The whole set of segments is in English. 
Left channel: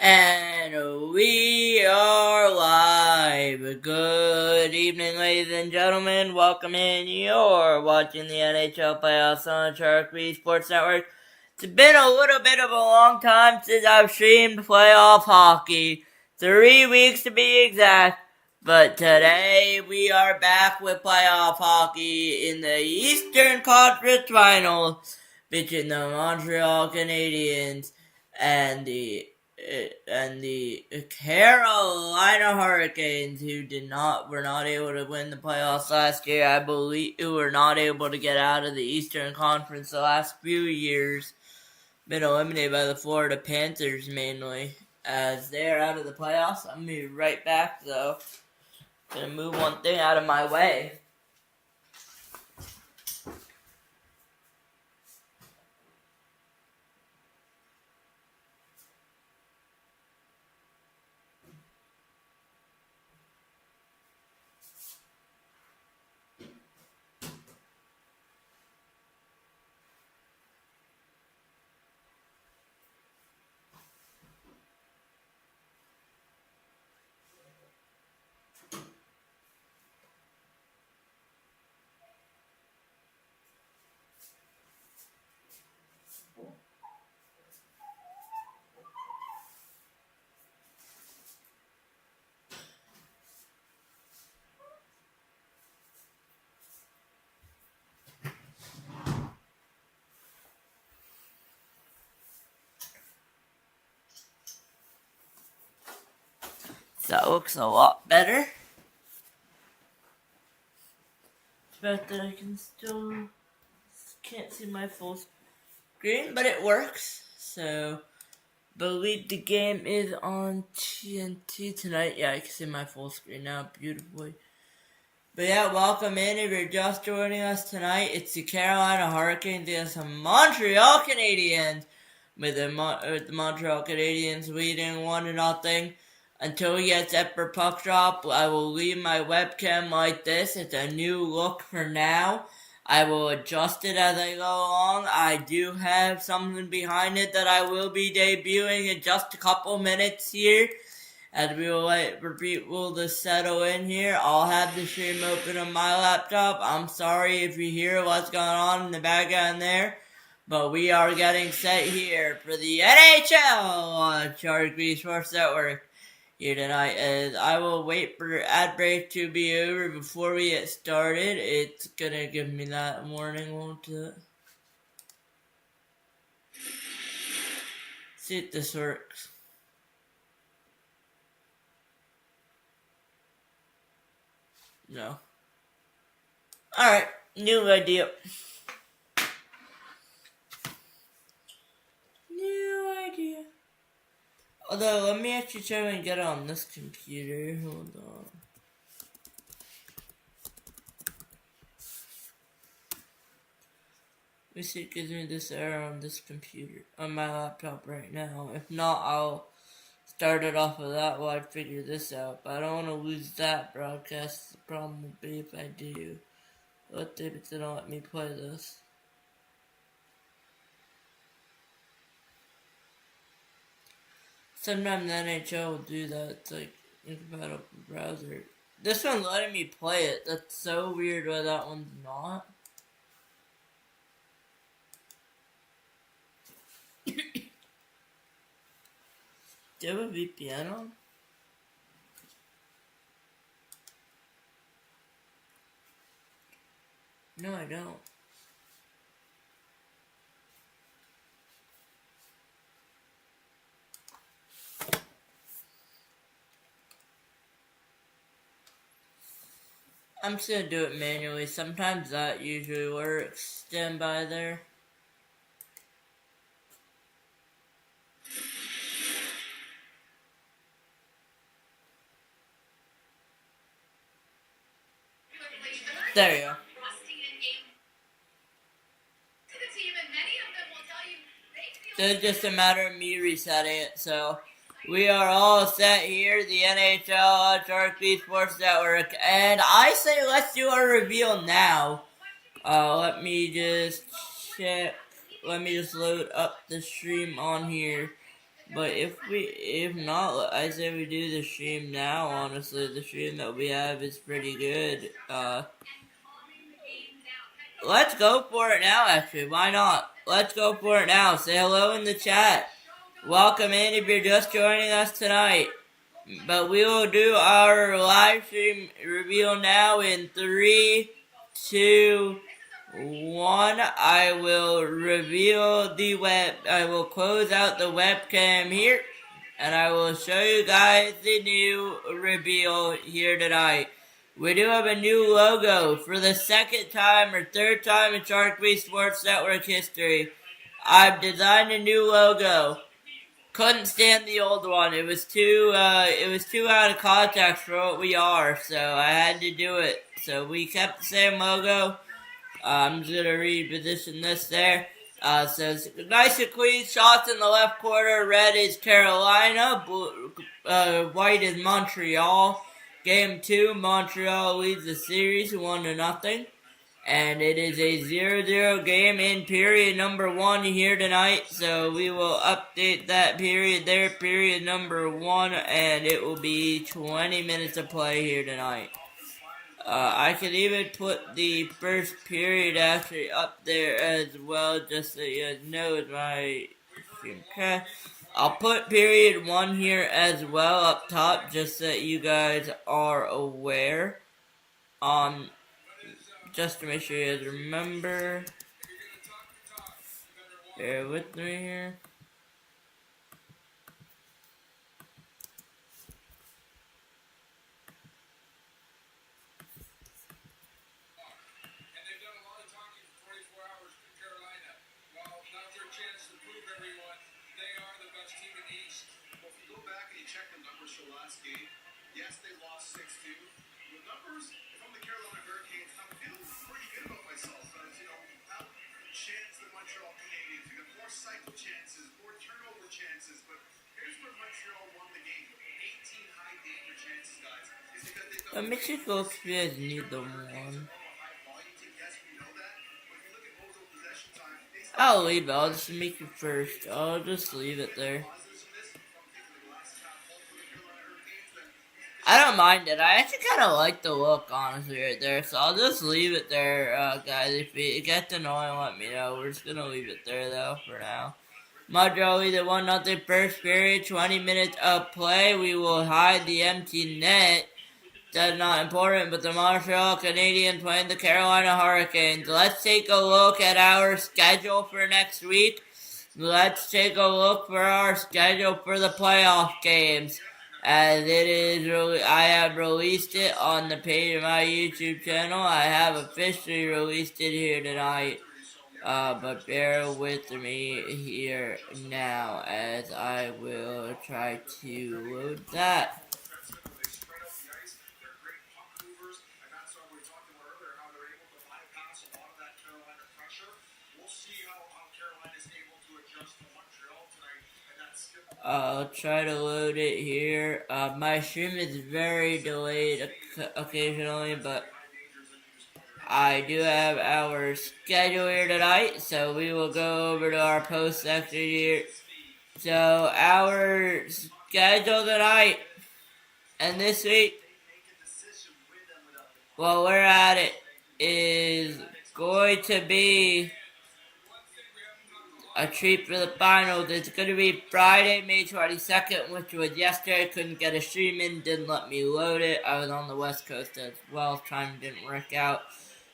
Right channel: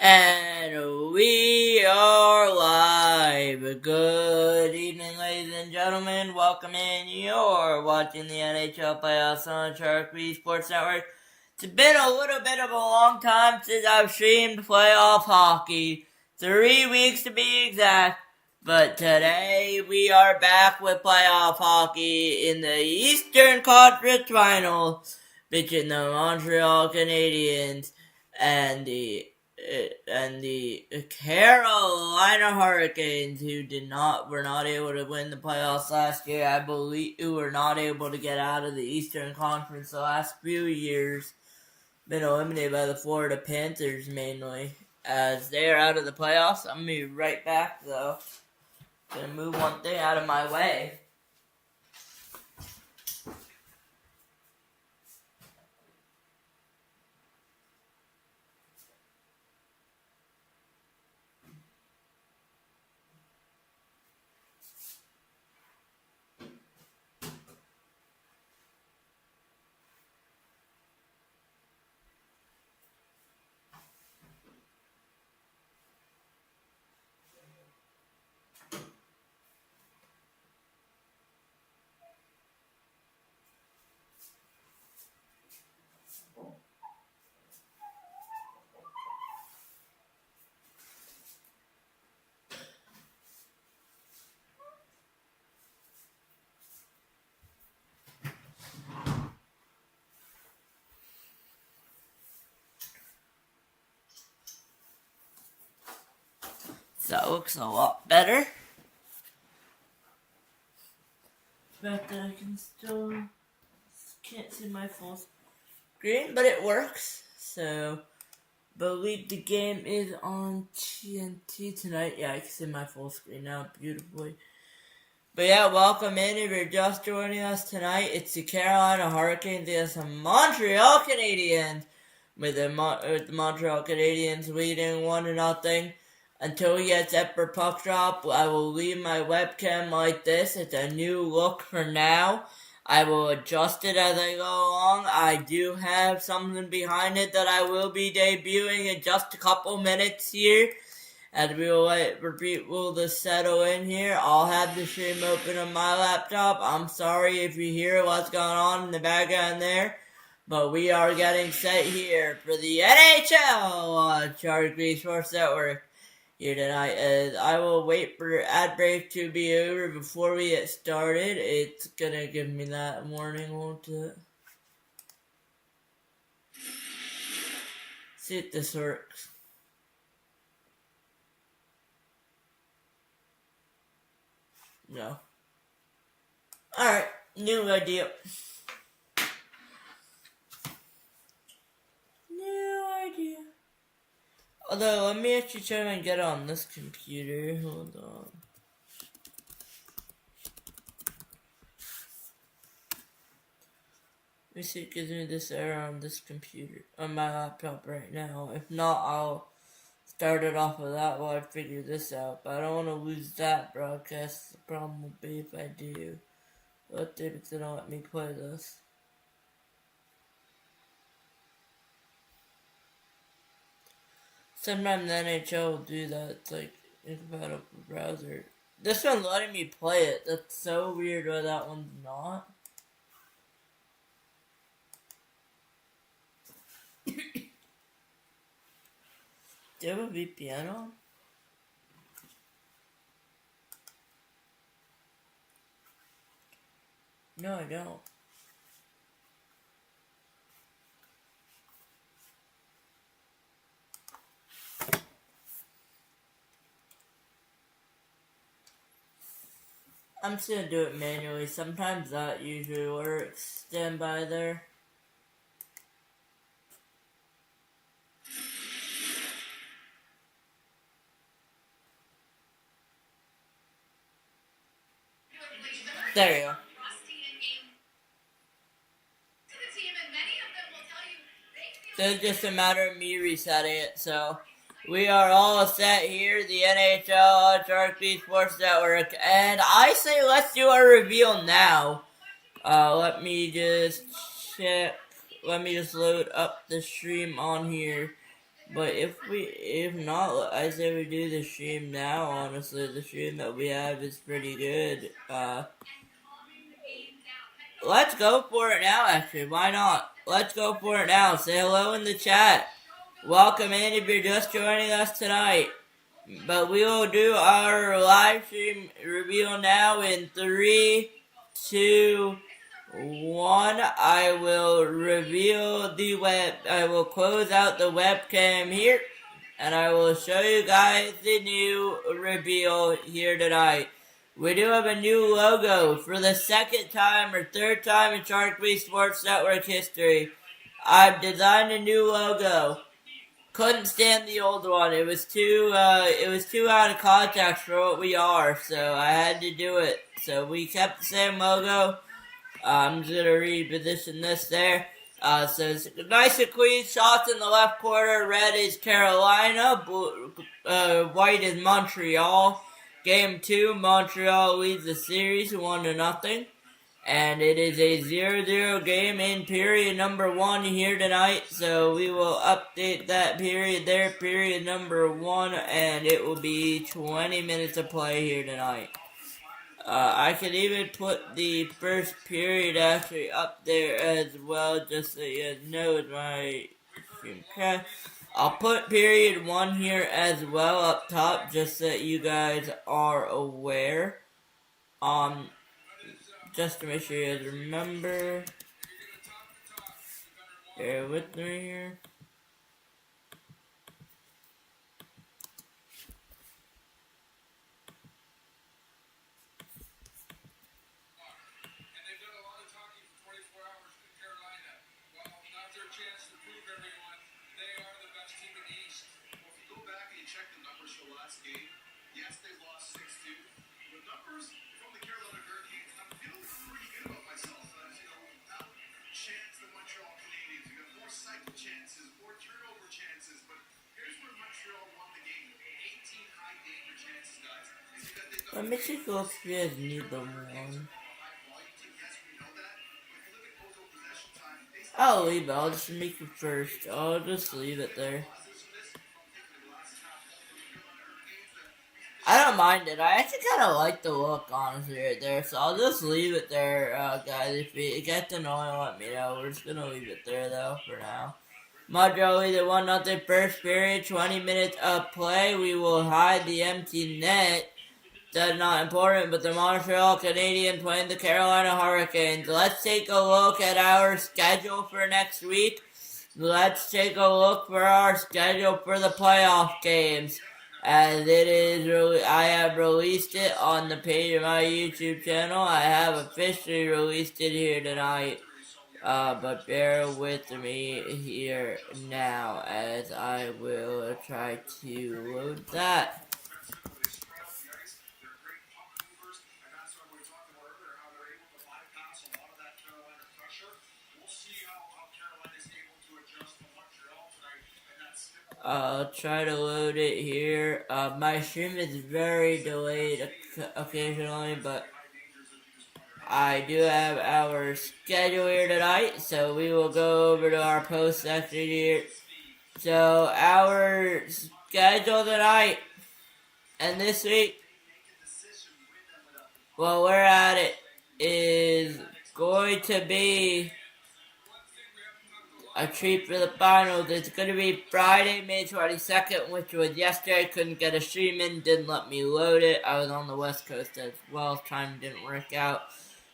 And we are live. Good evening, ladies and gentlemen. Welcome in. You're watching the NHL playoffs on Sharik Sports Network. It's been a little bit of a long time since I've streamed playoff hockey. 3 weeks to be exact. But today we are back with playoff hockey in the Eastern Conference Finals between the Montreal Canadiens and the Carolina Hurricanes, who were not able to win the playoffs last year. I believe who were not able to get out of the Eastern Conference the last few years. Been eliminated by the Florida Panthers mainly, as they are out of the playoffs. I'm gonna be right back though. Gonna move one thing out of my way. That looks a lot better. But I can't see my full screen, but it works. So, believe the game is on TNT tonight. Yeah, I can see my full screen now beautifully. But yeah, welcome in. If you're just joining us tonight, it's the Carolina Hurricanes against the Montreal Canadiens, with the Montreal Canadiens leading 1-0. Until we get set for puck drop, I will leave my webcam like this. It's a new look for now. I will adjust it as I go along. I do have something behind it that I will be debuting in just a couple minutes here. As we will wait for people to settle in here, I'll have the stream open on my laptop. I'm sorry if you hear what's going on in the background there. But we are getting set here for the NHL on Sharik Sports Network here tonight, as I will wait for ad break to be over before we get started. It's gonna give me that warning, won't it? See if this works. No. Alright, new idea. Although, let me actually try and get it on this computer. Hold on. Let me see if it gives me this error on this computer, on my laptop right now. If not, I'll start it off of that while I figure this out. But I don't want to lose that broadcast. The problem will be if I do. What if they don't let me play this? Sometimes the NHL will do that. It's like incompatible browser. This one's letting me play it. That's so weird why that one's not. Do you have a VPN on? No, I don't. I'm just gonna do it manually. Sometimes that usually works. Stand by there. There you go. So it's just a matter of me resetting it. So we are all set here, the NHL Sharik Sports Network, and I say let's do our reveal now. Let me just check. Let me just load up the stream on here But if not, I say we do the stream now. Honestly, the stream that we have is pretty good. Let's go for it now. Actually, why not? Let's go for it now. Say hello in the chat. Welcome in if you're just joining us tonight. But we will do our live stream reveal now in 3, 2, 1. I will reveal the web. I will close out the webcam here. And I will show you guys the new reveal here tonight. We do have a new logo for the second time or third time in Shark Sports Network history. I've designed a new logo. Couldn't stand the old one. It was too out of context for what we are, so I had to do it. So we kept the same logo. I'm just gonna reposition this there. So it's nice and clean shots in the left corner. Red is Carolina. Blue, white is Montreal. Game 2, Montreal leads the series 1-0. And it is a 0-0 game in period number 1 here tonight. So we will update that period there, period number 1, and it will be 20 minutes of play here tonight. I could even put the first period actually up there as well, just so you know it's my stream crash. I'll put period 1 here as well up top, just so that you guys are aware. Just to make sure you guys remember. Bear with me here. Let me take a look if you guys need the one. I'll leave it. I'll just make it first. I'll just leave it there. I don't mind it. I actually kind of like the look, honestly, right there. So I'll just leave it there, guys. If it gets annoying, let me know. We're just going to leave it there, though, for now. Montreal leads 1-0 first period. 20 minutes of play. We will hide the empty net. That's not important, but the Montreal Canadiens playing the Carolina Hurricanes. Let's take a look at our schedule for next week. Let's take a look for our schedule for the playoff games. As it is, I have released it on the page of my YouTube channel. I have officially released it here tonight. But bear with me here now as I will try to load that. I'll try to load it here. My stream is very delayed occasionally, but I do have our schedule here tonight, so we will go over to our post section here. So our schedule tonight and this week, while we're at it, is going to be a treat for the finals. It's going to be Friday, May 22nd, which was yesterday. Couldn't get a stream in, didn't let me load it. I was on the West Coast as well. Time didn't work out.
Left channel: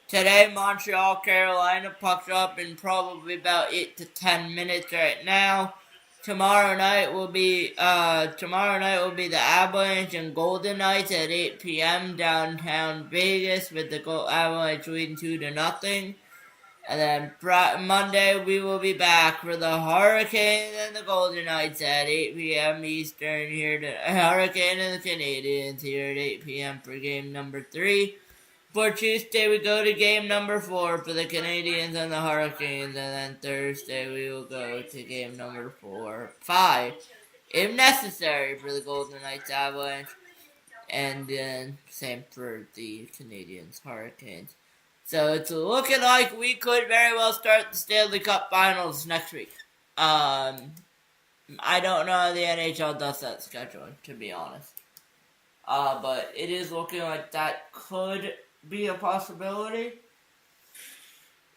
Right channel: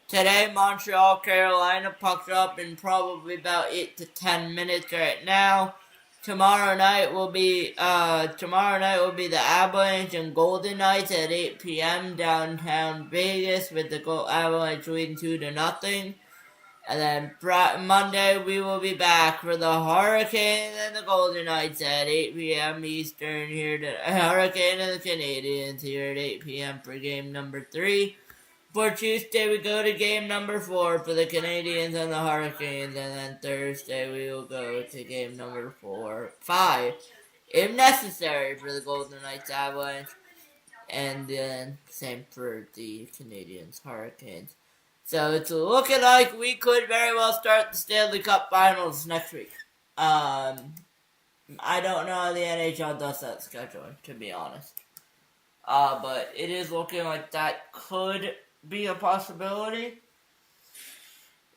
Today, Montreal, Carolina, puck's up in probably about 8 to 10 minutes right now. Tomorrow night will be the Avalanche and Golden Knights at 8 p.m. downtown Vegas, with the Avalanche leading 2-0. And then Monday we will be back for the Hurricanes and the Golden Knights at 8 p.m. Eastern here to Hurricane and the Canadiens here at 8 p.m. for game number 3. For Tuesday we go to game number 4 for the Canadiens and the Hurricanes, and then Thursday we will go to game number 5, if necessary, for the Golden Knights Avalanche, and then same for the Canadiens Hurricanes. So it's looking like we could very well start the Stanley Cup Finals next week. I don't know how the NHL does that scheduling, to be honest. But it is looking like that could be a possibility.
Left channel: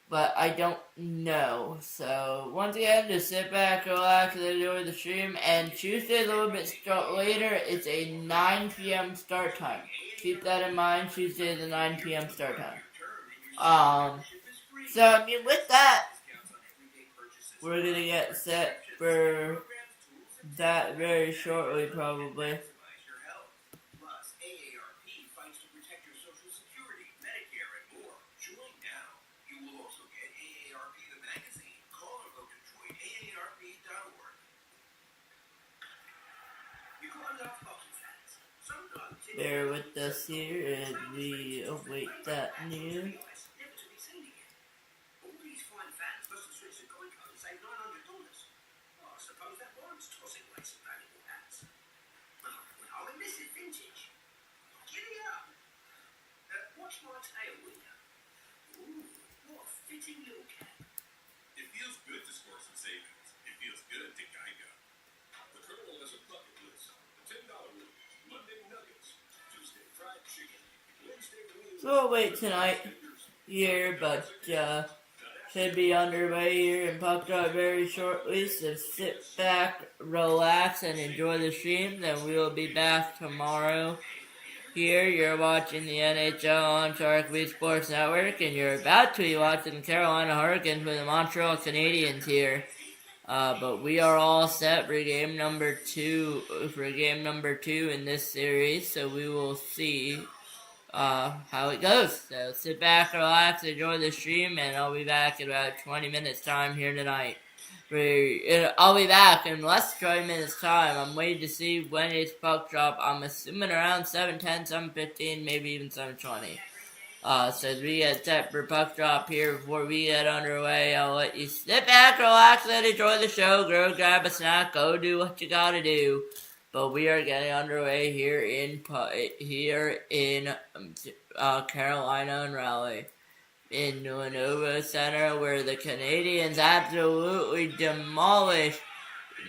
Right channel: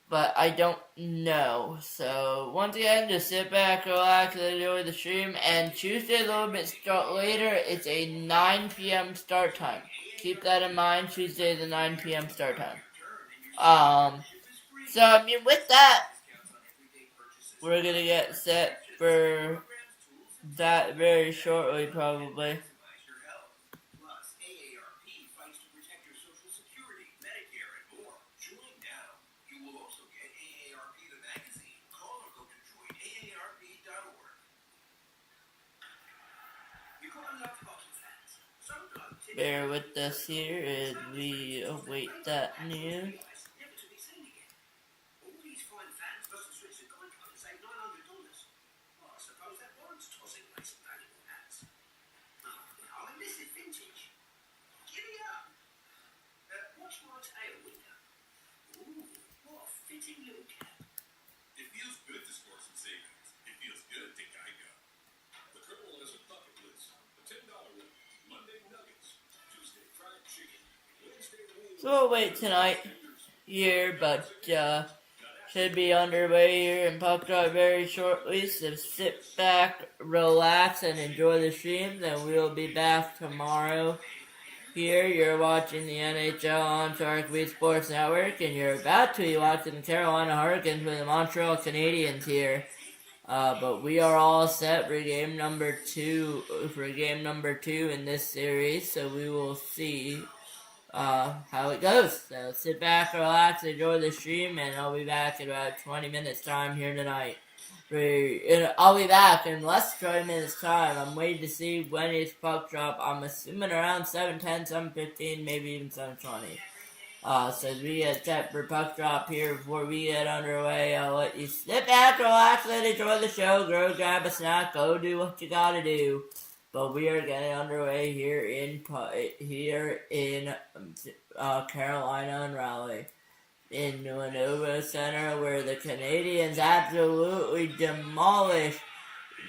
But I don't know. So once again, just sit back, relax, and enjoy the stream. And Tuesday, a little bit later, it's a 9 p.m. start time. Keep that in mind. Tuesday is a 9 p.m. start time. So I mean, with that, we're gonna get set for that very shortly, probably. Bear with us here as we await that news. So we'll wait tonight here, but should be underway here in Puck Drop very shortly. So sit back, relax, and enjoy the stream. Then we will be back tomorrow. Here, you're watching the NHL on Sharik Sports Network, and you're about to be watching the Carolina Hurricanes with the Montreal Canadiens here. But we are all set for game number two in this series, so we will see how it goes. So sit back, relax, enjoy the stream, and I'll be back in about 20 minutes time here tonight. I'll be back in less than 20 minutes time. I'm waiting to see when it's puck drop. I'm assuming around 7:10, 7:15, maybe even 7:20. So as we get set for puck drop here before we get underway, I'll let you sit back, relax, and enjoy the show. Go grab a snack, go do what you gotta do. But we are getting underway here in Carolina and Raleigh, in Lenovo Center, where the Canadiens absolutely demolished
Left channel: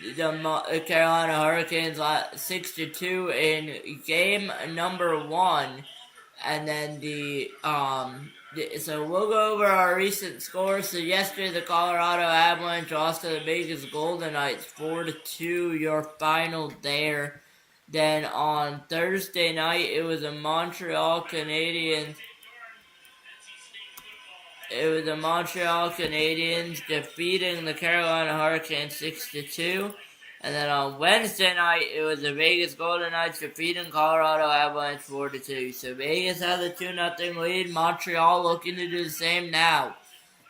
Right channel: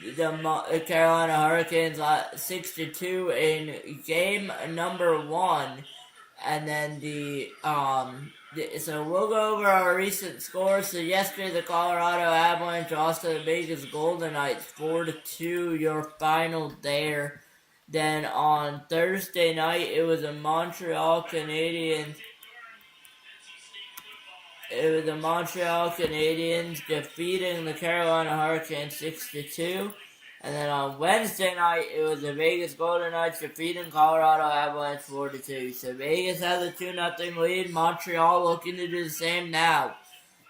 the Carolina Hurricanes 6-2 in game number 1. And then so we'll go over our recent scores. So yesterday, the Colorado Avalanche lost to the Vegas Golden Knights 4-2. Your final there. Then on Thursday night, it was the Montreal Canadiens defeating the Carolina Hurricanes 6-2. And then on Wednesday night, it was the Vegas Golden Knights defeating Colorado Avalanche 4-2. So Vegas has a 2-0 lead. Montreal looking to do the same now.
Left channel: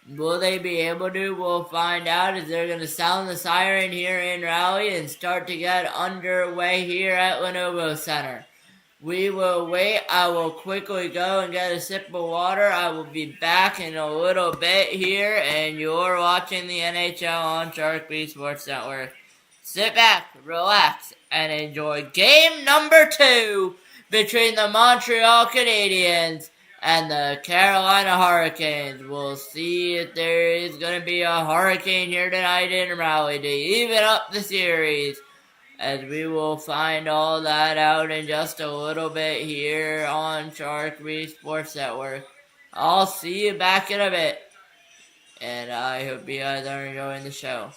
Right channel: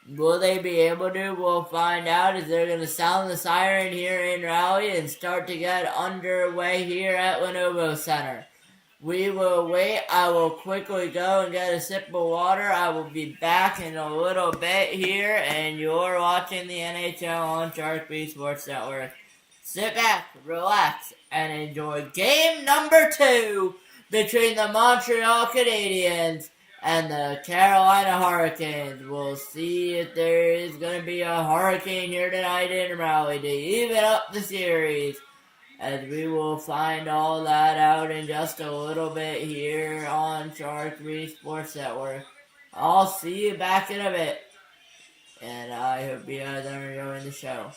Will they be able to? We'll find out as they're going to sound the siren here in Raleigh and start to get underway here at Lenovo Center. We will wait. I will quickly go and get a sip of water. I will be back in a little bit here, and you're watching the NHL on Sharik Sports Network. Sit back, relax, and enjoy game number 2 between the Montreal Canadiens and the Carolina Hurricanes. We'll see if there is going to be a hurricane here tonight in Raleigh to even up the series, as we will find all that out in just a little bit here on Sharik Sports Network. I'll see you back in a bit, and I hope you guys are enjoying the show.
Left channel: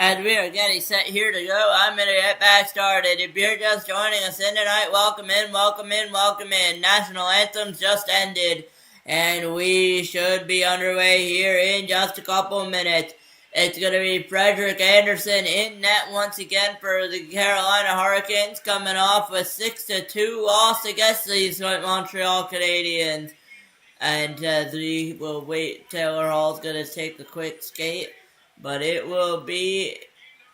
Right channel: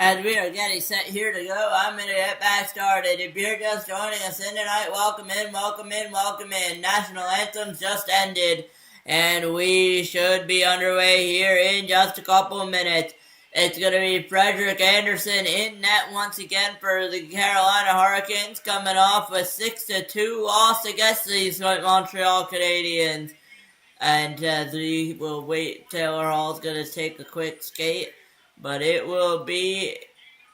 And we are getting set here to go. I'm going to get back started. If you're just joining us in tonight, welcome in, welcome in, welcome in. National Anthems just ended, and we should be underway here in just a couple of minutes. It's going to be Frederik Andersen in net once again for the Carolina Hurricanes, coming off a 6-2 loss against these Montreal Canadiens. And we will wait. Taylor Hall's going to take a quick skate. But it will be,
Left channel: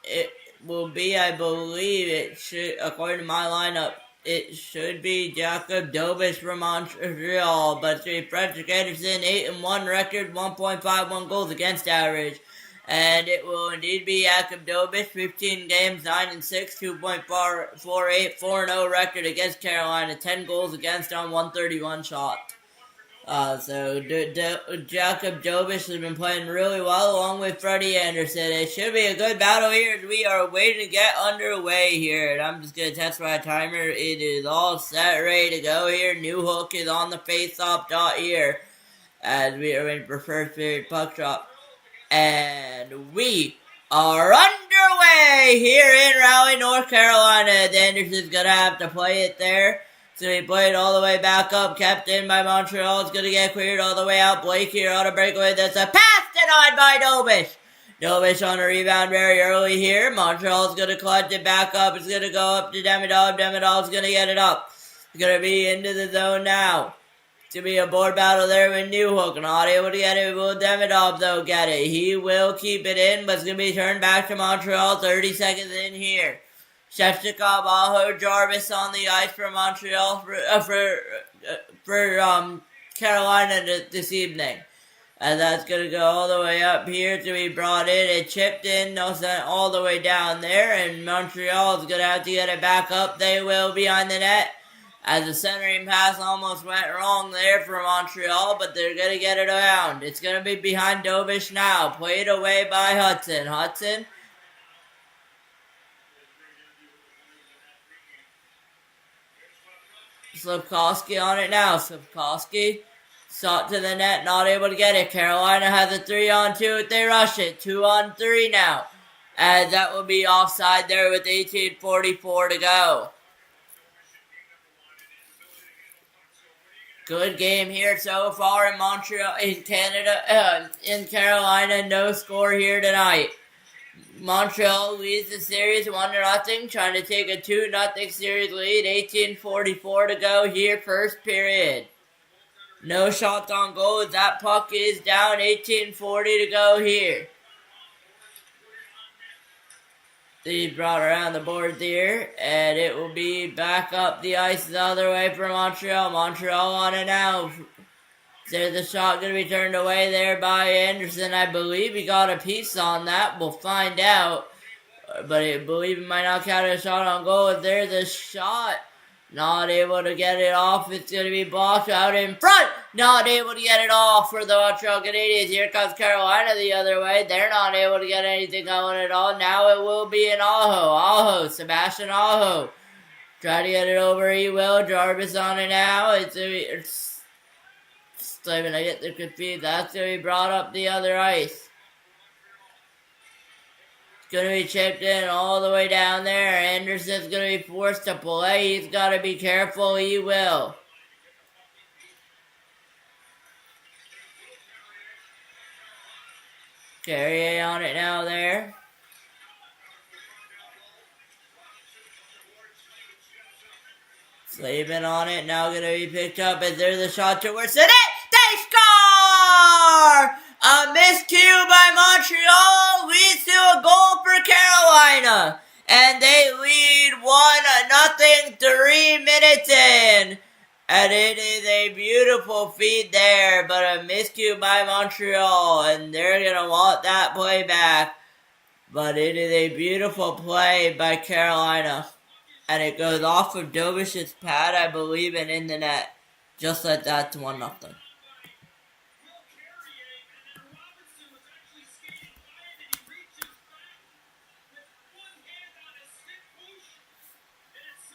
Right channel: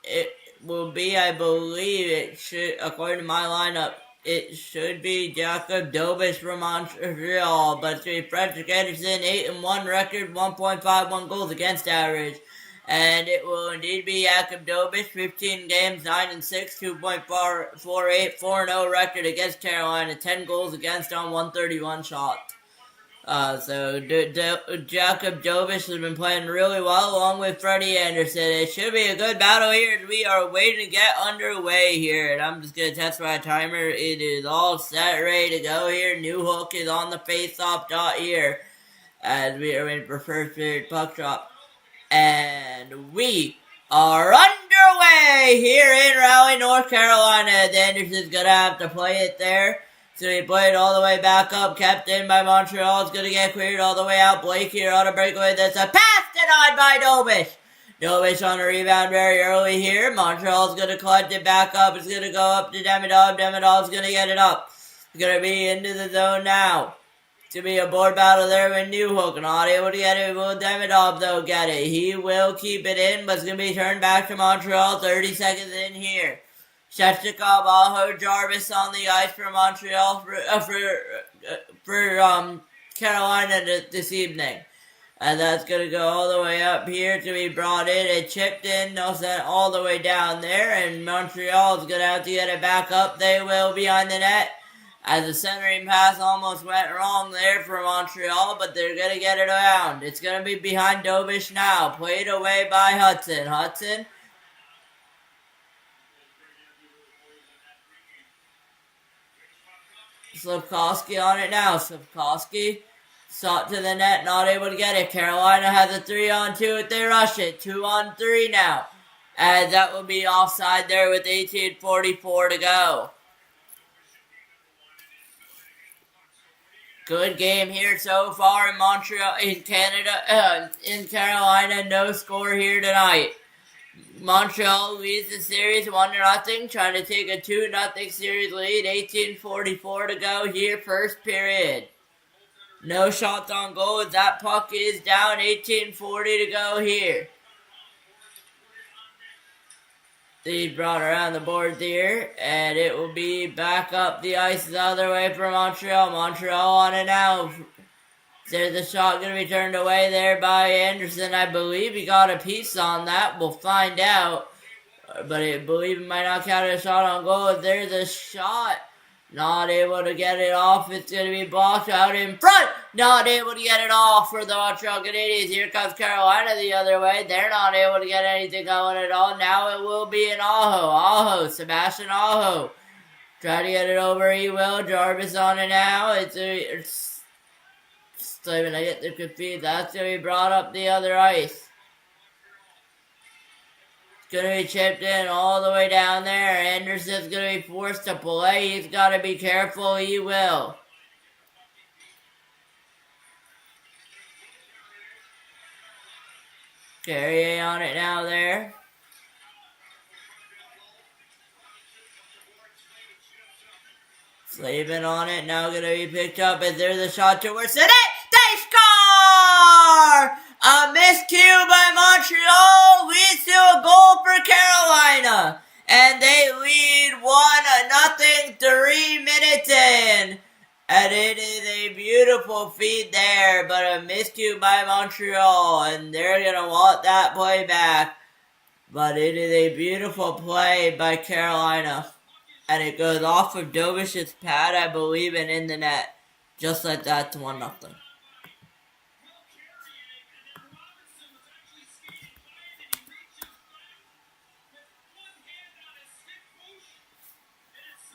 I believe, it should, according to my lineup, it should be Jacob Dobis from Montreal. But it's going to be Frederik Andersen, 8-1 record, 1.51 goals against average. And it will indeed be Jacob Dobis, 15 games, 9-6, 2.48, 4-0 record against Carolina, 10 goals against on 131 shots. Jacob Dobis has been playing really well along with Freddie Andersen. It should be a good battle here as we are waiting to get underway here. And I'm just going to test my timer. It is all set, ready to go here. New hook is on the face-off dot here as we are waiting for first period puck drop. And we are underway here in Raleigh, North Carolina. Anderson's going to have to play it there. So he played all the way back up, kept in by Montreal. It's going to get cleared all the way out. Blake here on a breakaway. That's a pass denied by Dobis. Dobis on a rebound very early here. Montreal's going to collect it back up. It's going to go up to Demidov. Demidov's going to get it up. It's going to be into the zone now. It's going to be a board battle there with Newhook. Not able to get it. Will Demidov, though, get it? He will keep it in, but it's going to be turned back to Montreal. 30 seconds in here. Shevchikov, Aho, Jarvis on the ice for Montreal for Carolina this evening. And that's going to go all the way up here to be brought in and chipped in, no sent all the way down there. And Montreal is going to have to get it back up. They will behind the net. As the centering pass almost went wrong there for Montreal, but they're going to get it around. It's going to be behind Dobis now. Played away by Hudson. Hudson. Slafkovsky on it now. Slafkovsky sought to the net, not able to get it. Carolina has a 3-on-2 if they rush it. 2-on-3 now. And that will be offside there with 18:44 to go. Good game here so far in Montreal, in Canada, in Carolina. No score here tonight. Montreal leads the series 1-0, trying to take a 2-0 series lead. 18:44 to go here, first period. No shots on goal as that puck is down. 18:40 to go here. They brought around the board there, and it will be back up the ice the other way for Montreal. Montreal on it now. There's the shot going to be turned away there by Andersen. I believe he got a piece on that. We'll find out. But I believe it might not count as a shot on goal. If there's a shot, not able to get it off. It's going to be blocked out in front. Not able to get it off for the Montreal Canadiens. Here comes Carolina the other way. They're not able to get anything going at all. Now it will be an Aho. Sebastian Aho. Try to get it over. He will. Jarvis on it now. It's so when I get them confused, that's going to be brought up the other ice. It's going to be chipped in all the way down there. Anderson's going to be forced to play. He's got to be careful. He will. Carrier on it now there. Slavin on it. Now going to be picked up as there's a shot towards the net. They score! A miscue by Montreal leads to a goal for Carolina. And they lead 1-0 3 minutes in. And it is a beautiful feed there, but a miscue by Montreal. And they're going to want that play back. But it is a beautiful play by Carolina. And it goes off of Dobis's pad, I believe, and in the net. Just like that to 1-0.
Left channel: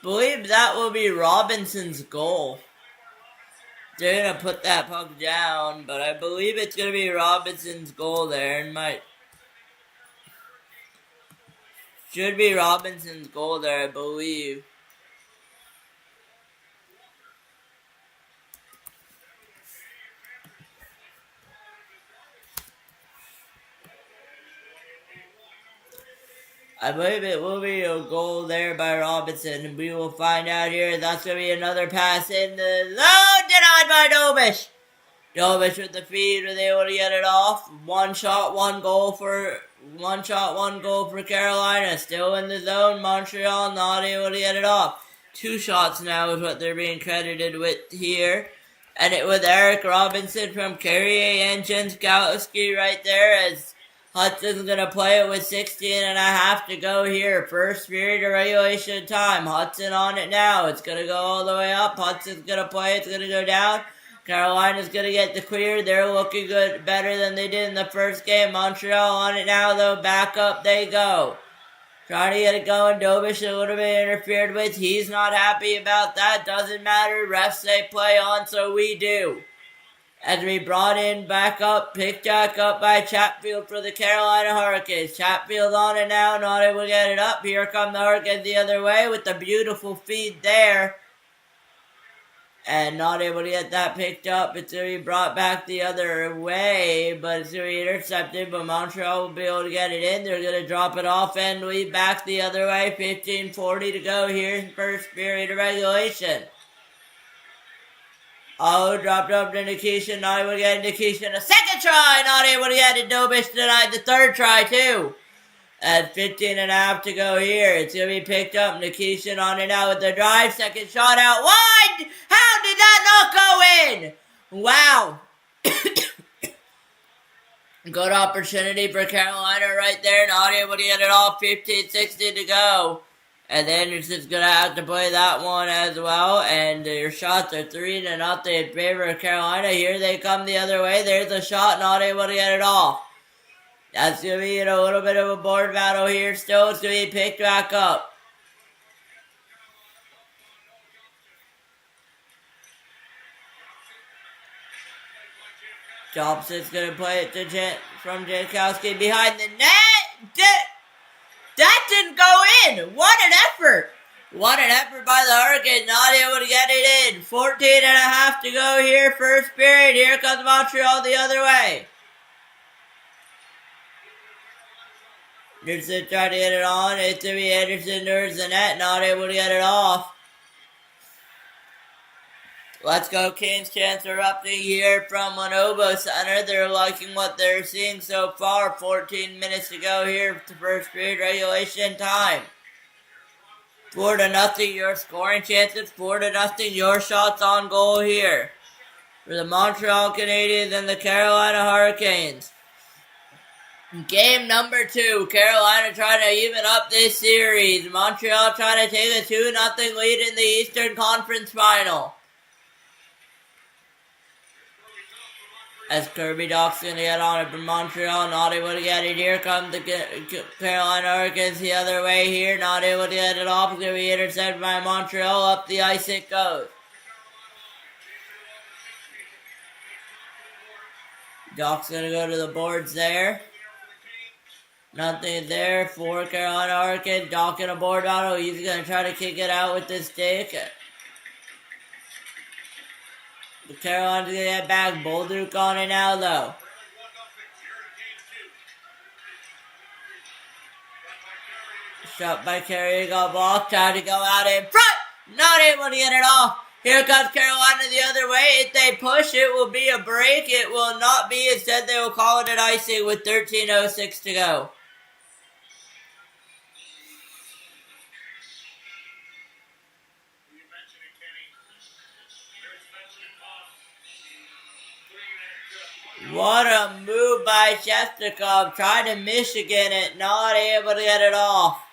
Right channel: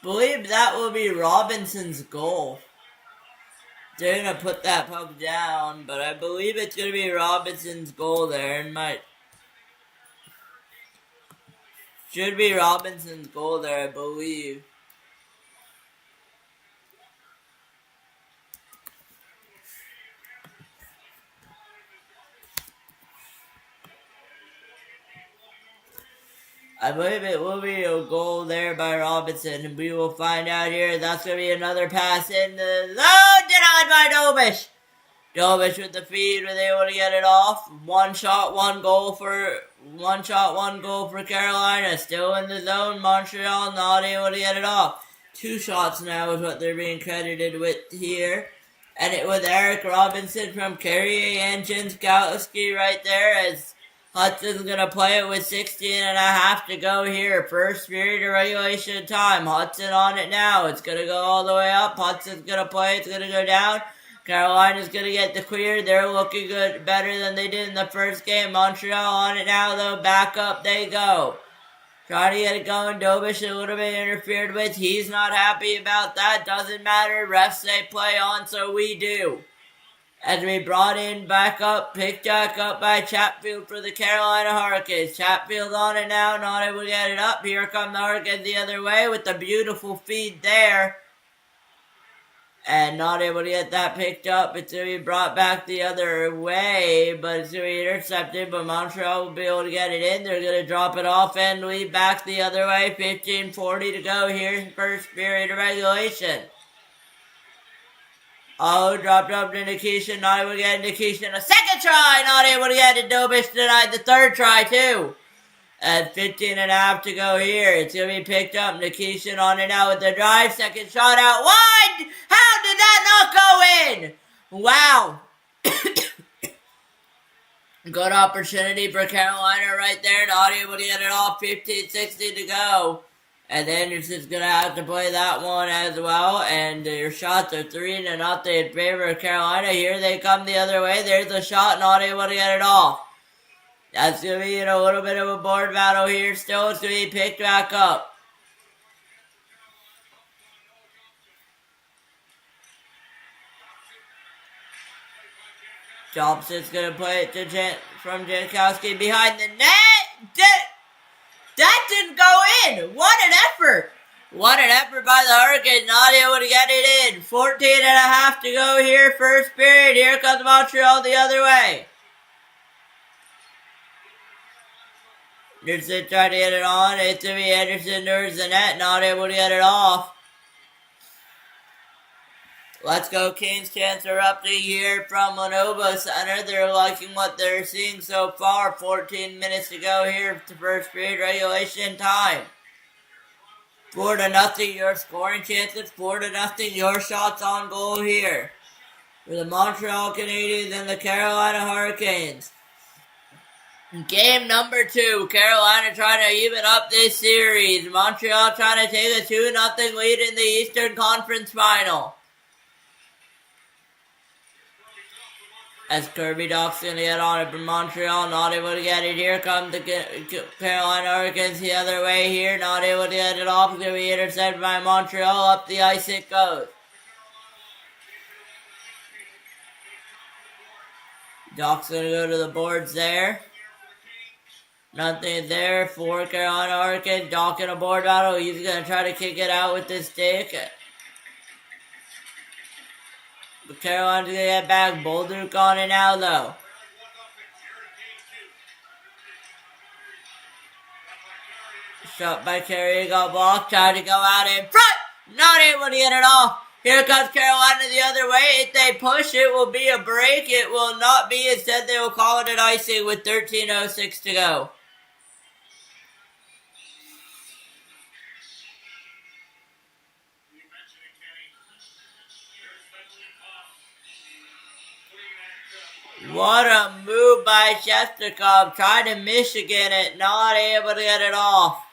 Believe that will be Robinson's goal. They're going to put that puck down, but I believe it's going to be Robinson's goal there. And Should be Robinson's goal there, I believe. I believe it will be a goal there by Robinson, and we will find out here. That's going to be another pass in the zone, denied by Dobish. Dobish with the feed, was able to get it off. One shot, one goal for Carolina. Still in the zone. Montreal not able to get it off. 2 shots now is what they're being credited with here. And it was Eric Robinson from Carrier and Jenskowski right there, as Hudson's going to play it with 16 and a half to go here. First period of regulation time. Hudson on it now. It's going to go all the way up. Hudson's going to play. It's going to go down. Carolina's going to get the clear. They're looking good, better than they did in the first game. Montreal on it now, though. Back up they go. Trying to get it going. Dobish a little bit interfered with. He's not happy about that. Doesn't matter. Refs say play on, so we do. As we brought in back up, picked back up by Chatfield for the Carolina Hurricanes. Chatfield on it now, not able to get it up. Here come the Hurricanes the other way with the beautiful feed there. And not able to get that picked up. It's going to be brought back the other way, but it's going to be intercepted. But Montreal will be able to get it in. They're going to drop it off and lead back the other way. 15:40 to go here. First period of regulation. Oh, dropped up to Nikishin. Not able to get Nikishin. A second try. Not able to get it. Dobish denied the third try, too. At 15 and a half to go here. It's going to be picked up. Nikishin on it now with the drive. Second shot out wide. How did that not go in? Wow. Good opportunity for Carolina right there. Not able to get it off. 15:60 to go. And then it's just going to have to play that one as well. And your shots are 3-0 in favor of Carolina. Here they come the other way. There's a shot. Not able to get it off. That's going to be a little bit of a board battle here. Still, it's going to be picked back up. Thompson's going to play it to from Jankowski behind the net. That didn't go in. What an effort. What an effort by the Hurricanes. Not able to get it in. 14 and a half to go here. First period. Here comes Montreal the other way. Anderson trying to get it on. It's going to be Anderson towards the net. Not able to get it off. Let's go Kings. Chance erupting here from Lenovo Center. They're liking what they're seeing so far. 14 minutes to go here to first period regulation time. 4-0 your scoring chances. 4-0 your shots on goal here. For the Montreal Canadiens and the Carolina Hurricanes. Game number 2. Carolina trying to even up this series. Montreal trying to take a 2-0 lead in the Eastern Conference Final. As Kirby Doc's going to get on it for Montreal. Not able to get it. Here comes the Carolina Hurricanes the other way here. Not able to get it off. It's going to be intercepted by Montreal. Up the ice it goes. Doc's going to go to the boards there. Nothing there for Carolina Hurricanes. Doc in a board battle. He's going to try to kick it out with this stick. But Carolina's going to get back. Bolduc on it now, though. Shot by Carey. Got blocked. Trying to go out in front. Not able to get it off. Here comes Carolina the other way. If they push, it will be a break. It will not be. Instead, they will call it an icing with 13:06 to go. What a move by Shestakov. Tried to Michigan it. Not able to get it off.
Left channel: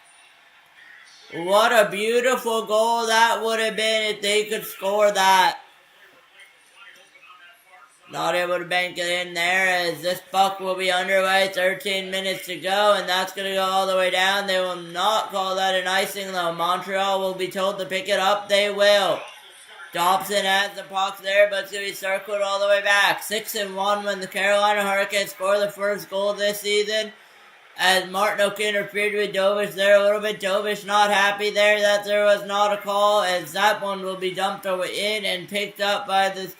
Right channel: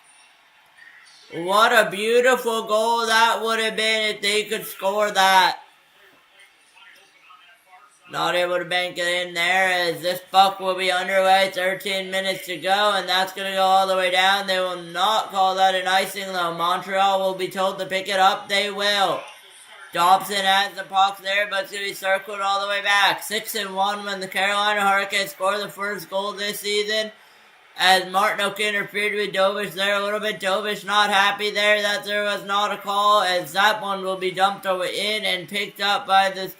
What a beautiful goal that would have been if they could score that. Not able to bank it in there as this puck will be underway. 13 minutes to go, and that's going to go all the way down. They will not call that an icing, though. Montreal will be told to pick it up. They will. Dobson has the puck there, but it's going to be circled all the way back. 6-1 when the Carolina Hurricanes score the first goal this season. as Martinook interfered with Dovish there a little bit. Dovish not happy there that there was not a call, as that one will be dumped over in and picked up by the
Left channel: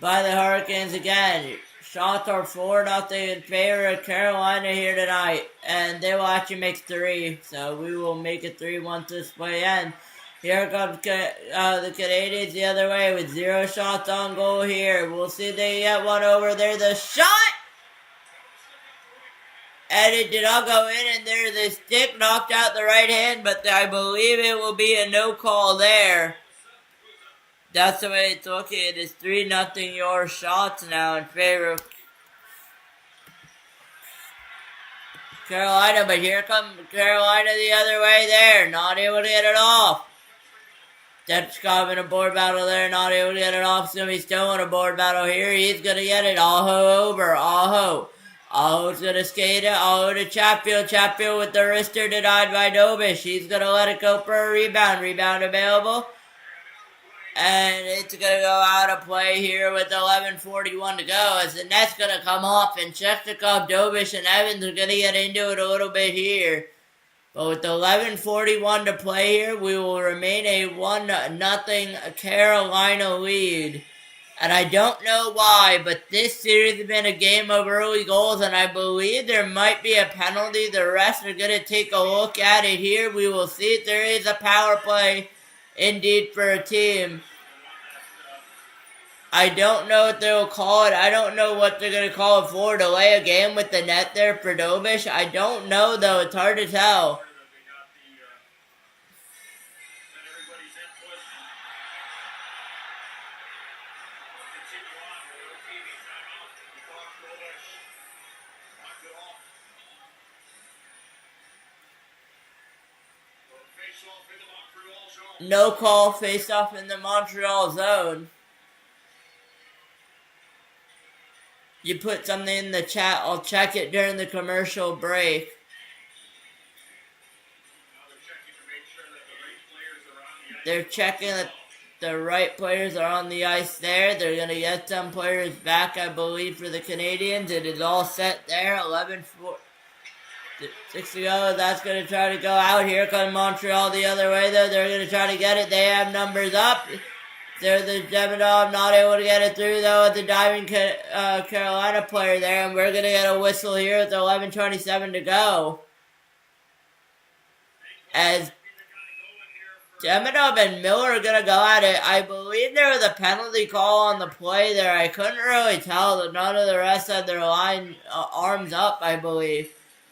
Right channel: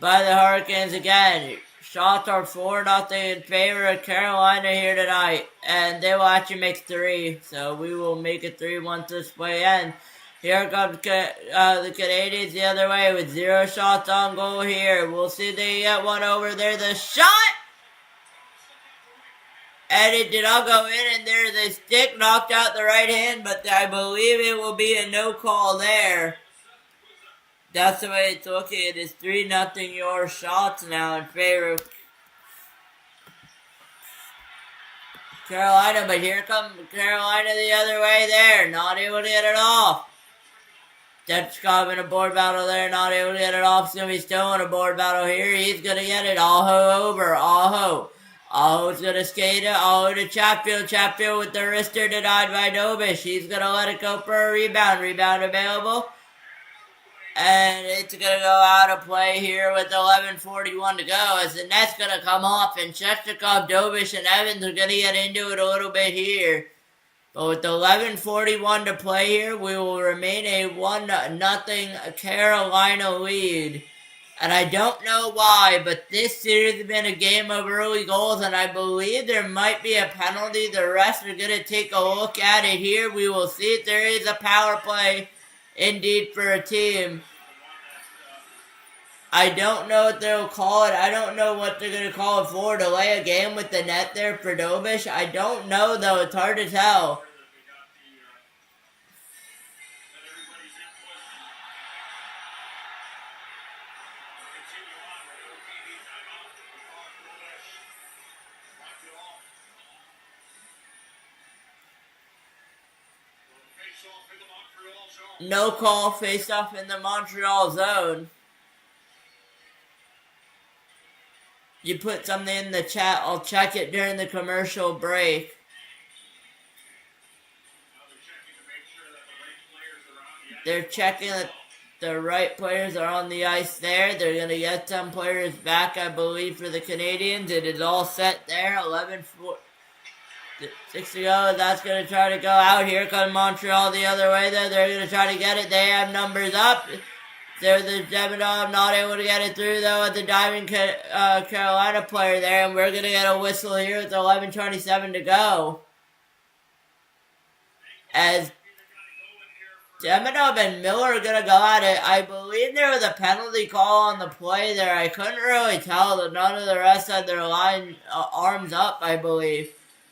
Hurricanes again. Shots are 4-0 in favor of Carolina here tonight, and they will actually make 3, so we will make it 3-1 this way end. Here comes the Canadiens the other way with 0 shots on goal here. We'll see if they get one over there. The shot! And it did not go in, and there's a stick knocked out the right hand, but I believe it will be a no call there. That's the way it's looking. It is 3-0 your shots now in favor of Carolina, but here comes Carolina the other way there. Not able to get it off. Dutchkov in a board battle there, not able to get it off. So he's still in a board battle here. He's going to get it. Aho over. Aho. Aho's going to skate it. Aho to Chatfield. Chatfield with the wrister denied by Dovish. He's going to let it go for a rebound. Rebound available. And it's going to go out of play here with 11:41 to go as the net's going to come off. And Shestakov, Dovish, and Evans are going to get into it a little bit here. But with 11:41 to play here, we will remain a 1-0 Carolina lead. And I don't know why, but this series has been a game of early goals, and I believe there might be a penalty. The rest are going to take a look at it here. We will see if there is a power play indeed for a team. I don't know what they'll call it. I don't know what they're going to call it for. Delay a game with the net there for Dovish. I don't know, though. It's hard to tell. No call, face off in the Montreal zone. You put something in the chat, I'll check it during the commercial break. They're checking that the right players are on the ice there. They're going to get some players back, I believe, for the Canadiens. It is all set there. 11-4. 6 to go. That's going to try to go out. Here comes Montreal the other way, though. They're going to try to get it. They have numbers up. There's the Demidov not able to get it through, though, at the diving Carolina player there. And we're going to get a whistle here with 11:27 to go. As Demidov and Miller are going to go at it. I believe there was a penalty call on the play there. I couldn't really tell that none of the rest had their arms up, I believe.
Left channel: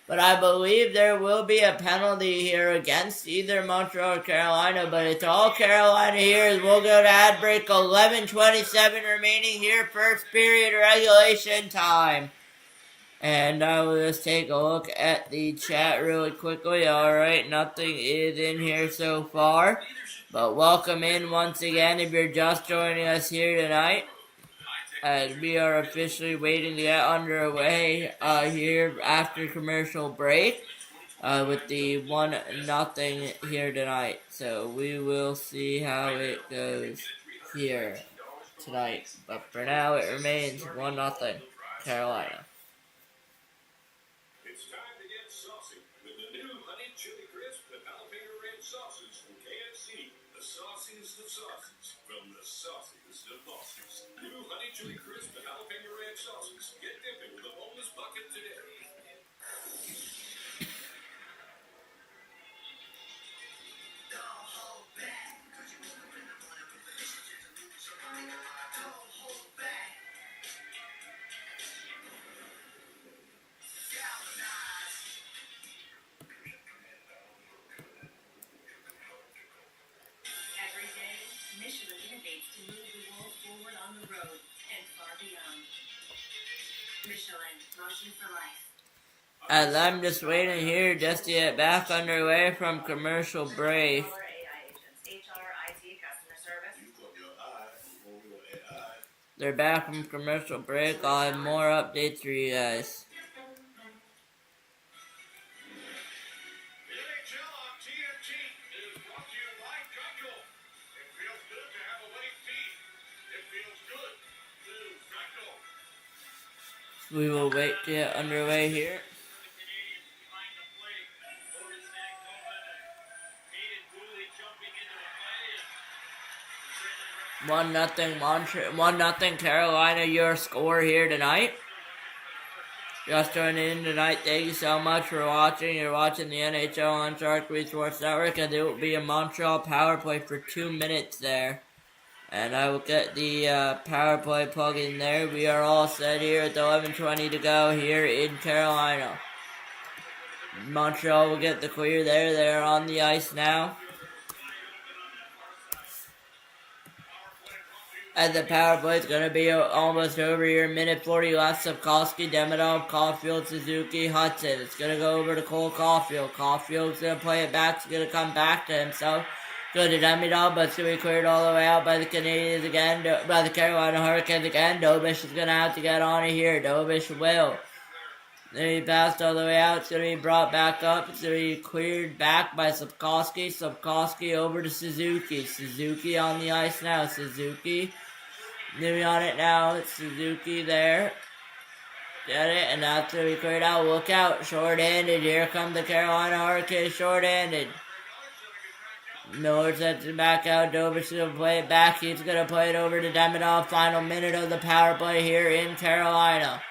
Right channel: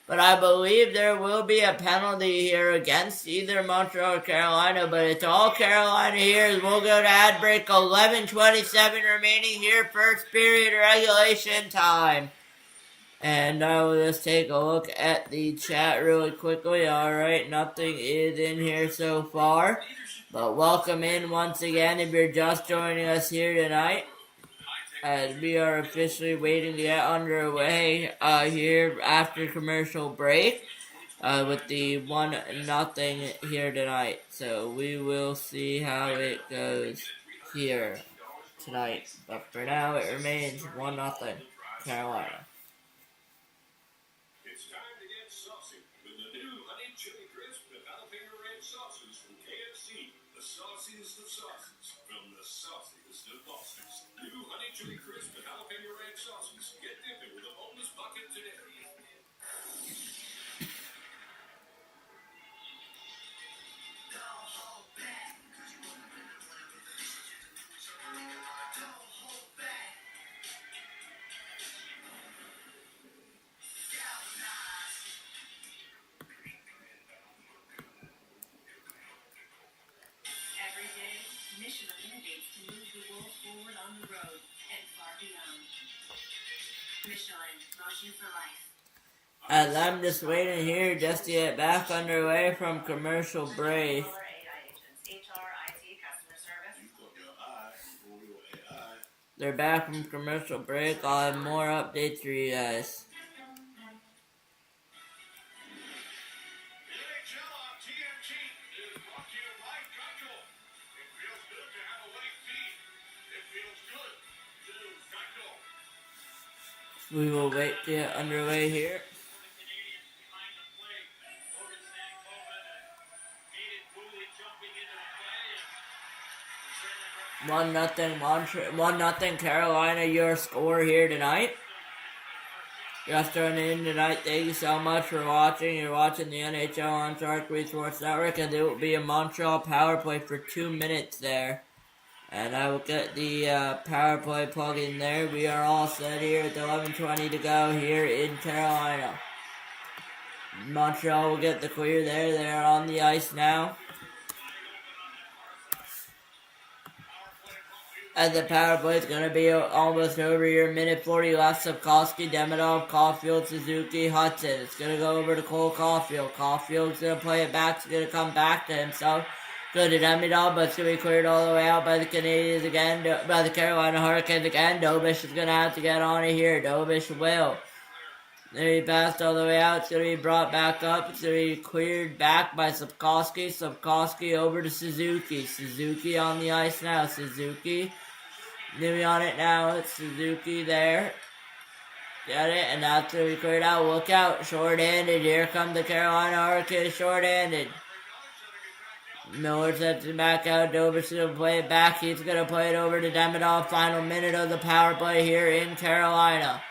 But I believe there will be a penalty here against either Montreal or Carolina. But it's all Carolina here as we'll go to ad break. 11:27 remaining here. First period regulation time. And I will just take a look at the chat really quickly. Alright, nothing is in here so far. But welcome in once again if you're just joining us here tonight. As we are officially waiting to get underway here after commercial break with the 1-0 here tonight. So we will see how it goes here tonight. But for now, it remains 1-0 Carolina. As I'm just waiting here just to get back underway from commercial break. They're back from commercial break. I'll have more updates for you guys. We will wait to get underway here. 1-0 Carolina, your score here tonight. Just turning in tonight, thank you so much for watching. You're watching the NHL on Sharik Sports Network, and there will be a Montreal power play for 2 minutes there. And I will get the power play plug in there. We are all set here at 11:20 to go here in Carolina. Montreal will get the clear there. They're on the ice now. And the power play is going to be almost over here. Minute 40 left. Sapkowski, Demidov, Caulfield, Suzuki, Hudson. It's going to go over to Cole Caulfield. Caulfield's going to play it back. It's going to come back to himself. Go to Demidov, but it's going to be cleared all the way out by the Canadiens again. By the Carolina Hurricanes again. Dobish is going to have to get on it here. Dobish will. There he passed all the way out. It's going to be brought back up. It's going to be cleared back by Sapkowski. Sapkowski over to Suzuki. Suzuki on the ice now. Suzuki. Maybe on it now. It's Suzuki there. Get it? And that's going to be cleared out. Look out. Short-handed. Here come the Carolina Hurricanes. Short-handed. Miller sets it back out. Dobish will play it back. He's going to play it over to Demidov. Final minute of the power play here in Carolina.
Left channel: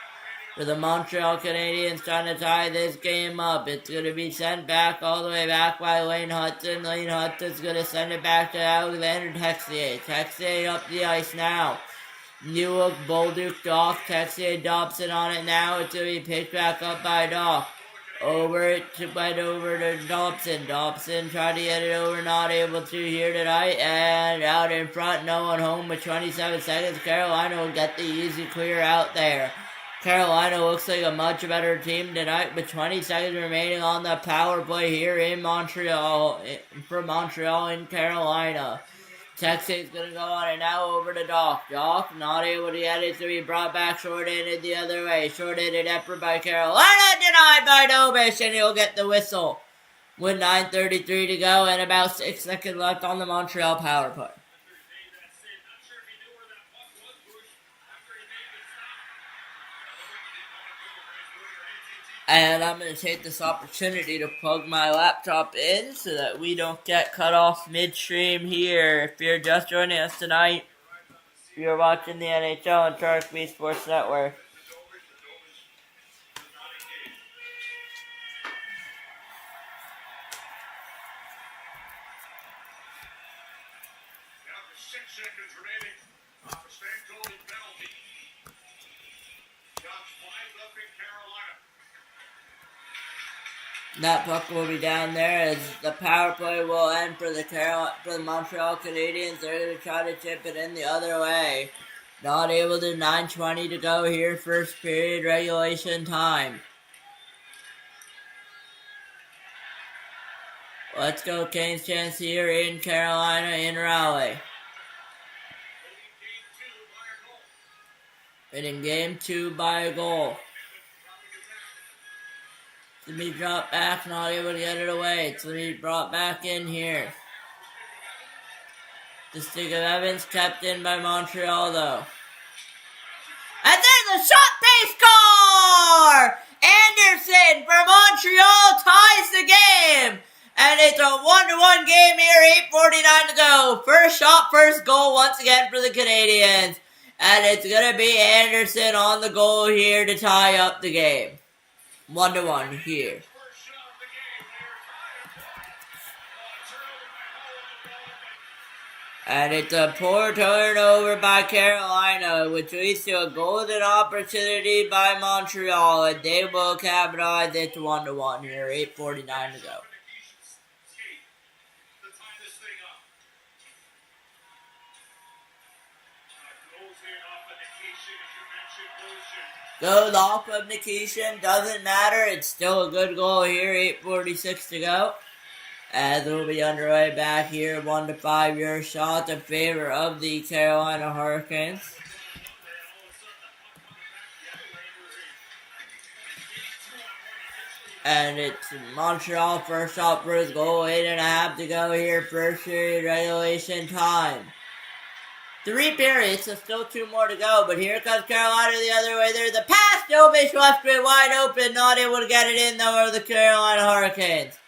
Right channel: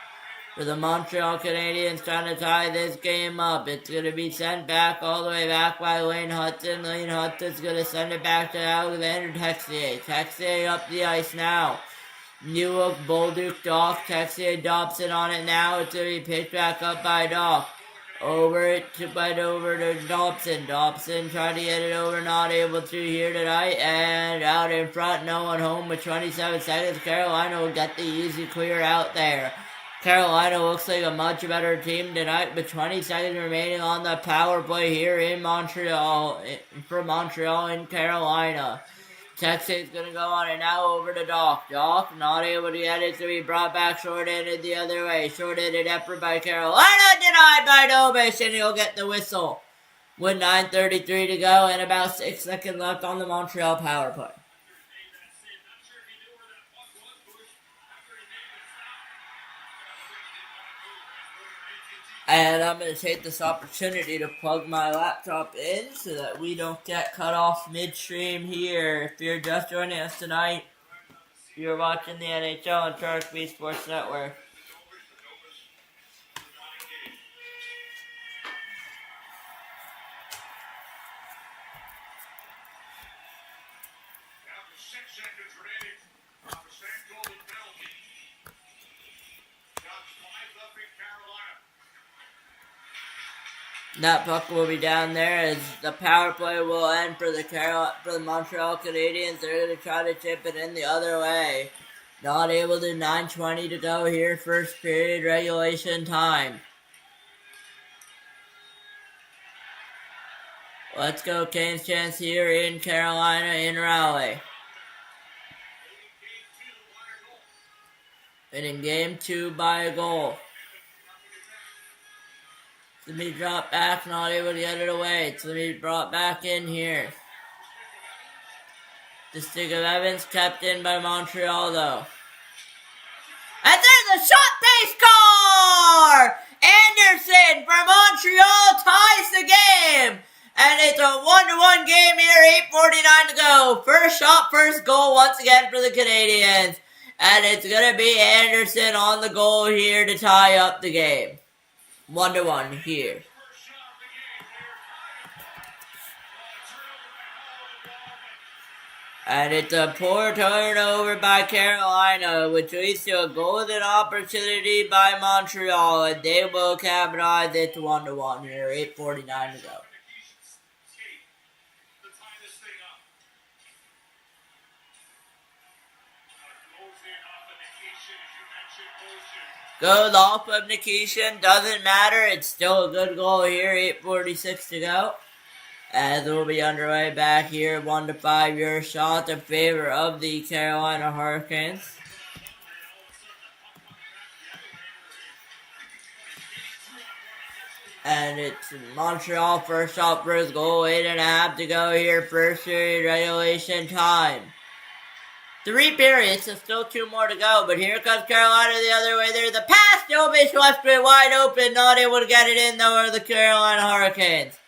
For the Montreal Canadiens trying to tie this game up. It's going to be sent back all the way back by Lane Hudson. Lane Hudson's going to send it back to Alexander Texier. Texier up the ice now. Newhook, Bolduc, Doc. Texier, Dobson on it now. It's going to be picked back up by Doc. Over to Dobson. Dobson tried to get it over, not able to here tonight. And out in front, no one home with 27 seconds. Carolina will get the easy clear out there. Carolina looks like a much better team tonight with 20 seconds remaining on the power play here in Montreal, for Montreal and Carolina. Texas going to go on it now over to Doc. Doc not able to get it to be brought back short-handed the other way. Short-handed effort by Carolina, denied by Dobish, and he'll get the whistle with 9:33 to go and about 6 seconds left on the Montreal power play. And I'm going to take this opportunity to plug my laptop in so that we don't get cut off midstream here. If you're just joining us tonight, you're watching the NHL on Sharik Sports Network. That puck will be down there as the power play will end for the Montreal Canadiens. They're going to try to chip it in the other way. Not able to. 9:20 to go here. First period regulation time. Let's go Canes chance here in Carolina in Raleigh. And in game 2 by a goal. To be dropped back, not able to get it away. It's to be brought back in here. The stick of Evans kept in by Montreal though. And there's a shot, they score! Anderson for Montreal ties the game. And it's a 1-1 game here, 8:49 to go. First shot, first goal once again for the Canadiens. And it's going to be Anderson on the goal here to tie up the game. 1-1 here. And it's a poor turnover by Carolina, which leads to a golden opportunity by Montreal, and they will capitalize it to 1-1 here, 8:49 to go. Goes off of Nikishin, doesn't matter, it's still a good goal here, 8:46 to go. As we'll be underway back here, 1-5 your shot in favor of the Carolina Hurricanes. And it's Montreal first shot, first goal, 8.5 to go here, first period regulation time. 3 periods, so still 2 more to go, but here comes Carolina the other way. There's a pass, Dobish left it wide open, not able to get it in though, are the Carolina Hurricanes.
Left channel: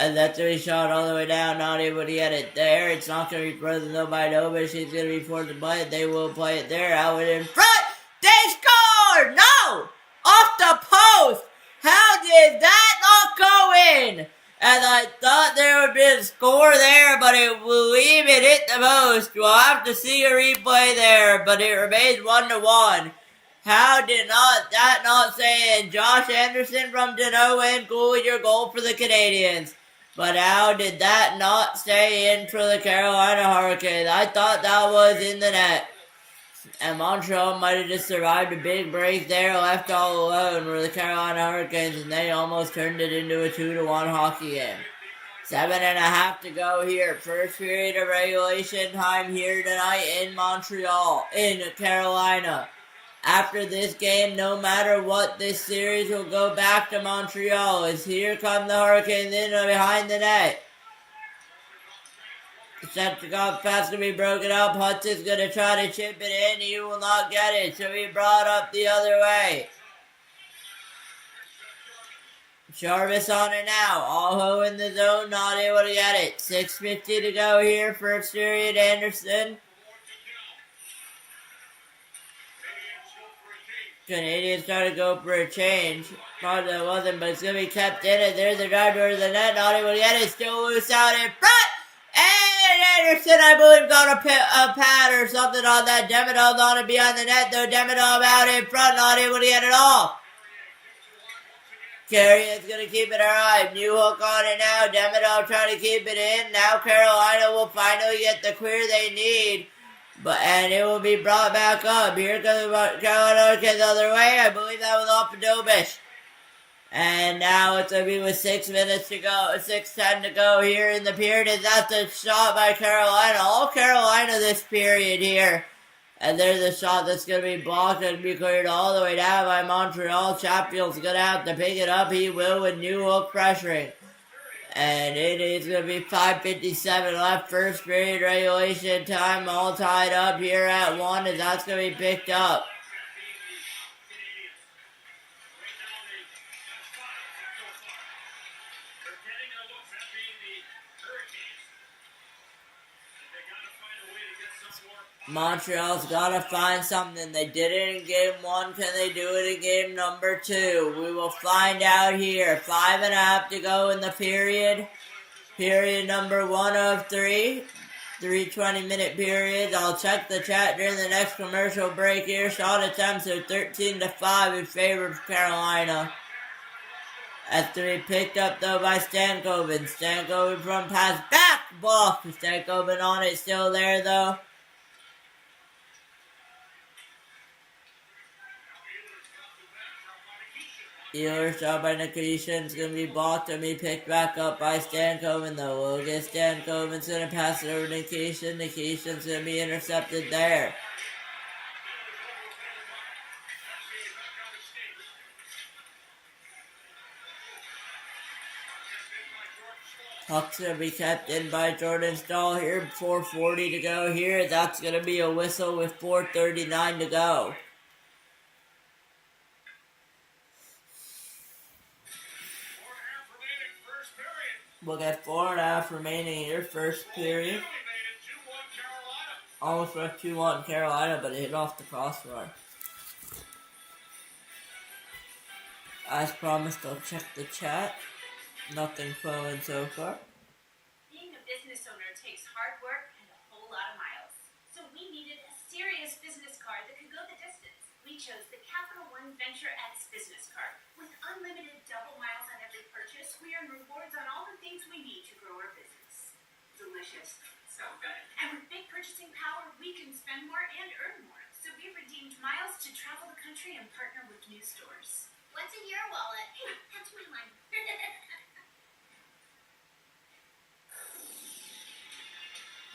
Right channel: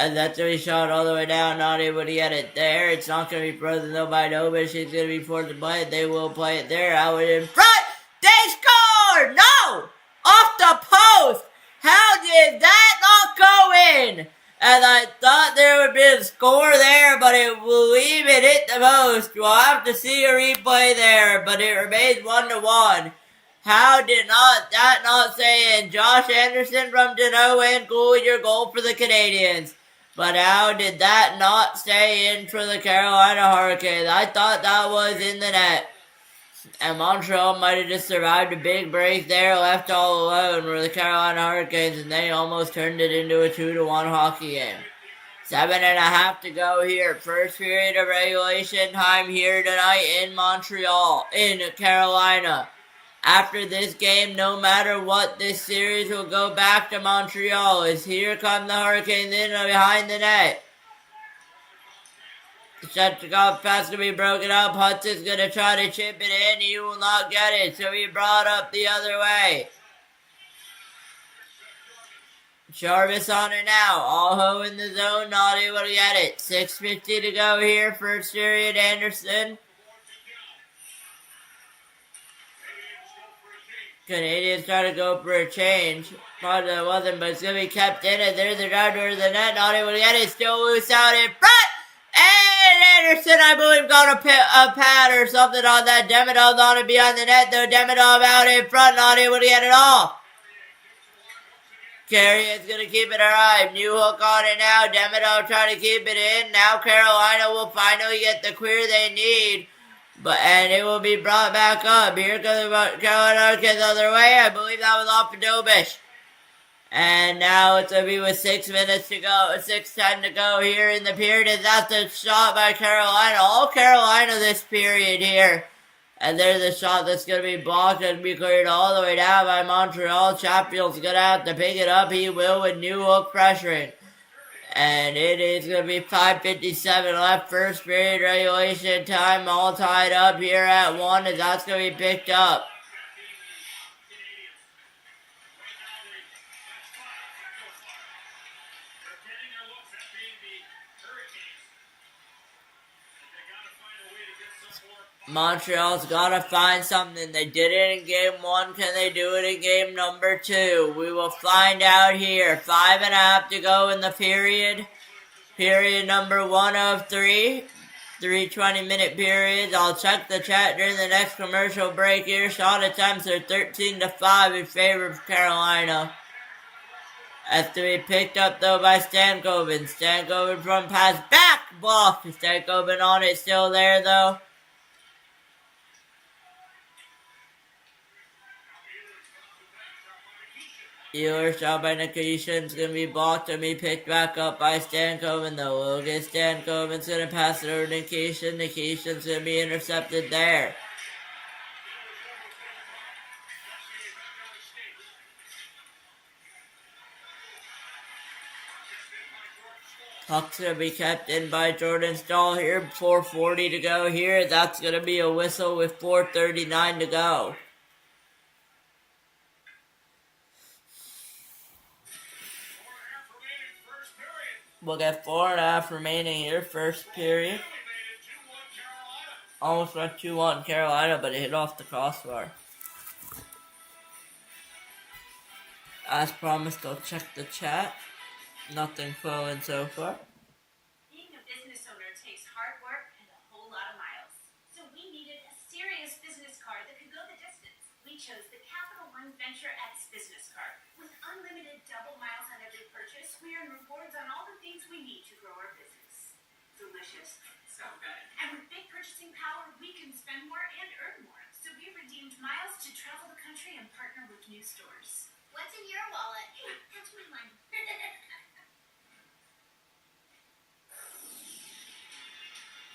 And that's when he shot all the way down, not able to get it there. It's not going to be frozen though by Nobish. He's going to be forced to play it. They will play it there. Out in front. They score! No! Off the post! How did that not go in? And I thought there would be a score there, but it will even hit the post. We'll have to see a replay there, but it remains 1-1. How did that not say in? Josh Anderson from Deneau and goalie your goal for the Canadiens. But how did that not stay in for the Carolina Hurricanes? I thought that was in the net. And Montreal might have just survived a big break there, left all alone were the Carolina Hurricanes, and they almost turned it into a 2-1 hockey game. 7.5 to go here. First period of regulation time here tonight in Montreal, in Carolina. After this game, no matter what, this series will go back to Montreal. As here come the Hurricanes in behind the net. The Shetchikov pass to be broken up. Hudson's going to try to chip it in. He will not get it, so he brought up the other way. Jarvis on it now. Aho in the zone, not able to get it. 6:50 to go here. First period, Anderson. Canadiens try to go for a change. Thought it wasn't, but it's going to be kept in it. There's the drive towards the net. Not able to get it. Still loose out in front. And Anderson, I believe, got a pad or something on that. Demidov's on it behind the net, though. Demidov out in front. Not able to get it off. Carrion's going to keep it alive. New hook on it now. Demidov trying to keep it in. Now Carolina will finally get the clear they need. And it will be brought back up. Here comes the Carolina Hurricanes the other way. I believe that was off of Dobish. And now it's going to be with 6 minutes to go. 6:10 to go here in the period. And that's a shot by Carolina. All Carolina this period here. And there's a shot that's going to be blocked and be cleared all the way down by Montreal. Chatfield's going to have to pick it up. He will with new hook pressuring. And it is going to be 5:57 left. First period regulation time. All tied up here at 1. And that's going to be picked up. Montreal's got to find something. They did it in game 1. Can they do it in game number 2? We will find out here. 5.5 to go in the period. Period number 1 of 3. 3 20-minute periods. I'll check the chat during the next commercial break here. Shot attempts are 13-5 in favor of Carolina. Has to be picked up, though, by Stankoven. Stankoven from pass back. Blocked. Stankoven on it. Still there, though. Ehlers shot by Nikishin's going to be blocked and be picked back up by Stankoven, though. Logan Stankoven's going to pass it over to Nikishin. Nikishin's going to be intercepted there. Puck's going to be kept in by Jordan Stahl here. 4:40 to go here. That's going to be a whistle with 4:39 to go. We'll get 4.5 remaining here, first period. Almost went 2-1 Carolina, but it hit off the crossbar. As promised, I'll check the chat. Nothing flowing so far. Being a business owner takes hard work and a whole lot of miles. So we needed a serious business card that could go the distance. We chose the Capital One Venture X business card. With unlimited double miles on every purchase, we earn rewards on all the things we need to grow our business. Delicious. So good. And with big purchasing power, we can spend more and earn more. So we redeemed miles to travel the country and partner with new stores. What's in your wallet? Hey, that's my one.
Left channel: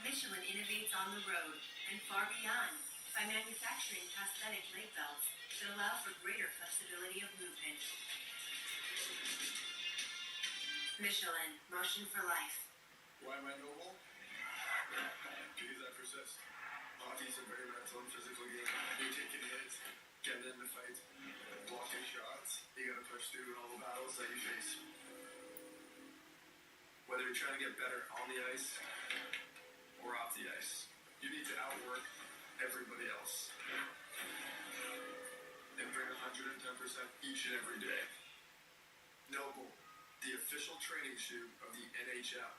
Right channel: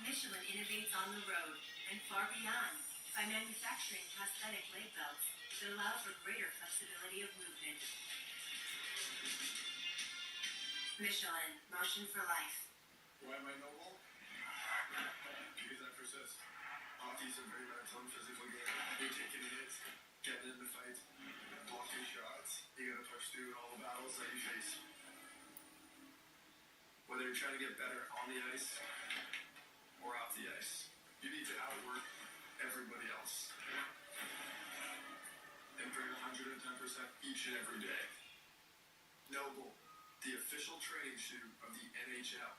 Michelin innovates on the road and far beyond by manufacturing prosthetic leg belts that allow for greater flexibility of movement. Michelin, motion for life. Why am I noble? Because I persist. Hockey's a very mental and physical game. You're taking hits, getting in the fight, blocking shots. You gotta push through all the battles that you face. Whether you're trying to get better on the ice or off the ice, you need to outwork everybody else and bring 110% each and every day. Noble, the official training shoe of the NHL.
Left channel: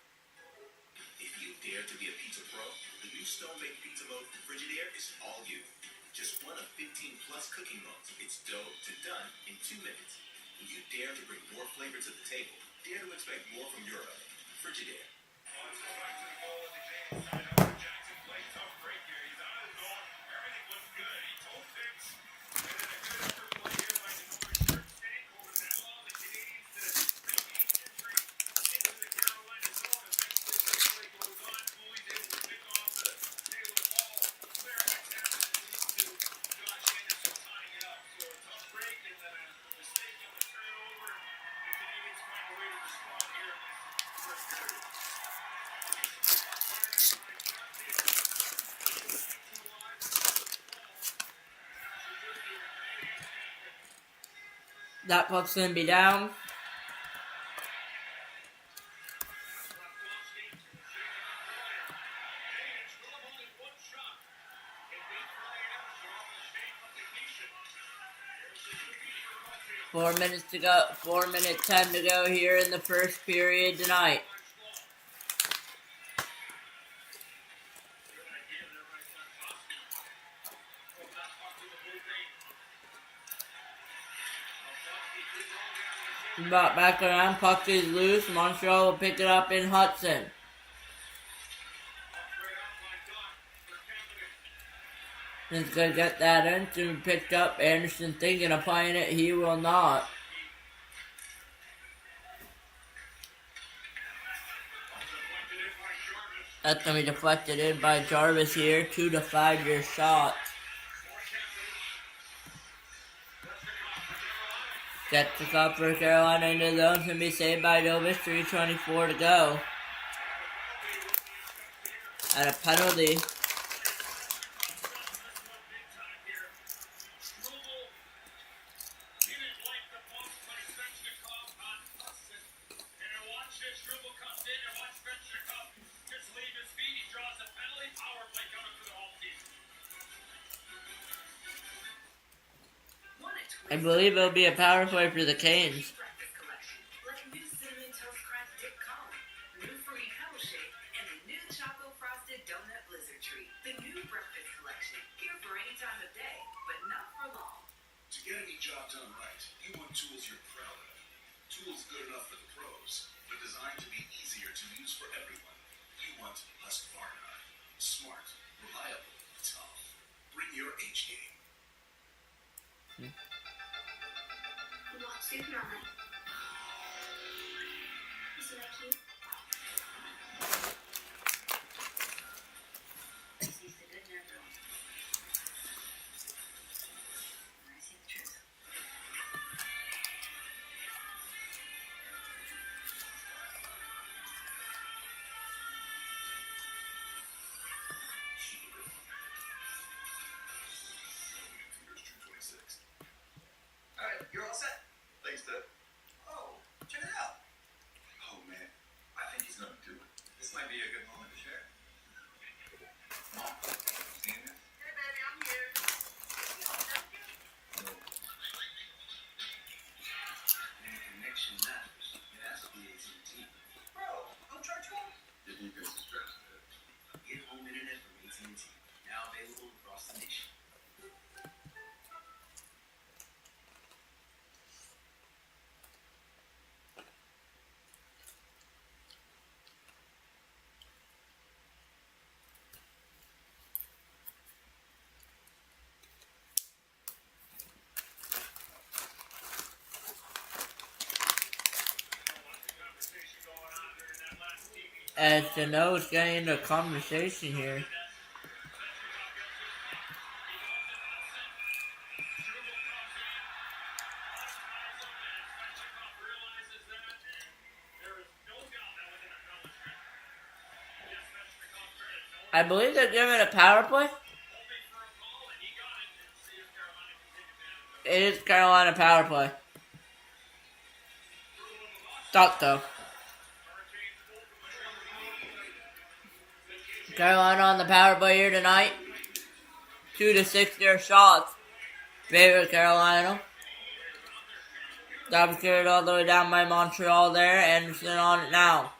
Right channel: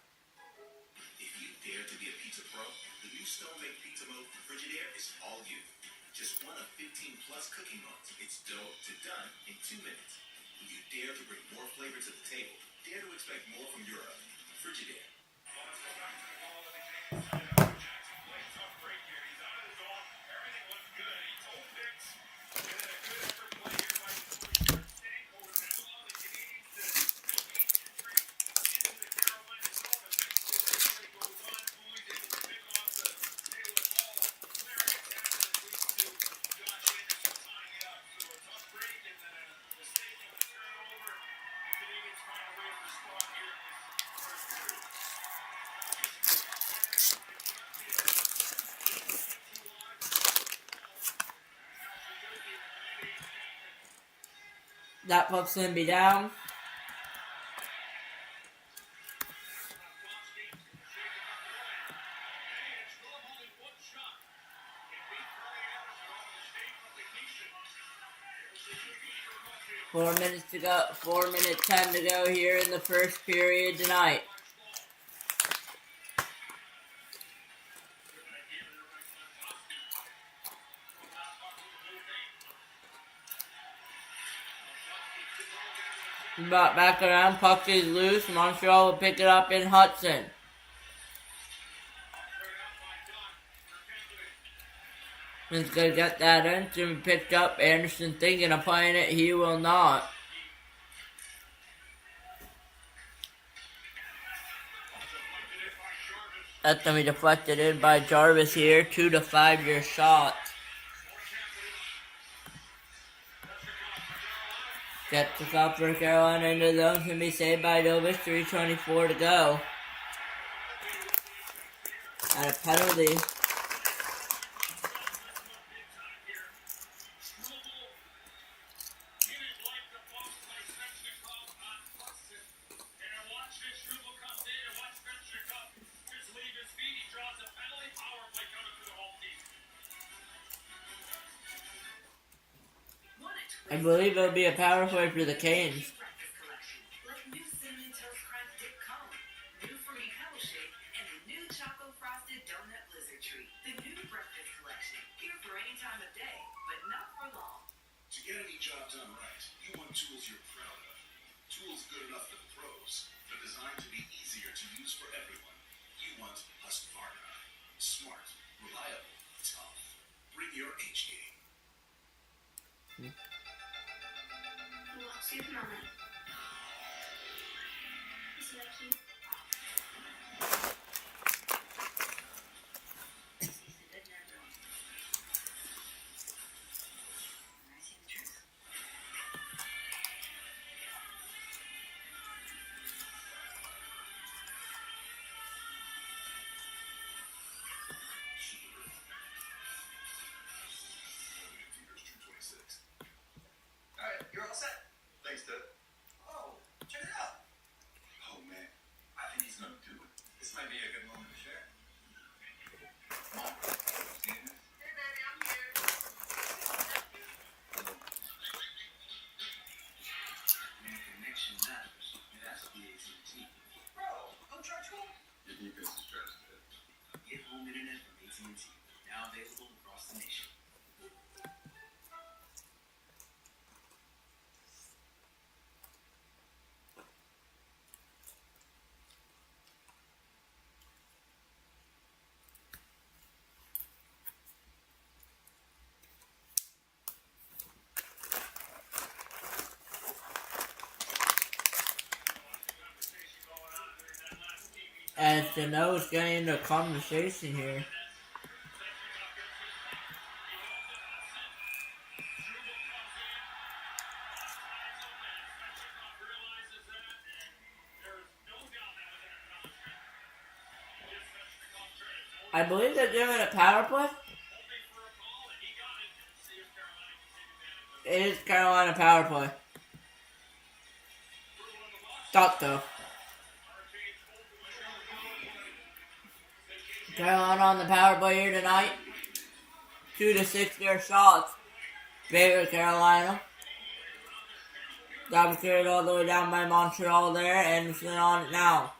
If you dare to be a pizza pro, the new stone-baked pizza mode from Frigidaire is all you. Just one of 15 plus cooking modes. It's dough to done in 2 minutes. When you dare to bring more flavor to the table, dare to expect more from your oven. Frigidaire. Let's go back to the goal of the game. Jackson played tough break here. He's out of the zone. Everything looks good. He told Vince. And then a good effort play here by Stankoven. That allowed the Canadiens to into the Carolina zone. As next goes on, Louis able to pick off the tail of the ball. Clear it down and moves to Josh Anderson tying it up. So a tough break and then a mistake on the turnover. And the Canadiens find a way to respond here in this first period. That puck's gonna be down. Four minutes to go. 4 minute time to go here in the first period tonight. But back around, puck is loose. Montreal will pick it up in Hudson. He's gonna get that in. To be picked up. Anderson thinking of playing it. He will not. That's gonna be deflected in by Jarvis here. 2 to 5 year shot. Gets the cup for Carolina into the zone. Can be saved by Dovis. 3:24 to go. And a penalty. I believe it'll be a power play for the Canes. To get any job done right, you want tools you're proud of. Tools good enough for the pros, but designed to be easier to use for everyone. You want Husqvarna. Smart, reliable, tough. Bring your H game. What's sleeping all night? Is it like you? He's a good man, though. I see the truth. Alright, you're all set. Thanks, Dad. Oh, check it out. Oh, man. I think he's gonna do it. This might be a good moment to share. Mom, you in there? Hey, baby, I'm here. When the connection matters, it has to be AT&T. Bro, don't charge home. The new business strategy. Get home internet from AT&T. Now available across the nation. As the nose getting into a conversation here. I believe they're giving a power play. It is Carolina power play. Thought though. Carolina on the power play here tonight. 2-6 their shots. Favorite Carolina. Got carried all the way down by Montreal there. Anderson on it now.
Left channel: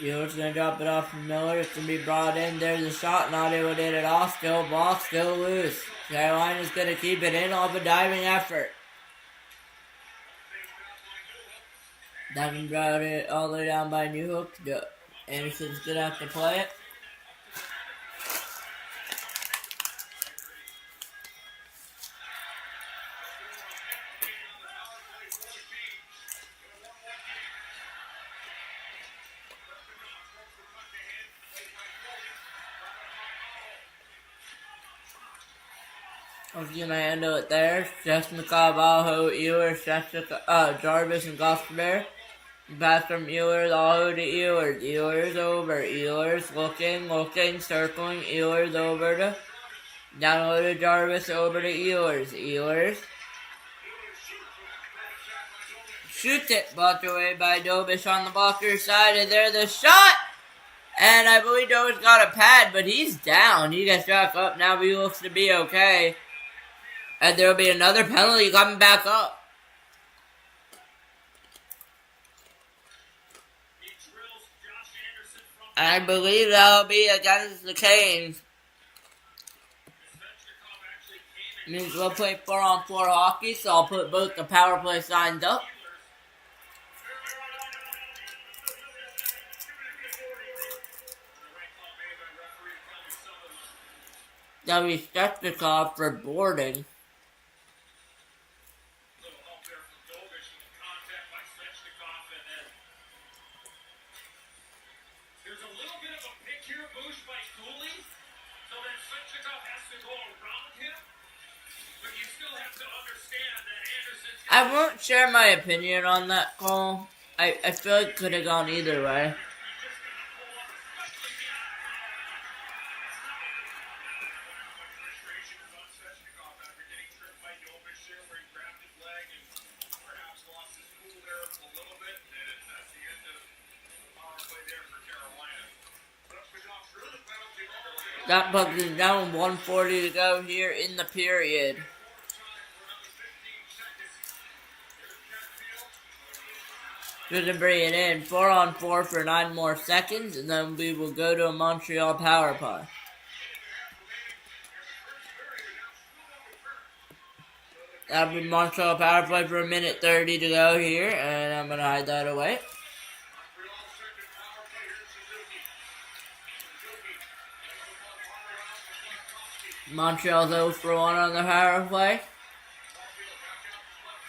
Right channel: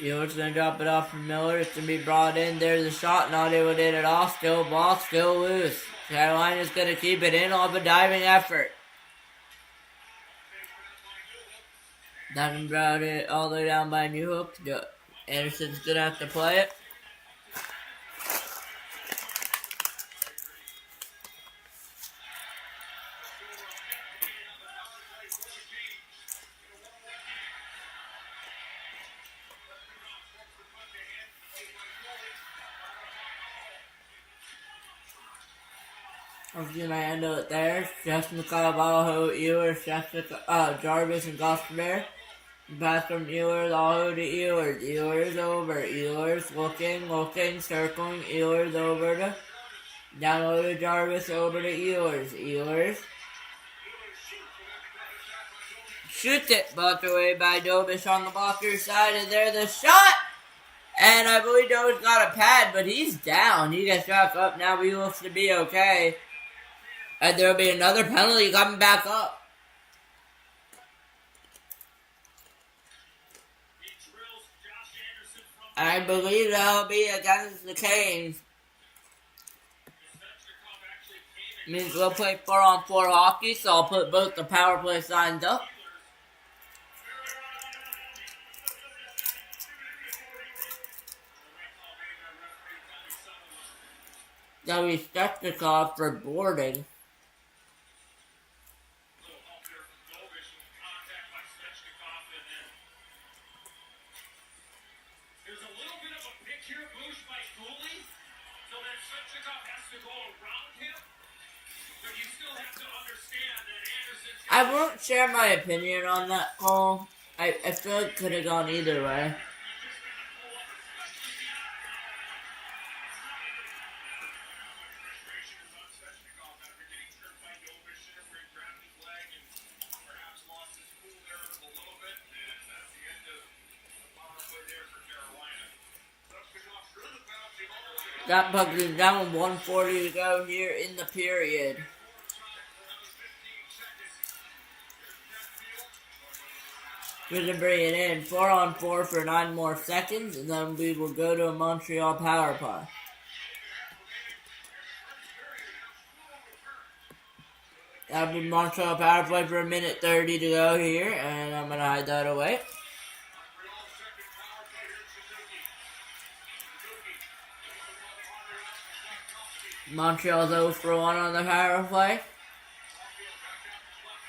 Ewer's going to drop it off for Miller. It's going to be brought in. There's a shot. Not able to get it off. Still blocked. Still loose. Carolina's going to keep it in off a diving effort. Diving brought it all the way down by Newhook. Anderson's going to have to play it. I'll give my handle it there. Justin Carvalho, Ewer, Jarvis, and Gosper. Pass from Ewers all over to Ewers. Ewers over. Ewers looking, circling. Ewers over to down over to Jarvis, over to Ewers. Ewers shoots it, blocked away by Dobish on the blocker side, and there's the shot. And I believe Dobish got a pad, but he's down. He gets back up now, but he looks to be okay. And there will be another penalty coming back up. I believe that'll be against the Canes. Means we'll play 4-on-4 hockey, so I'll put both the power play signs up. That'll be Stechnikov for boarding. I won't share my opinion on that call. I feel it could have gone either way. That puck is down with 1:40 to go here in the period. Good to bring it in. 4-on-4 for 9 more seconds, and then we will go to a Montreal power play. That'll be Montreal power play for 1:30 to go here, and I'm going to hide that away. Montreal's 0-for-1 on the power play.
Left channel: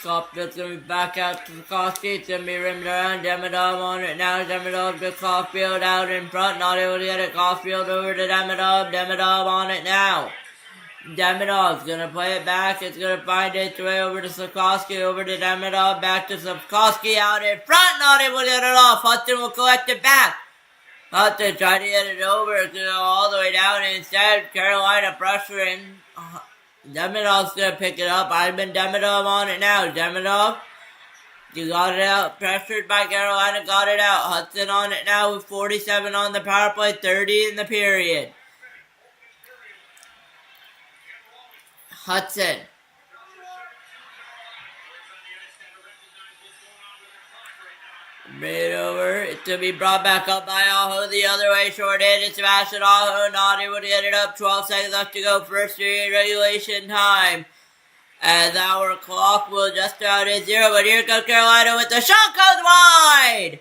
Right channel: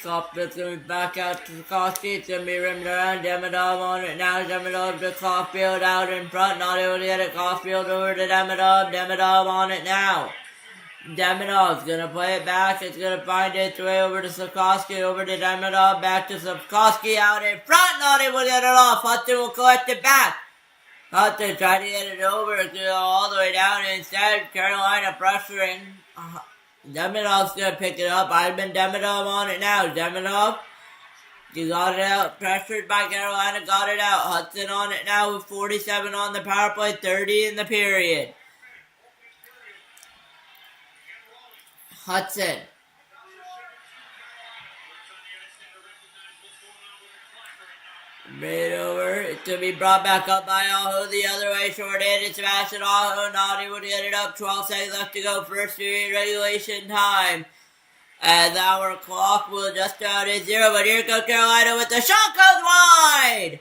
Caulfield's going to be back out to Sikorsky. It's going to be rimmed around. Demidov on it now. Demidov to Caulfield out in front. Not able to get it. Caulfield over to Demidov. Demidov on it now. Demidov's going to play it back. It's going to find its way over to Sikorsky. Over to Demidov. Back to Sikorsky out in front. Not able to get it off. Hudson will collect it back. Hudson tried to get it over. Go all the way down. Instead, Carolina pressuring. Demidov's going to pick it up. I've been Demidov on it now. Demidov, you got it out. Pressured by Carolina, got it out. Hudson on it now with 47 on the power play, 30 in the period. Hudson. Bring it over. It's to be brought back up by Aho the other way. Short-handed Sebastian Aho not able to get it up. 12 seconds left to go. First period regulation time. As our clock will just about hit 0. But here comes Carolina with the shot. Goes wide.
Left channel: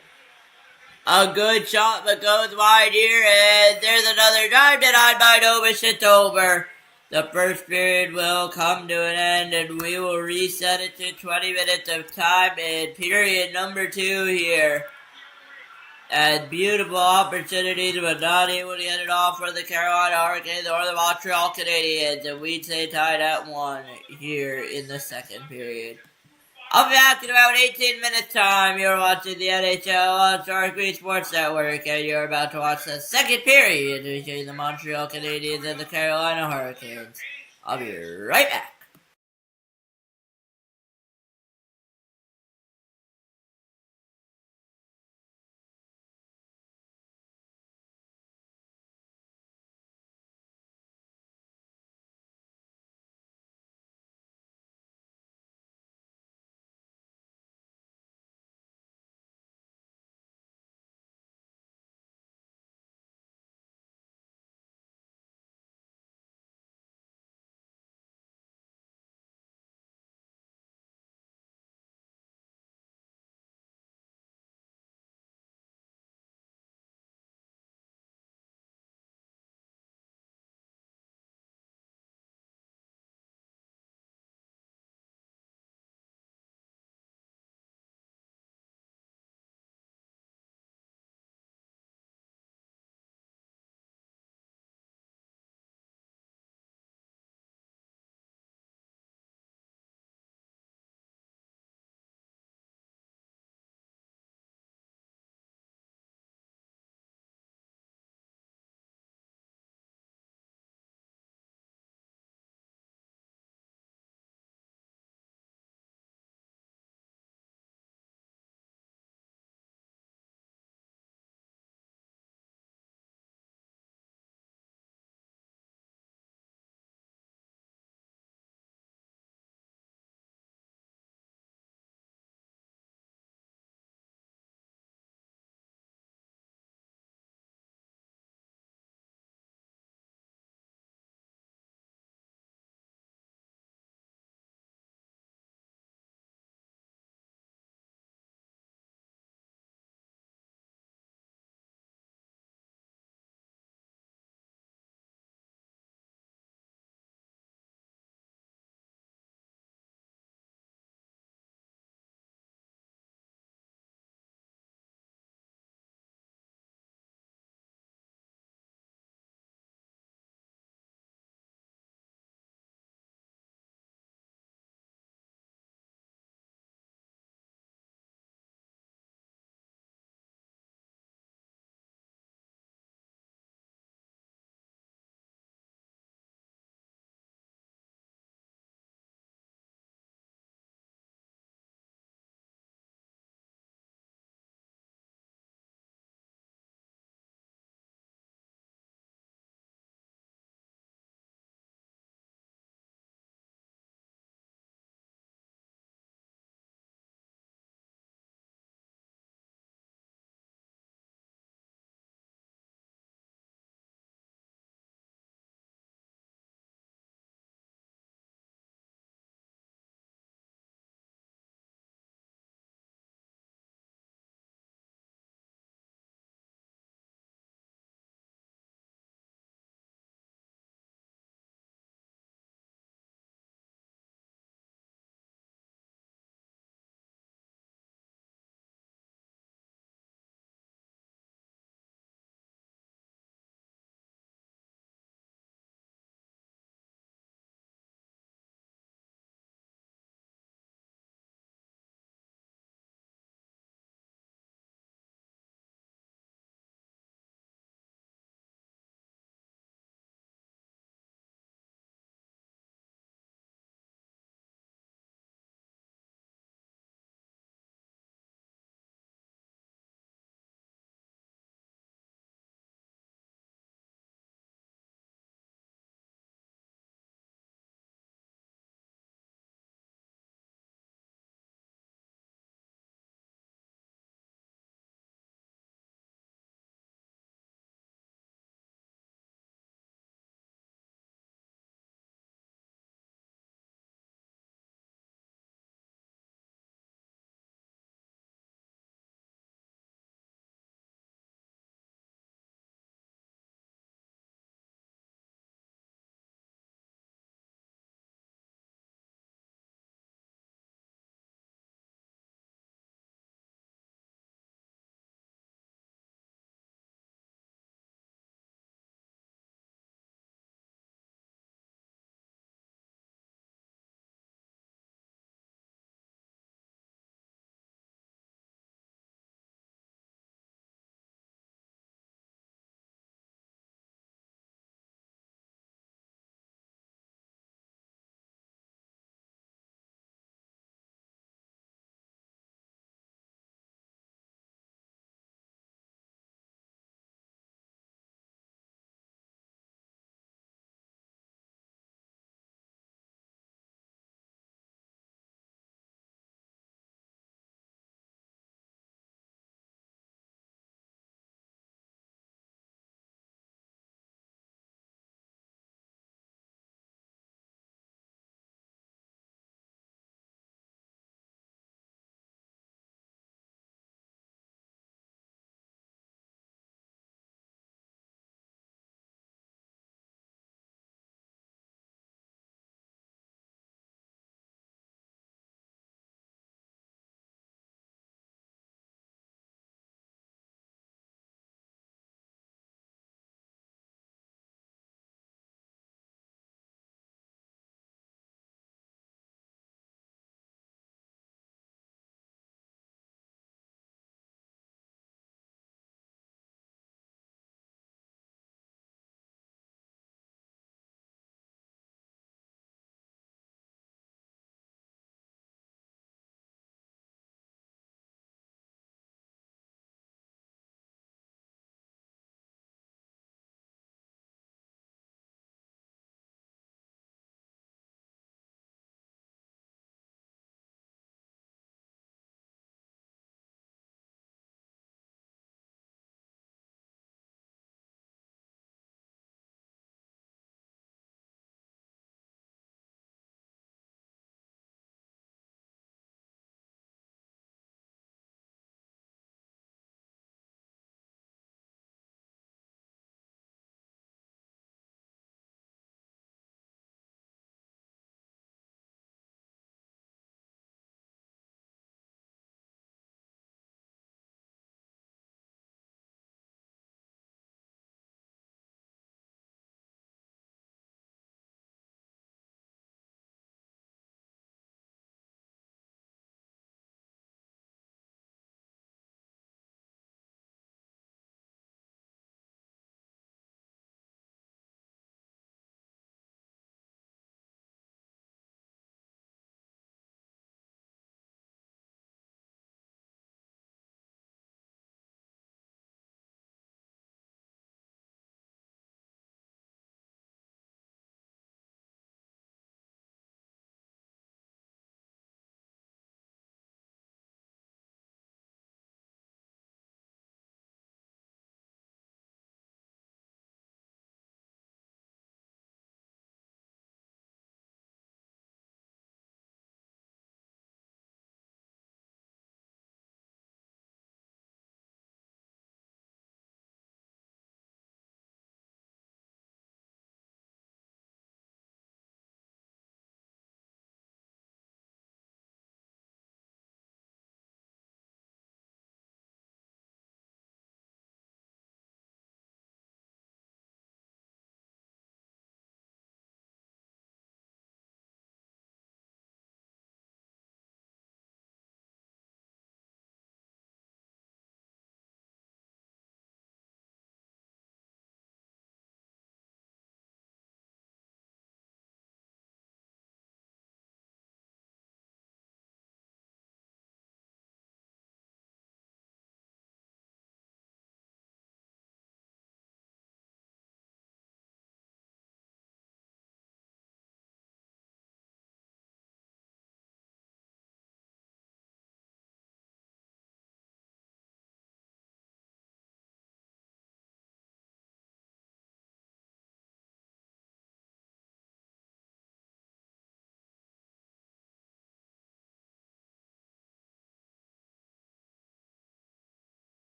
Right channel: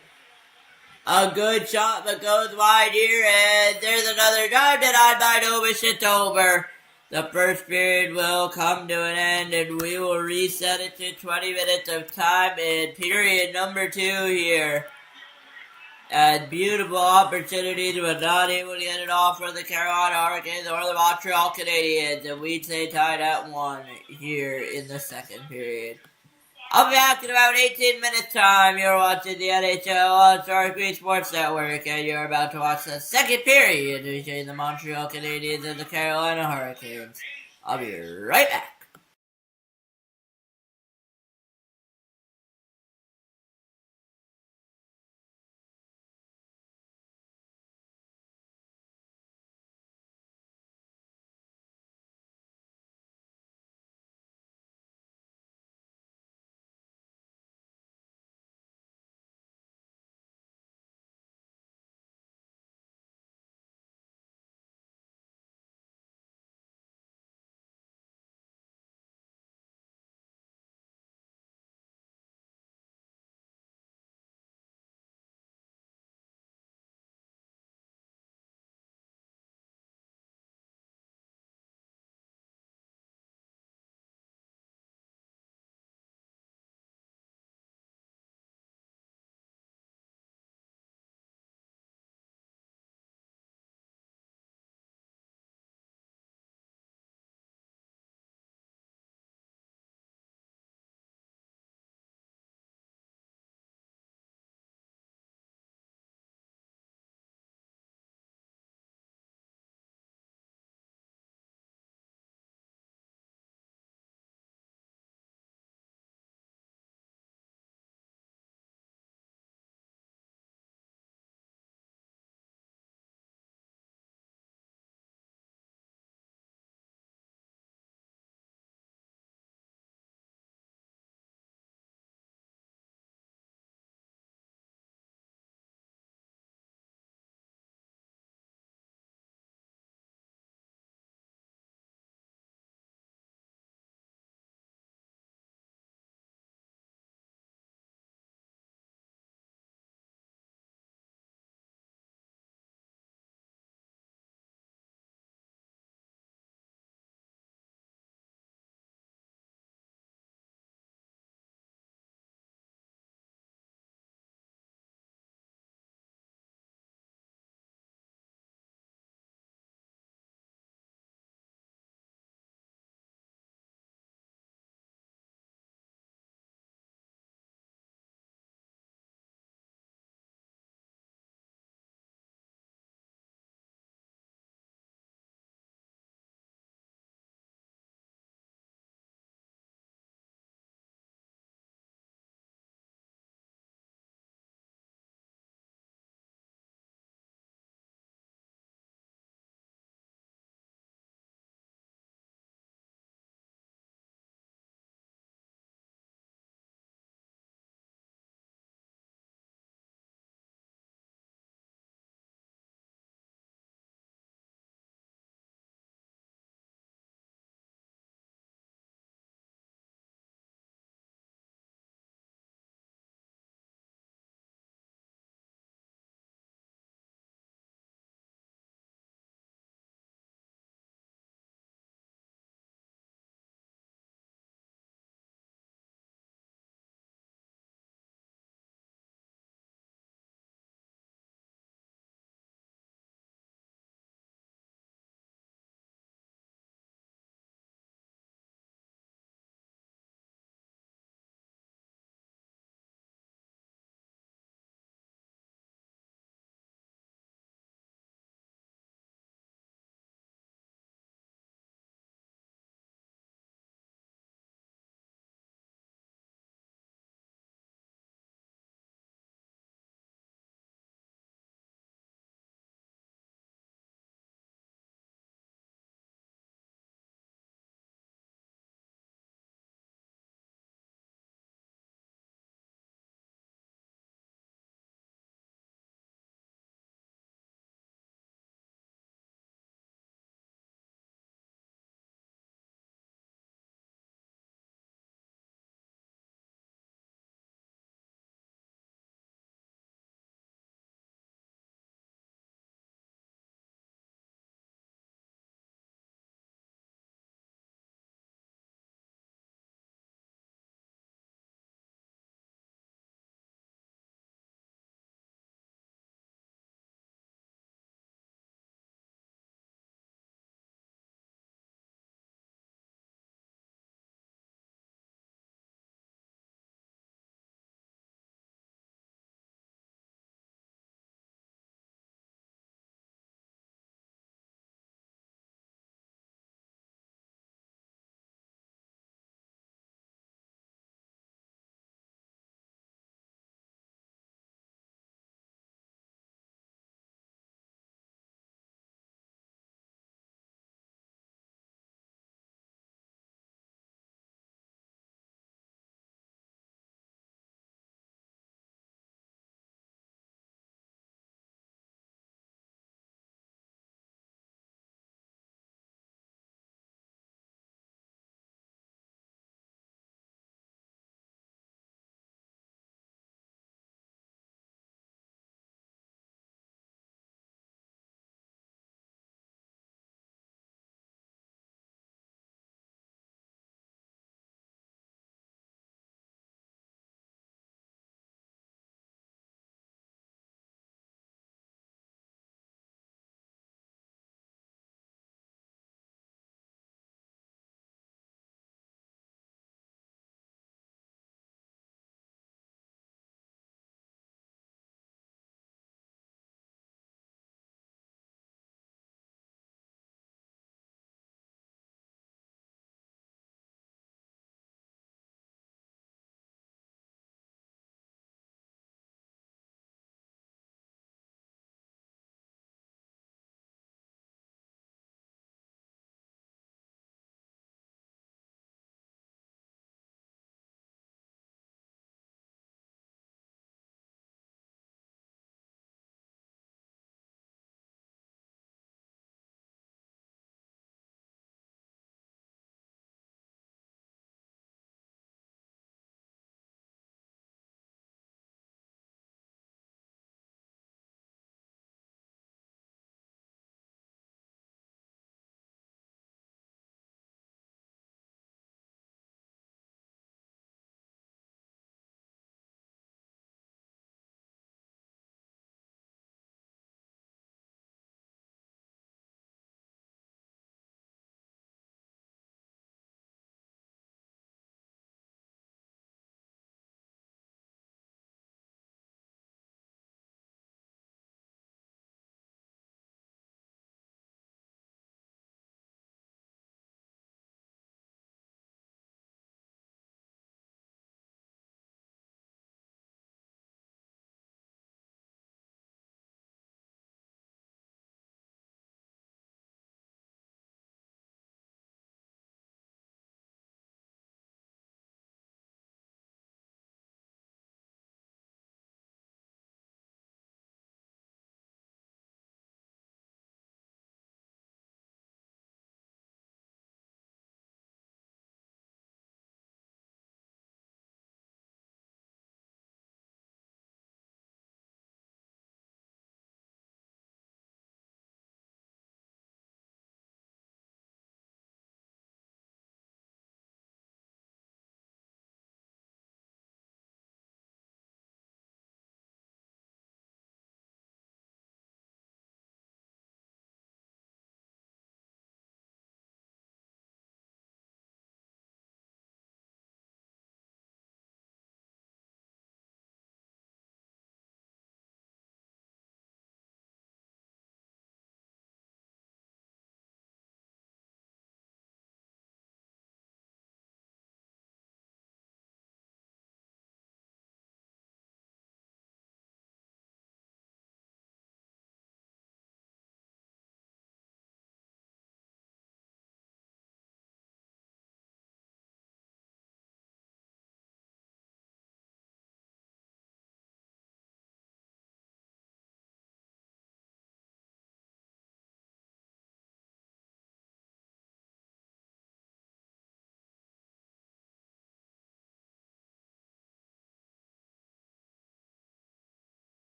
A good shot, but goes wide here. And there's another drive denied by Dobish. It's over. The first period will come to an end, and we will reset it to 20 minutes of time in period number 2 here. And beautiful opportunities, but not able to get it off for the Carolina Hurricanes or the Montreal Canadiens. And we stay tied at 1 here in the second period. I'll be back in about 18 minutes time. You're watching the NHL on Sharik Sports Network, and you're about to watch the second period between the Montreal Canadiens and the Carolina Hurricanes. I'll be right back.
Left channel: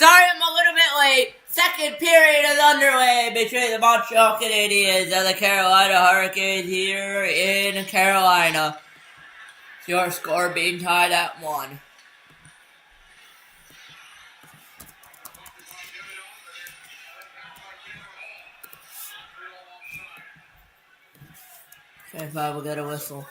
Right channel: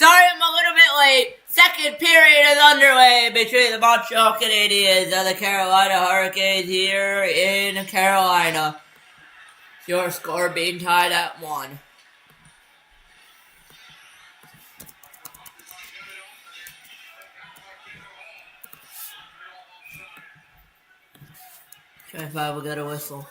Sorry I'm a little bit late. Second period is underway between the Montreal Canadiens and the Carolina Hurricanes here in Carolina. Your score being tied at 1. Five will get a whistle.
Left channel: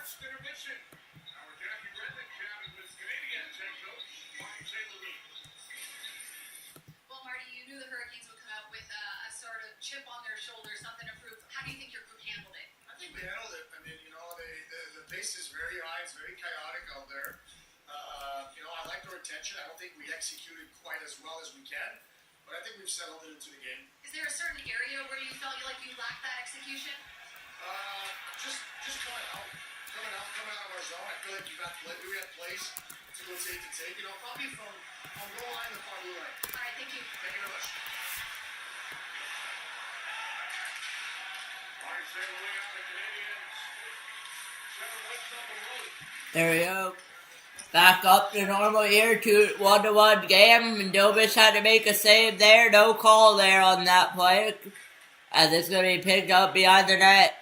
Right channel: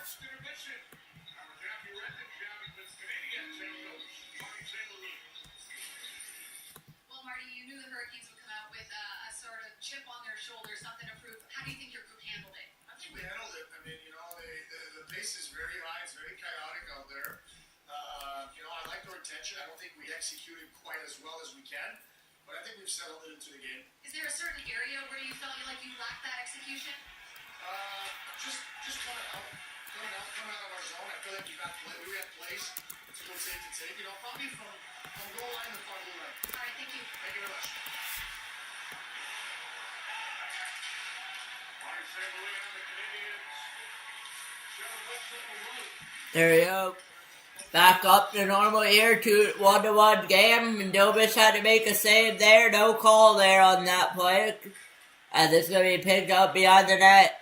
Well, Marty, you knew the Hurricanes would come out with a sort of chip on their shoulder, something to prove. How do you think your group handled it? I think we handled it. I mean, the pace is very high. It's very chaotic out there. I like the retention. I don't think we executed quite as well as we can, but I think we've settled it into the game. Is there a certain area where you felt like you lacked that execution? Just coming out of our zone. I feel like we have plays to go take to take. Probably from goal line to far blue line. All right, thank you. Thank you very much. There we go. Back up to normal here, 1-1 game. And Dobis had to make a save there. No call there on that play. As it's going to be picked up behind the net.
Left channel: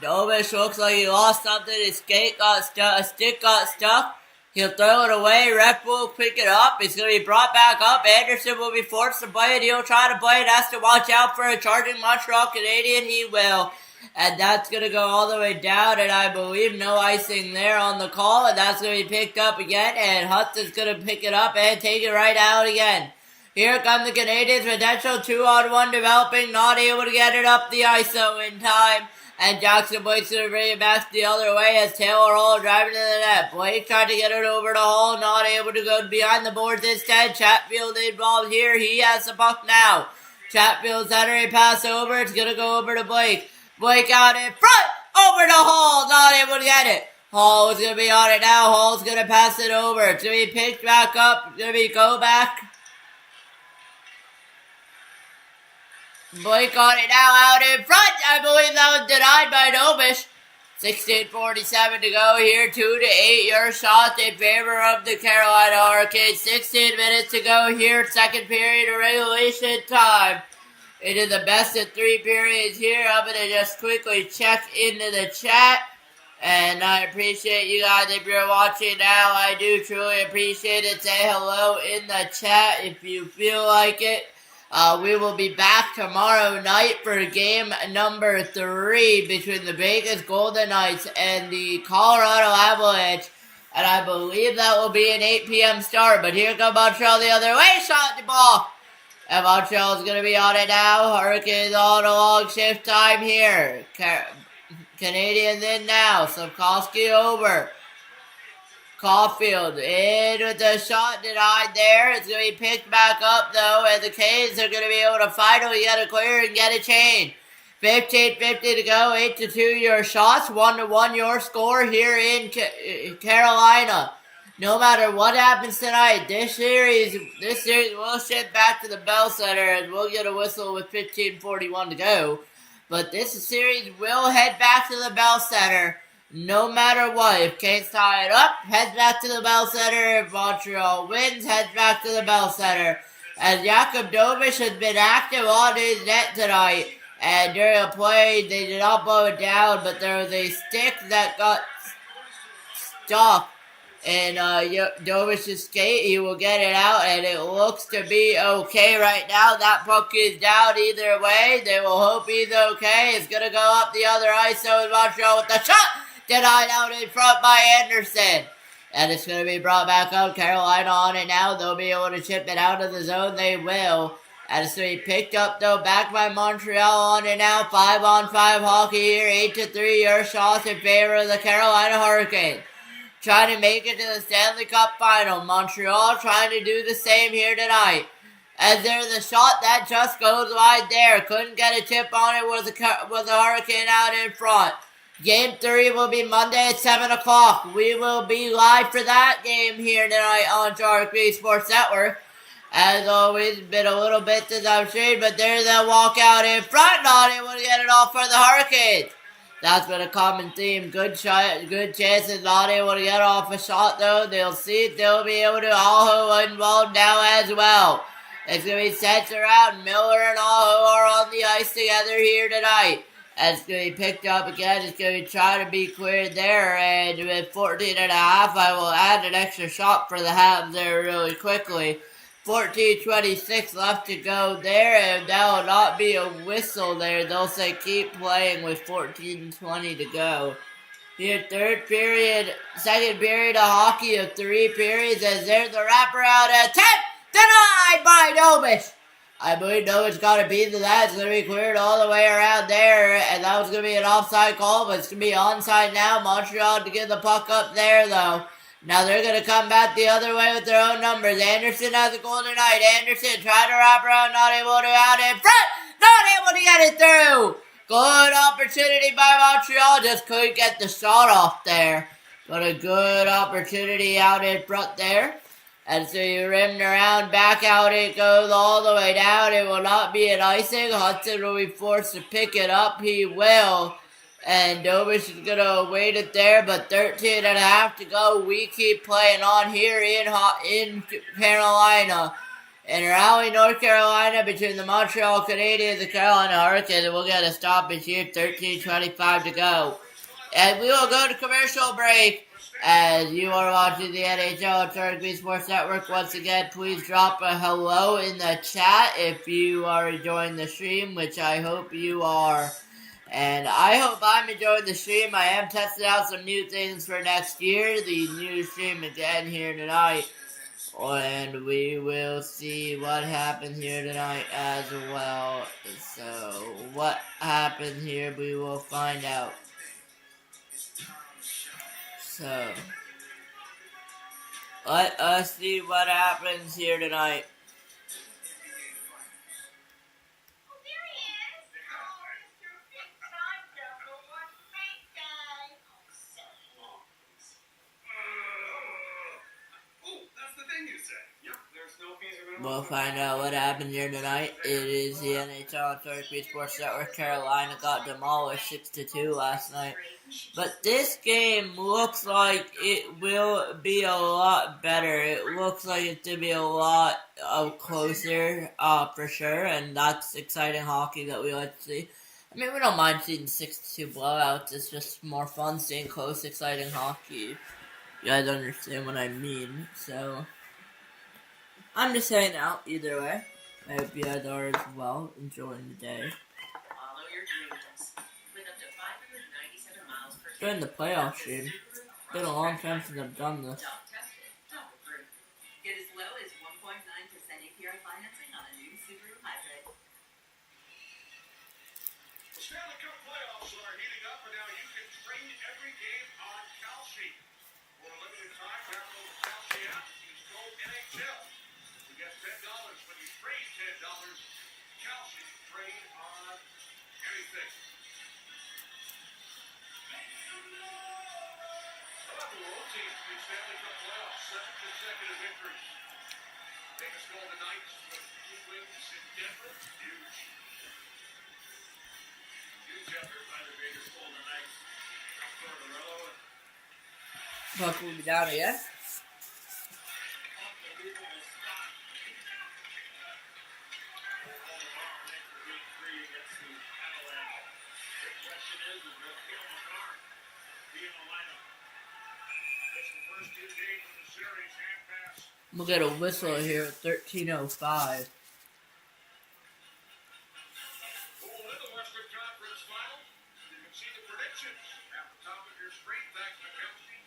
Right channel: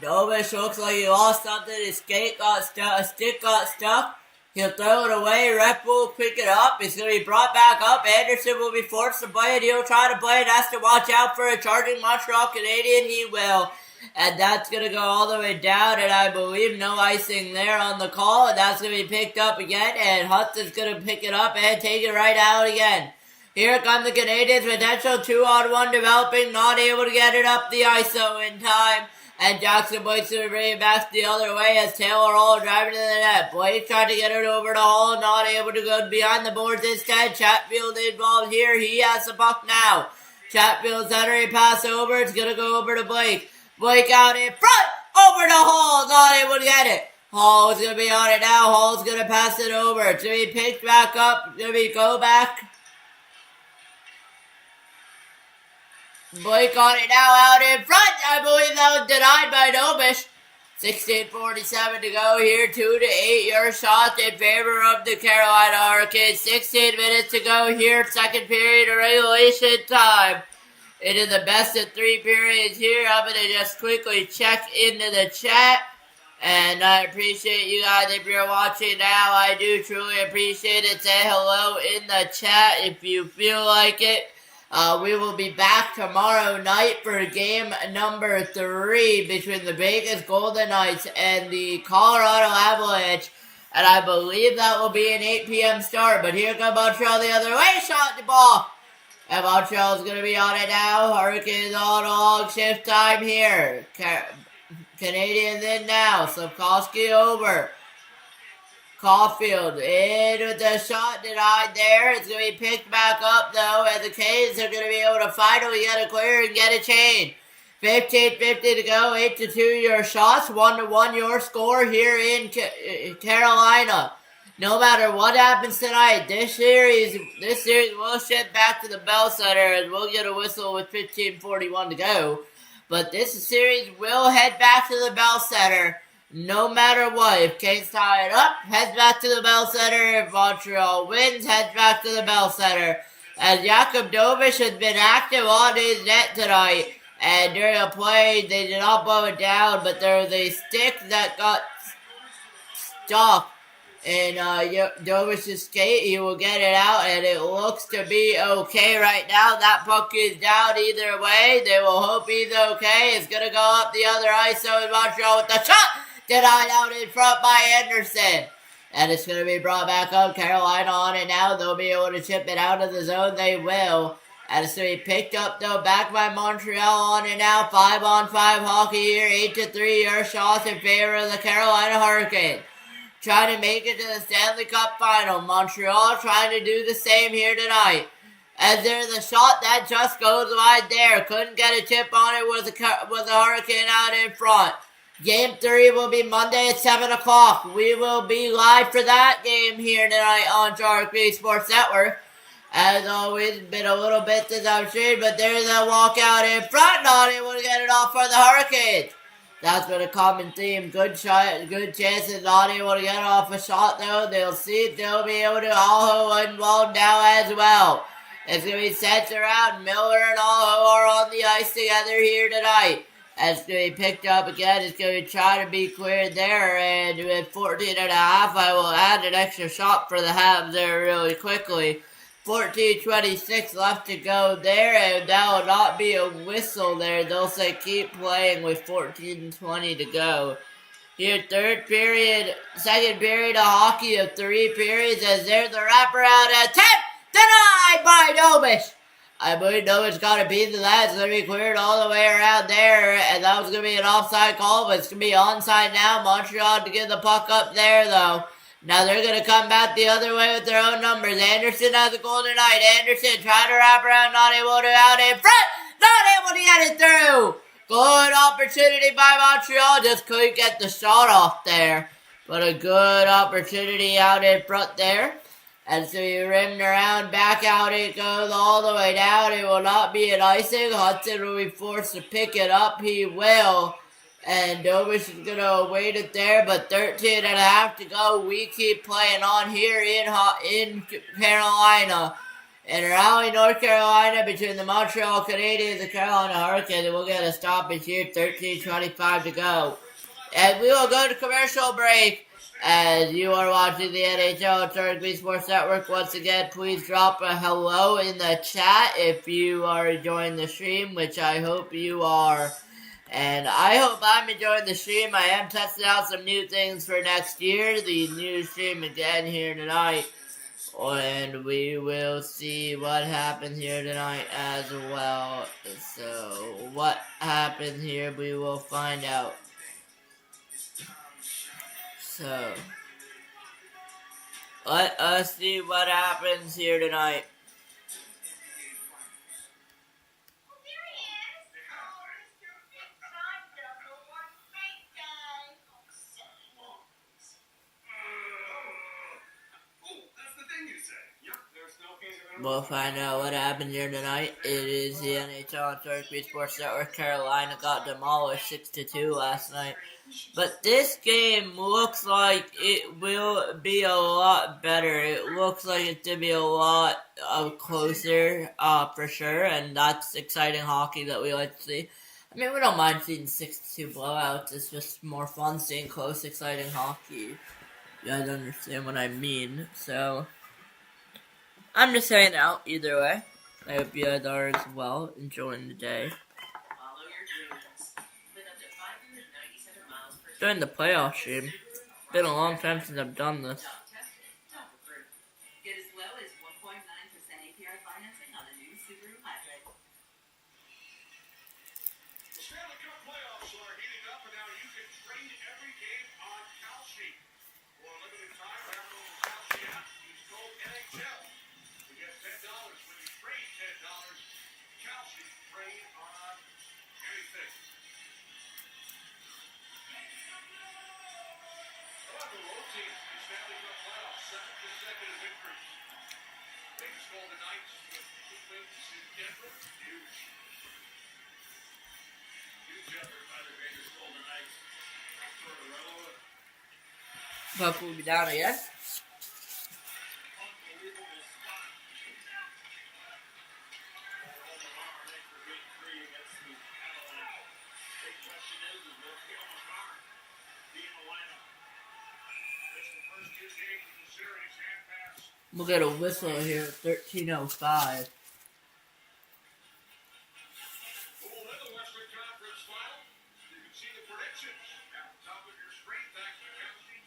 Dobis looks like he lost something. His stick got stuck. He'll throw it away. Rep will pick it up. It's going to be brought back up. Anderson will be forced to play it. He'll try to play it. Has to watch out for a charging Montreal Canadian. He will. And that's going to go all the way down. And I believe no icing there on the call. And that's going to be picked up again. And Hudson's going to pick it up and take it right out again. Here come the Canadiens. Potential 2-on-1 developing. Not able to get it up the ISO in time. And Jackson Blake's going to bring it back the other way as Taylor Hall driving to the net. Blake tried to get it over to Hall. Not able to go behind the boards instead. Chatfield involved here. He has the puck now. Chatfield's entering pass over. It's going to go over to Blake. Blake out in front. Over to Hall. Not able to get it. Hall is going to be on it now. Hall's going to pass it over. It's going to be picked back up. It's going to be go back. Blake on it now out in front. I believe that was denied by Dobish. 16:47 to go here. 2-8 your shot in favor of the Carolina Hurricanes. 16 minutes to go here. Second period of regulation time. It is the best of 3 periods here. I'm going to just quickly check into the chat. And I appreciate you guys if you're watching now. I do truly appreciate it. Say hello in the chat if you feel like it. We will be back tomorrow night for game number 3 between the Vegas Golden Knights and the Colorado Avalanche. And I believe that will be an 8 p.m. start. But here comes Montreal the other way. Shot the ball. And Montreal's going to be on it now. Hurricanes on a long shift time here. Canadiens in now. Slavkovsky over. Caulfield in with the shot denied there. It's going to be picked back up though, and the Canes are going to be able to finally get a clear and get a chain. 15:50 to go, 8-2 your shots, 1-1 your score here in Carolina. No matter what happens tonight, this series will shift back to the Bell Center, and we'll get a whistle with 15:41 to go. But this series will head back to the Bell Center. No matter what, if Canes tie it up, heads back to the Bell Center. If Montreal wins, heads back to the Bell Center. As Jakub Dobish has been active on his net tonight, and during a play, they did not blow it down, but there was a stick that got stuck in Dobish's skate. He will get it out, and it looks to be okay right now. That puck is down either way. They will hope he's okay. It's going to go up the other ice, so is Montreal with the shot. Denied out in front by Anderson. And it's going to be brought back up. Carolina on it now. They'll be able to chip it out of the zone. They will. And it's going to be picked up, though, back by Montreal on it now. 5-on-5 hockey here. 8-3 your shots in favor of the Carolina Hurricanes. Trying to make it to the Stanley Cup Final. Montreal trying to do the same here tonight. As there's a shot that just goes wide there. Couldn't get a chip on it with the Hurricane out in front. Game 3 will be Monday at 7 o'clock. We will be live for that game here tonight on Sharik Sports Network. As always, been a little bit since I've streamed, but there's a walkout in front. Not able to get it off for the Hurricanes. That's been a common theme. Good shot, good chances. Not able to get off a shot, though. They'll see it. They'll be able to. Aho involved now as well. It's going to be sent around. Miller and all who are on the ice together here tonight. It's going to be picked up again. It's going to try to be cleared there. And with 14 and a half, I will add an extra shot for the Habs there really quickly. 14:26 left to go there, and that will not be a whistle there. They'll say keep playing with 14:20 to go. Here, third period, second period of hockey of 3 periods, as there's the wraparound attempt, denied by Dobish. I believe Dobish got a piece of that. It's going to be cleared all the way around there, and that was going to be an offside call, but it's going to be onside now. Montreal to get the puck up there, though. Now they're going to come back the other way with their own numbers. Anderson has a goal tonight. Anderson trying to wrap around, not able to out in front, not able to get it through. Good opportunity by Montreal, just couldn't get the shot off there. But a good opportunity out in front there. And so you rimmed around, back out it goes all the way down. It will not be an icing. Hudson will be forced to pick it up. He will. And Dobish is going to await it there, but 13 and a half to go. We keep playing on here in Carolina. In Raleigh, North Carolina, between the Montreal Canadiens and the Carolina Hurricanes, and we'll get a stoppage here, 13:25 to go. And we will go to commercial break. As you are watching the NHL and Rugby Sports Network, once again, please drop a hello in the chat if you are enjoying the stream, which I hope you are. And I hope I'm enjoying the stream. I am testing out some new things for next year. The new stream again here tonight. And we will see what happens here tonight as well. So, what happens here, we will find out. So, let us see what happens here tonight. We'll find out what happened here tonight. It is the NHL and Rugby Sports Network. Carolina got demolished 6-2 last night. But this game looks like it will be a lot better. It looks like it's going to be a lot closer for sure. And that's exciting hockey that we like to see. I mean, we don't mind seeing 6-2 blowouts. It's just more fun seeing close, exciting hockey. You guys understand what I mean. So, I'm just saying out either way. I hope you guys are as well, enjoying the day. During the playoff stream. It's been a long time since I've done this. Get as low as 1.9% APR financing on a new Subaru Hybrid. The Stanley Cup playoffs are heating up, and now you can trade every game on Kalshi. For a limited time, download the Kalshi app. Use code NHL. You get $10 when you trade $10. Kalshi, trade on anything. The road team to the Stanley Cup playoffs, 7 consecutive victories. Vegas Golden Knights, the 2 wins in Denver. Huge. Huge effort by the Vegas Golden Knights. Tortorella. Puck will be down again. Unbelievable stop. For game 3 against the Avalanche. The question is will Cale Makar be in the lineup? It's the first 2 games of the series. Hand pass. We'll get a whistle here at 13:05. Who will win the Western Conference Final? You can see the predictions at the top of your screen. Thanks to Chelsea.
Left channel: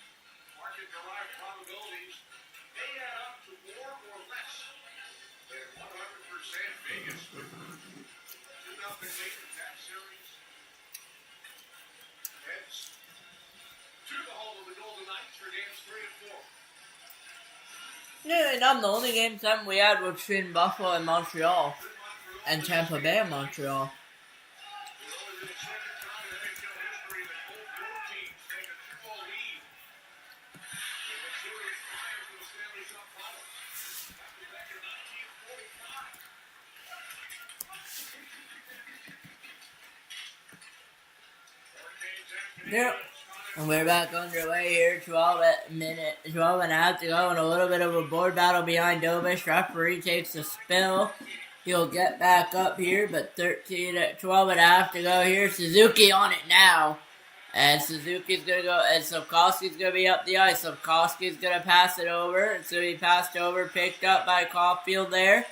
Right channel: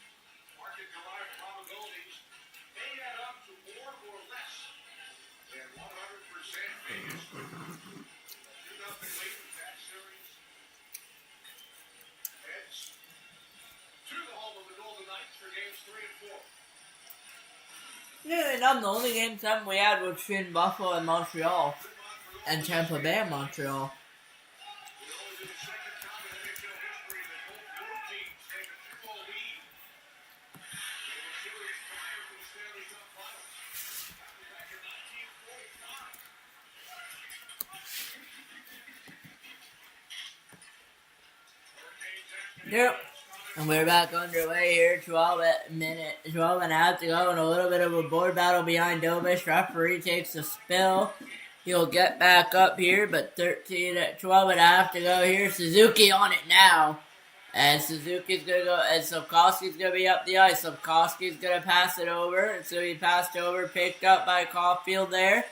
Market-derived probabilities may add up to more or less than 100% Vegas. 2-0 lead in that series. Heads to the home of the Golden Knights for games 3 and 4. Nearly not the only game 7 we had was between Buffalo and Montreal. And Tampa Bay and Montreal. It would only be the second time in NHL history that both road teams take a 2-0 lead in the series prior to the Stanley Cup final. That was back in 1945. Hurricanes empty. There, And we're back underway here, 12 and a half to go, and a little bit of a board battle behind Dobish. Referee takes a spill. He'll get back up here, but 12 and a half to go here. Suzuki on it now. And Suzuki's going to go, and Sapkowski's going to be up the ice. Sapkowski's going to pass it over. It's going to be passed over, picked up by Caulfield there.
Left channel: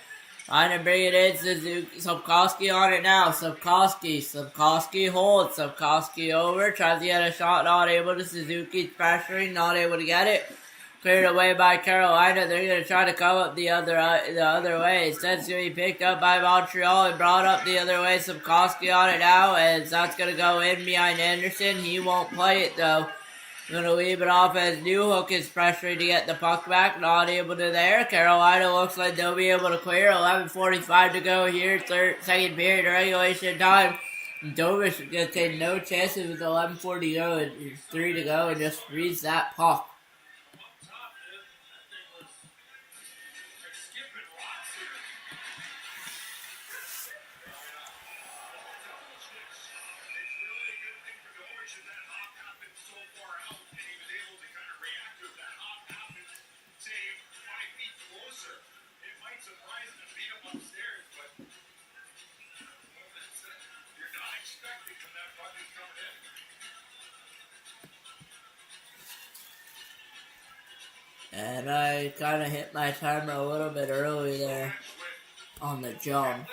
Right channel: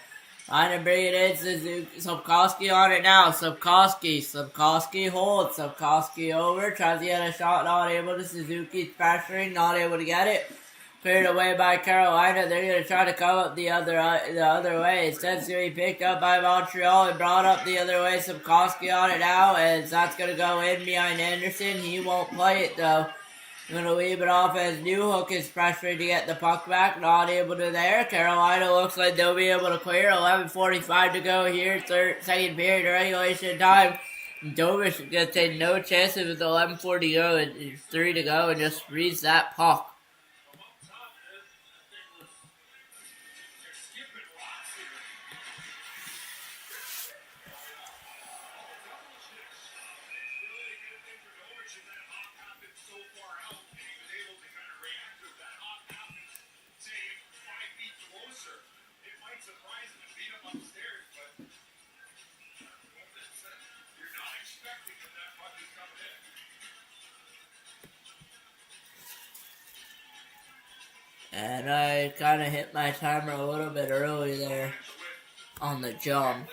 Trying to bring it in, Sapkowski on it now. Sapkowski holds. Sapkowski over, tries to get a shot, not able to. Suzuki's pressuring, not able to get it. Cleared away by Carolina. They're going to try to come up the other way. Instead, it's going to be picked up by Montreal and brought up the other way. Sapkowski on it now, and that's going to go in behind Anderson. He won't play it, though. Going to leave it off as Newhook is pressuring to get the puck back. Not able to there. Carolina looks like they'll be able to clear. 11:45 to go here. Second period regulation time. Dobish is going to take no chances with 11:40 to go and 3 to go and just freeze that puck. And I kind of hit my timer a little bit early there on the jump.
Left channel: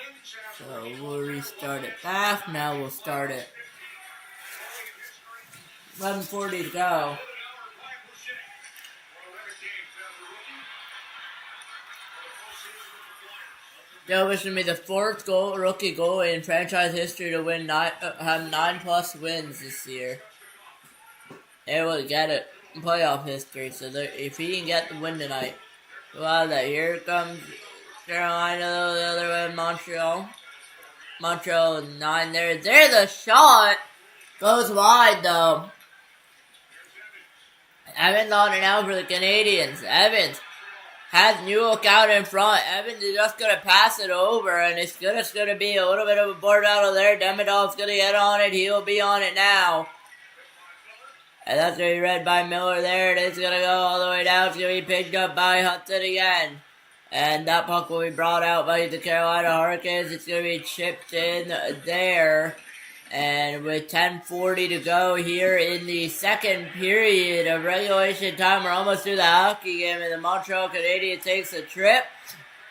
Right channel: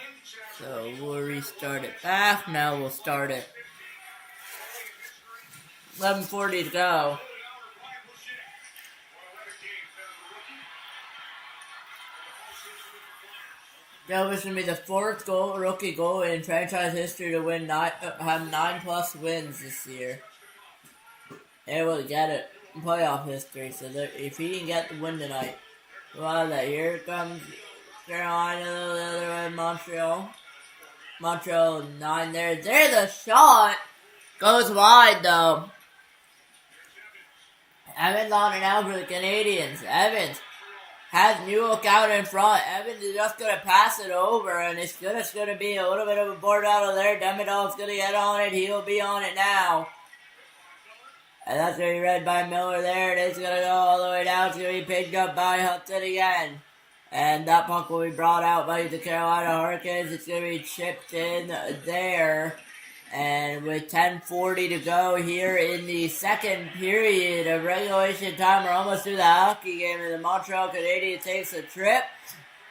So we'll restart it back. Now we'll start it. 11:40 to go. Dobish will be the fourth rookie goalie in franchise history to win have 9+ wins this year. They will get it. Playoff history, so if he can get the win tonight. So out of that, here comes Carolina, though, the other way, Montreal. Montreal 9 there. There's a shot. Goes wide, though. Evans on it now for the Canadiens. Evans has Newhook out in front. Evans is just going to pass it over, and it's just going to be a little bit of a board battle there. Demidov's going to get on it. He'll be on it now. And that's going to be read by Miller there. It is going to go all the way down. It's going to be picked up by Hudson again. And that puck will be brought out by the Carolina Hurricanes. It's going to be chipped in there. And with 10:40 to go here in the second period of regulation time, we're almost through the hockey game. And the Montreal Canadiens takes a trip.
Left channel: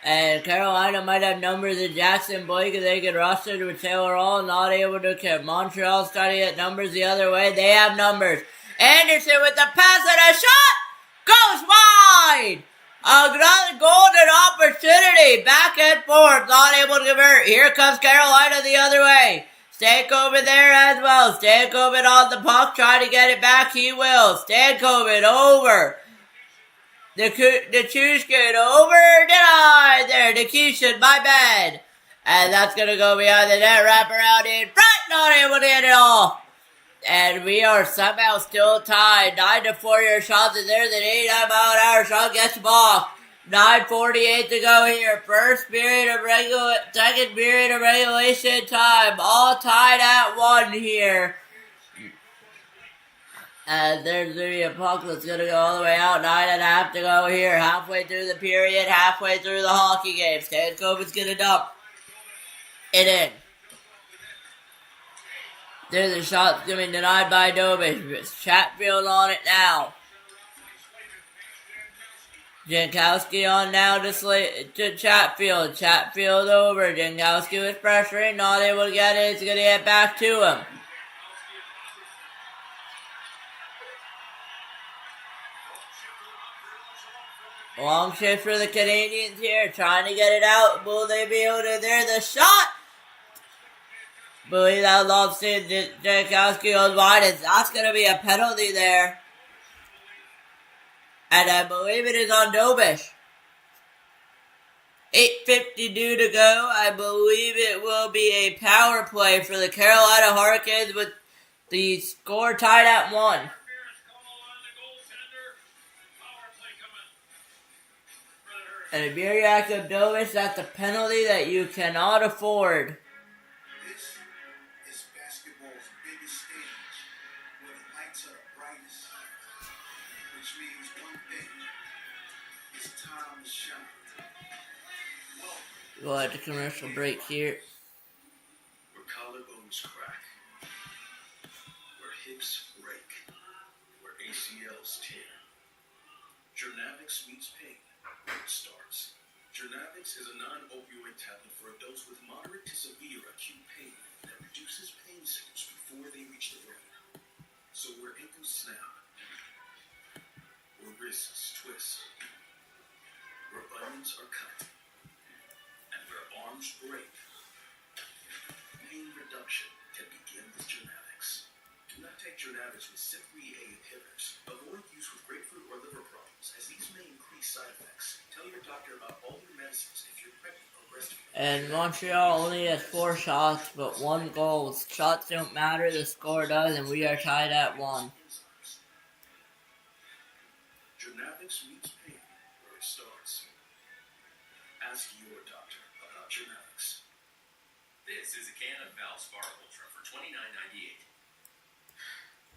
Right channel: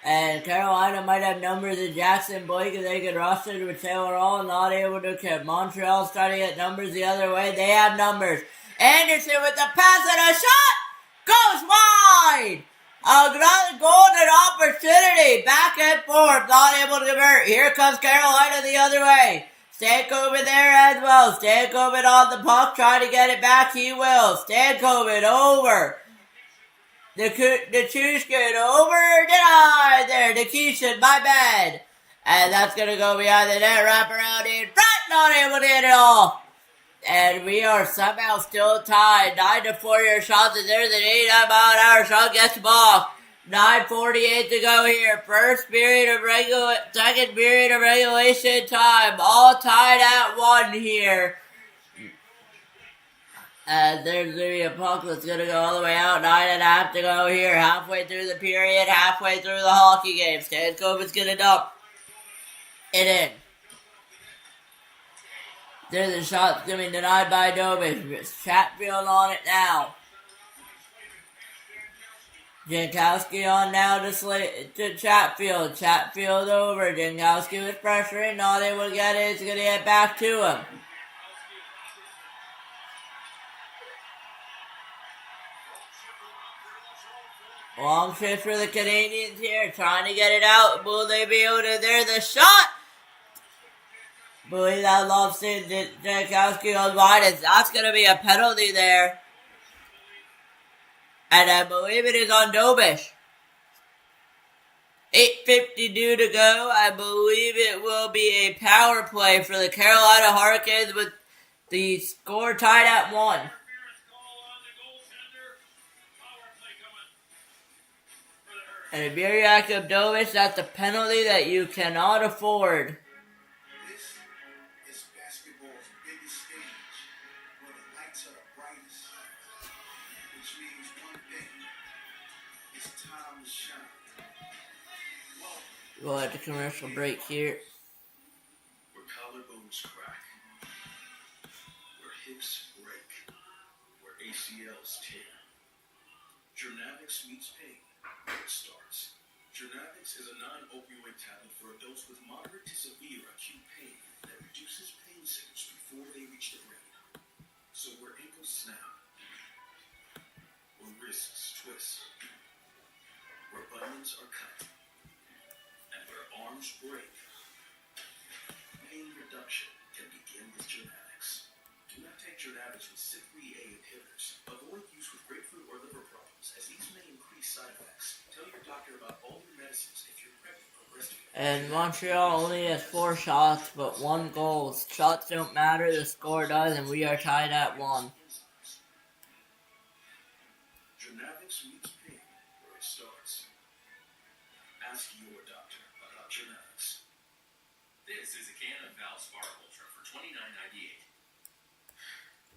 And Carolina might have numbers in Jackson Blake if they could rush it with Taylor Hall. Not able to keep. Montreal's trying to get numbers the other way. They have numbers. Anderson with the pass and a shot goes wide. A golden opportunity. Back and forth. Not able to convert. Here comes Carolina the other way. Stankoven there as well. Stankoven on the puck. Trying to get it back. He will. Stankoven over. Nichushkin over. Denied there. Nikishin, my bad. And that's going to go behind the net. Wrap around in front. Not able to get it all. And we are somehow still tied. 9-4 your shots, and there's an 89-mile-an-hour shot gets blocked. 9:48 to go here. Second period of regulation time. All tied at 1 here. And there's going to be a puck that's going to go all the way out. 9.5 to go here. Halfway through the period, halfway through the hockey game. Stankoven's going to dump it in. There's a shot going to be denied by Dobish. It's Chatfield on it now. Jankowski on now to Chatfield. Chatfield over. Jankowski was pressuring. Not able to get it. It's going to get back to him. Long shift for the Canadiens here. Trying to get it out. Will they be able to? There's the shot. Believe that Lobstein Jankowski goes wide, and that's going to be a penalty there. And I believe it is on Dobish. 8:52 to go. I believe it will be a power play for the Carolina Hurricanes with the score tied at 1. And if you're Jakob Dobish, that's a penalty that you cannot afford. This is basketball's biggest stage, where the lights are bright time to shine. We'll have a commercial break here. Where collarbones crack, where hips break, where ACLs tear. Journavix meets pain where it starts. Journavix is a non-opioid tablet for adults with moderate to severe acute pain that reduces pain signals before they reach the brain. So where ankles snap, where wrists twist, where onions are cut, and where arms break, pain reduction can begin with Journavix. Do not take Journavix with CYP3A inhibitors. Avoid use with grapefruit or liver problems, as these may increase side effects. Tell your doctor about all your medicines if you're pregnant or breastfeeding. And Montreal only has 4 shots, but 1 goal. Shots don't matter, the score does, and we are tied at 1. Journavix meets pain where it starts. Ask your doctor about Journavix. This is a can of Valspar Ultra for $29.98.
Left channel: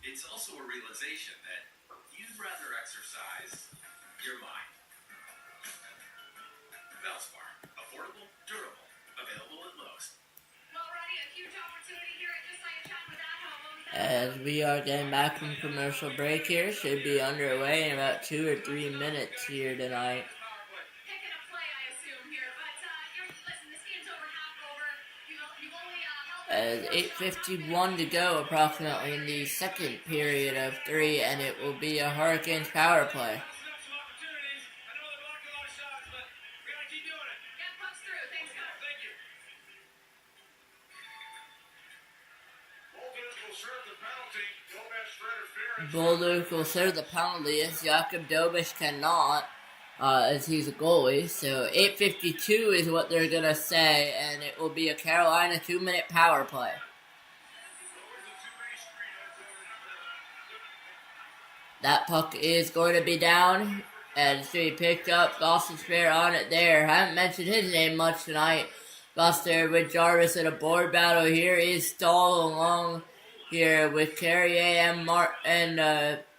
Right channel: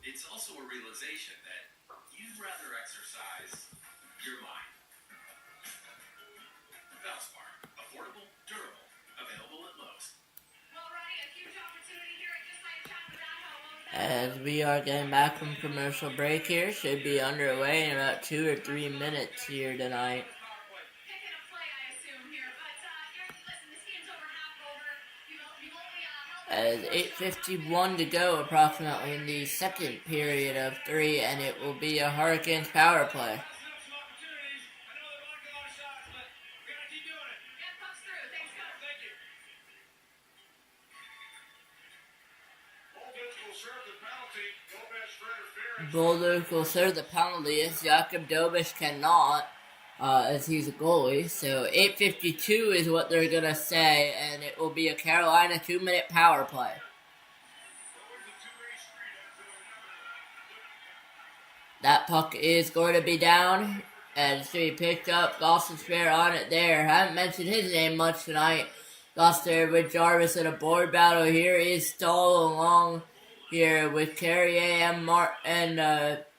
It's also a realization that you'd rather exercise your mind. Valspar, affordable, durable, available at Lowe's. Well, Ronnie, a huge opportunity here at Just Like a Chat with Dad. What was that? As we are getting back from commercial break here, should be underway in about 2 or 3 minutes here tonight. Picking a play, I assume, here. But, listen, this game's over, half over. You've only held As 8:51 to go approximately in the second period of 3, and it will be a Hurricanes power play. Some opportunities. I know they're blocking a lot of shots, but we gotta keep doing it. Yeah, puck's through. Thanks, Coach. Thank you. Bolduc will serve the penalty. Gomez for interference. Bolduc will serve the penalty as Jakub Dobiš cannot, as he's a goalie. So 8:52 is what they're going to say, and it will be a Carolina 2-minute power play. That puck is going to be down, and it's going to be picked up. Gostin's fair on it there. Haven't mentioned his name much tonight. Gostin with Jarvis in a board battle here. Is Stahl along here with Carrier and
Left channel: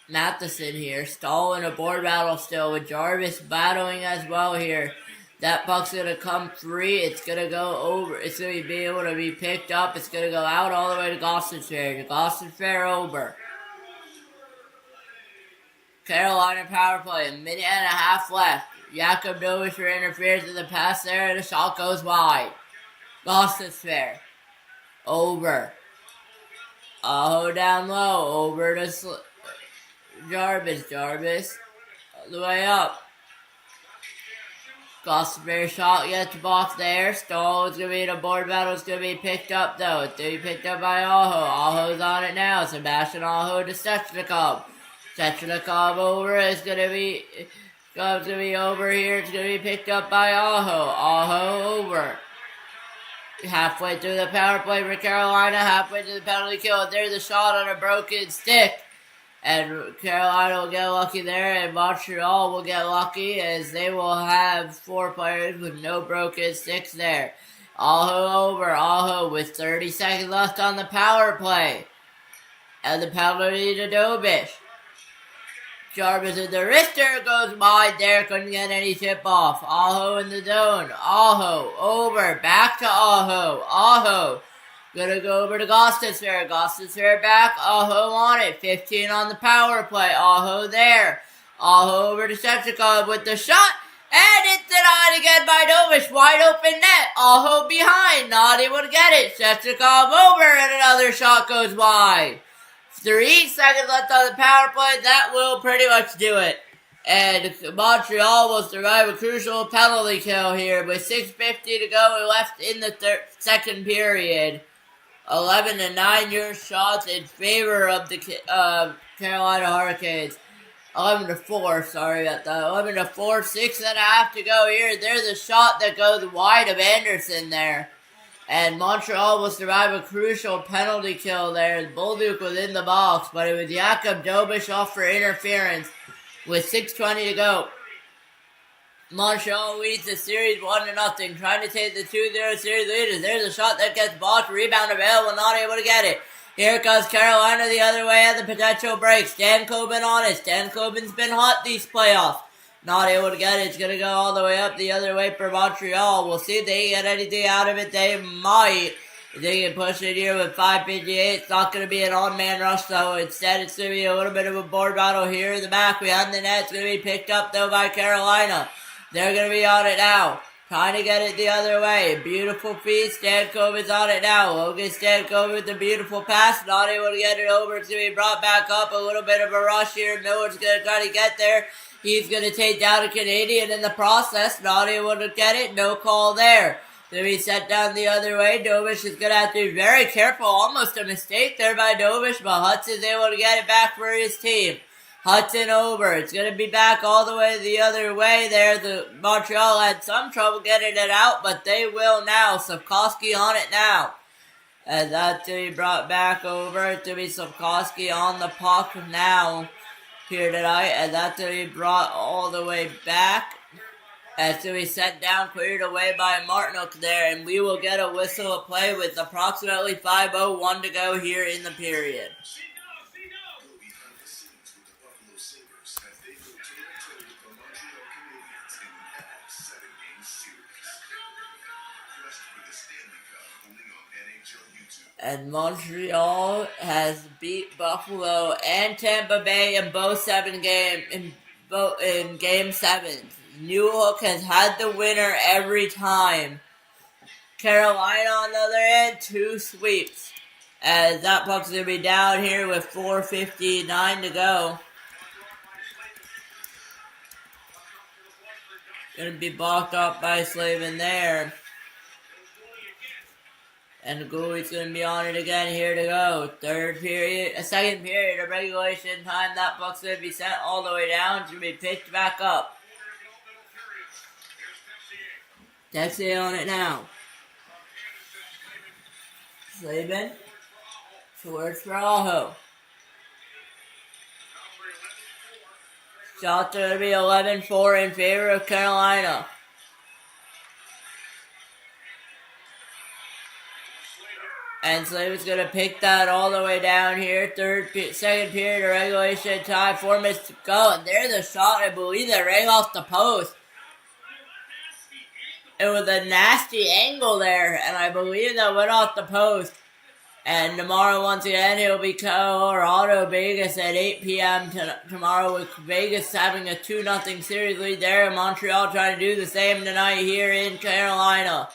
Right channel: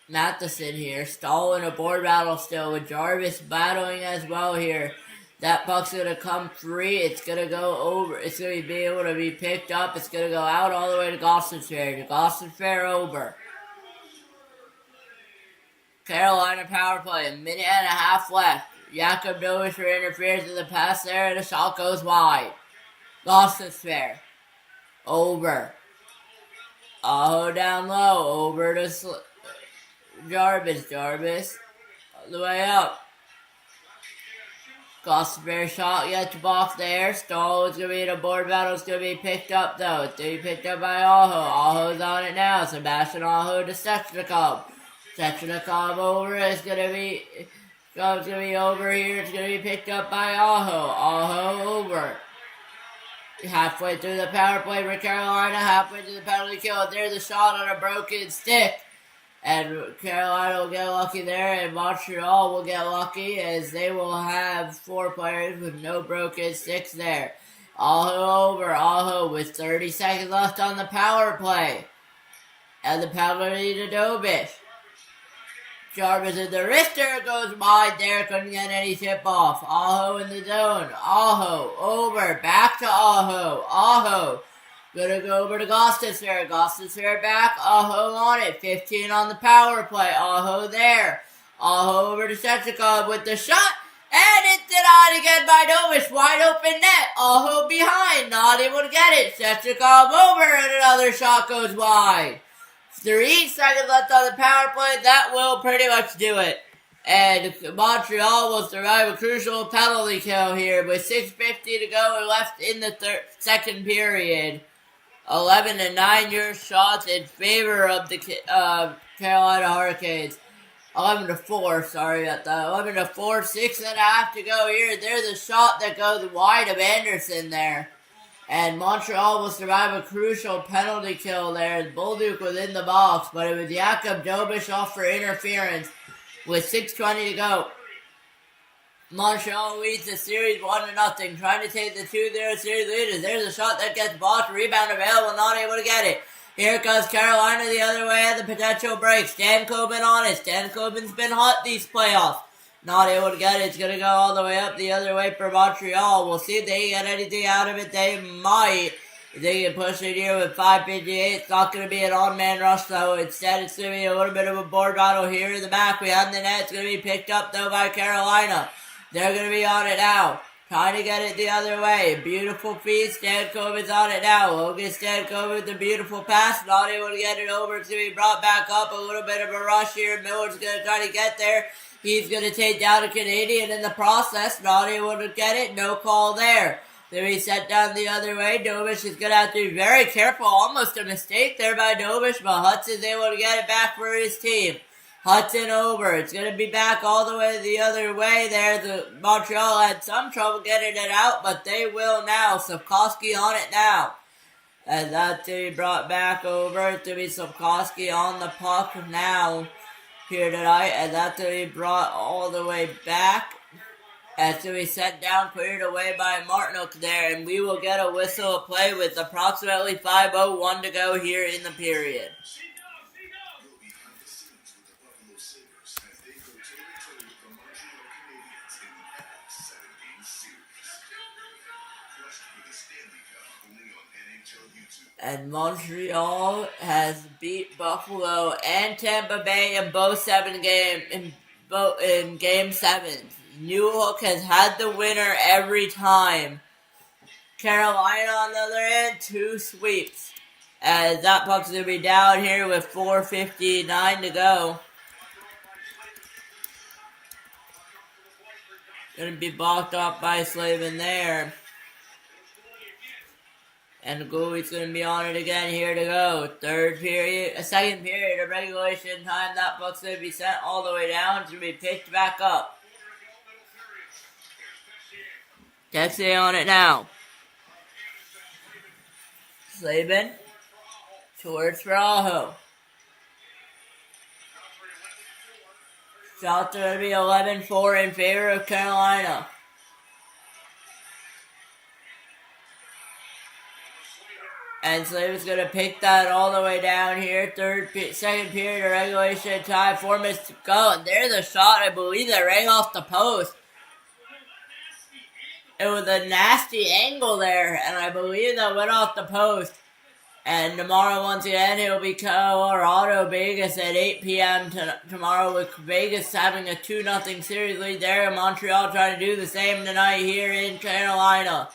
Matheson here. Stahl in a board battle still with Jarvis battling as well here. That puck's going to come free. It's going to go over. It's going to be able to be picked up. It's going to go out all the way to Gostin's fair. Gostin's fair over. Carolina power play, a minute and a half left. Jakub Dobiš interferes with the pass there, and the shot goes wide. Gostin's fair. Over. Aho down low. Over to Jarvis. Jarvis. All the way up. Gostin's fair shot gets box there. Stahl is going to be in a board battle. It's going to be picked up, though. It's going to be picked up by Aho. Aho's on it now. Sebastian Aho to Stechnikov. Stechnikov over. It's going to be over here. It's going to be picked up by Aho. Aho over. Halfway through the power play for Carolina. Halfway through the penalty kill. There's a shot on a broken stick. And Carolina will get lucky there. And Montreal will get lucky as they will have 4 players with no broken sticks there. Aho over. Aho with 30 seconds left on the power play. And the penalty to Dobiš. Jarvis in the wrister goes wide there, couldn't get any tip off. Aho in the zone. Aho over, back to Aho. Aho gonna go over to Gostin's fair. Gostin's fair back. Aho on it. 15 on the power play. Aho there. Aho over to Stechnikov with the shot. And it's denied again by Dobiš. Wide open net. Aho behind. Not able to get it. Stechnikov over and another shot goes wide. 3 seconds left on the power play. That will pretty much do it. And Montreal will survive a crucial penalty kill here with 6:50 to go left in the second period. 11-9 your shots in favor of the Carolina Hurricanes. 11-4, sorry about that. 11-4, 6.5 to go here. There's a shot that goes wide of Anderson there. And Montreal will survive a crucial penalty kill there. Bolduc was in the box, but it was Jakub Dobiš off for interference with 6:20 to go. Montreal leads the series 1-0, trying to take the 2-0 series leaders. There's a shot that gets blocked, rebound available, not able to get it. Here comes Carolina the other way at the potential break. Stan Coben on it. Stan Coben's been hot these playoffs. Not able to get it. It's going to go all the way up the other way for Montreal. We'll see if they get anything out of it. They might. If they can push it here with 5:58. It's not going to be an on-man rush, though. Instead, it's going to be a little bit of a board battle here in the back behind the net. It's going to be picked up, though, by Carolina. They're going to be on it now. Trying to get it the other way. Beautiful feed. Stankoven's on it now. Logan Stankoven with the beautiful pass. Not able to get it over. It's going to be brought back up. A little bit of a rush here. Miller's going to try to get there. He's going to take down a Canadian in the process. Not able to get it. No call there. Then he sent down the other way. Dobish is going to have to be very careful. Almost a mistake there by Dobish, but Hudson's able to get it back for his team. Hudson over. It's going to be back all the way the other way there. The Montreal had some trouble getting it out, but they will now. Sapkowski on it now. And that's to be brought back over. To be Sapkowski on the puck now here tonight. And that's to be brought all the way back. And to be sent down, cleared away by Martinook there. And we will get a whistle of play with approximately 5:01 to go here in the period. Go behind the scenes with the Buffalo Sabres as they go toe-to-toe with the Montreal Canadiens in the Avs 7-game series. Crushed for the Stanley Cup only on NHL YouTube. And Montreal has beat Buffalo and Tampa Bay in both in game 7. Newhook has had the winner every time. Carolina on the other end, 2 sweeps. As that puck's going to be down here with 4:59 to go. Going to be blocked off by Slavin there. And the goalie's going to be on it again here to go. Second period of regulation time. That puck's going to be sent all the way down. It's going to be pitched back up. Texier on it now. Slavin. Towards for Aho. Shots are going to be 11-4 in favor of Carolina. And Slavin's going to pick that all the way down here. Second period of regulation time. 4 minutes to go. And there's a shot, I believe, that rang off the post. It was a nasty angle there. And I believe that went off the post. And tomorrow, once again, it'll be Colorado Vegas at 8 p.m. tomorrow, with Vegas having a 2-0 series lead there. And Montreal trying to do the same tonight here in Carolina.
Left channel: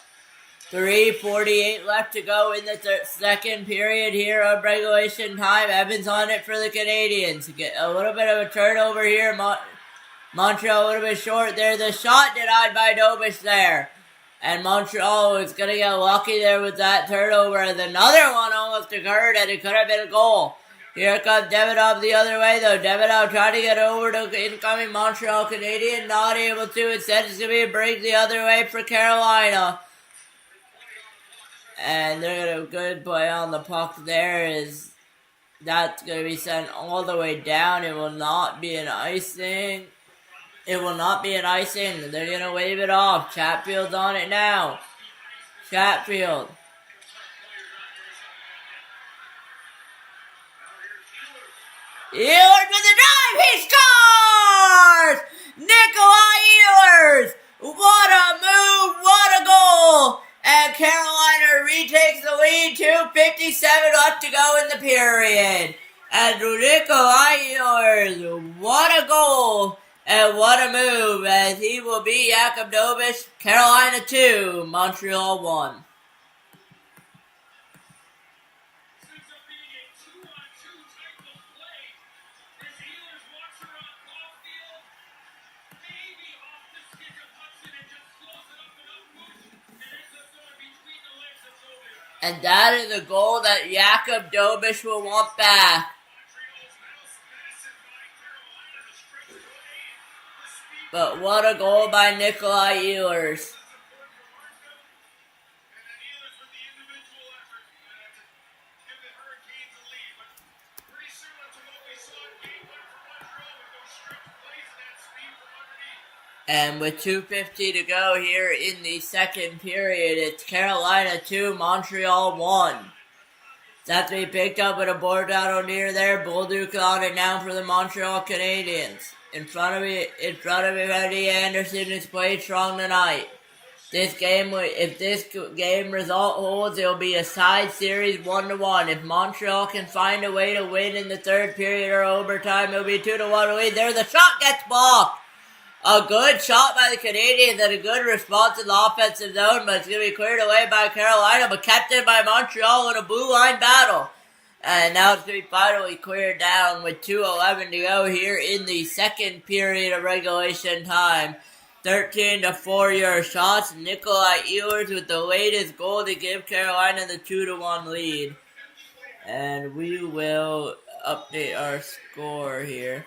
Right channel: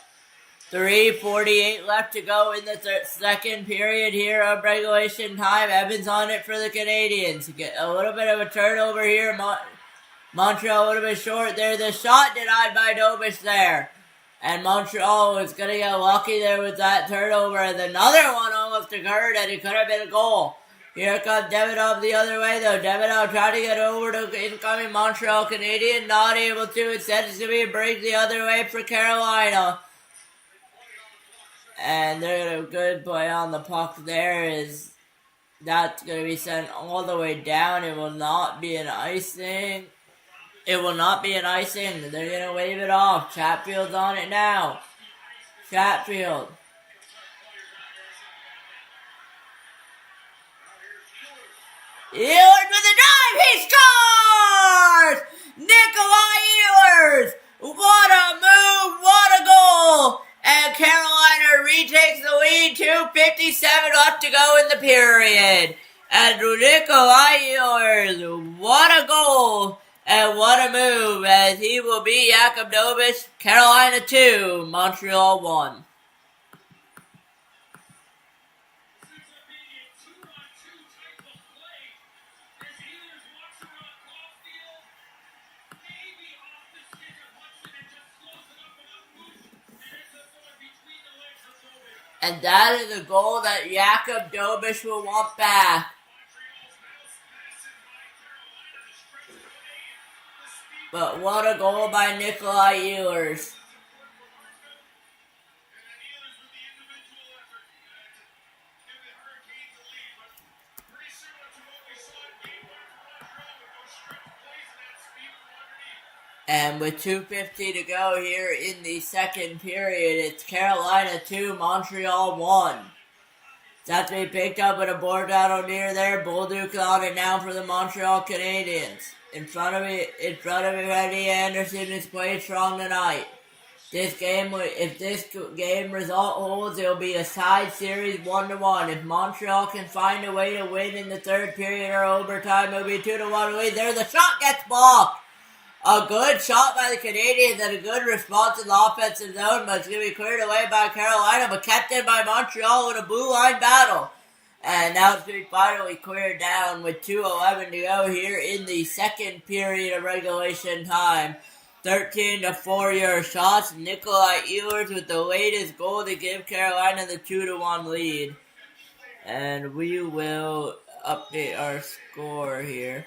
3:48 left to go in the second period here of regulation time. Evans on it for the Canadiens. Get a little bit of a turnover here. Montreal a little bit short there. The shot denied by Dobish there. And Montreal is going to get lucky there with that turnover. And another one almost occurred, and it could have been a goal. Here comes Davidoff the other way, though. Davidoff trying to get over to incoming Montreal Canadian. Not able to. Instead, it's going to be a break the other way for Carolina. And they're going to good play on the puck there. That's going to be sent all the way down. It will not be an icing. They're going to wave it off. Chatfield's on it now. Chatfield. Ehlers with the drive. He scores! Nikolai Ehlers. What a move. What a goal. And Carolina retakes the lead. 2:57 left to go in the period. And Nikolai Ehlers. What a goal. And what a move, as he will beat Jakub Dobish. Carolina 2, Montreal 1. And that is a goal that Jakub Dobish will want back. But what a goal by Nikolai Ehlers. And with 2:50 to go here in the second period, it's Carolina 2, Montreal 1. That's to be picked up with a board battle near there. Bolduc on it now for the Montreal Canadiens. in front of me, Freddie Anderson is playing strong tonight. If this game result holds, it'll be a side series 1-1. If Montreal can find a way to win in the third period or overtime, it'll be 2-1 lead. There, the shot gets blocked. A good shot by the Canadiens and a good response in the offensive zone, but it's going to be cleared away by Carolina, but kept in by Montreal in a blue line battle. And now it's going to be finally cleared down with 2:11 to go here in the second period of regulation time. 13-4 your shots. Nikolai Ehlers with the latest goal to give Carolina the 2-1 lead. And we will update our score here.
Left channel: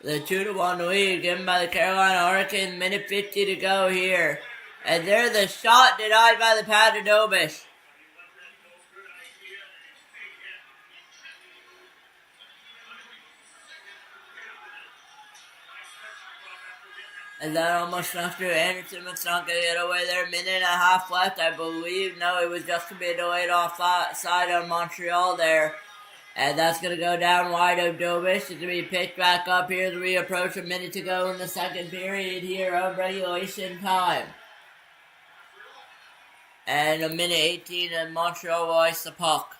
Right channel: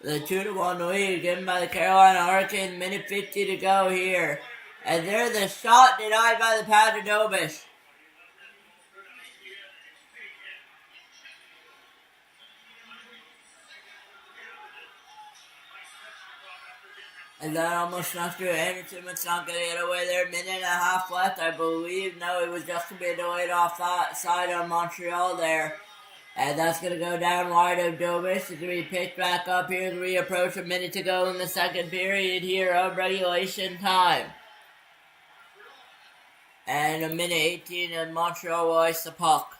The 2-1 lead given by the Carolina Hurricanes. Minute 50 to go here. And there's the shot denied by the Panadobish. And that almost snuck through. Anderson was not going to get away there. Minute and a half left, I believe. No, it was just going to be a delayed offside on Montreal there. And that's going to go down wide of Dobish. It's going to be picked back up here as we approach a minute to go in the second period here of regulation time. And a minute 18 and Montreal will ice the puck.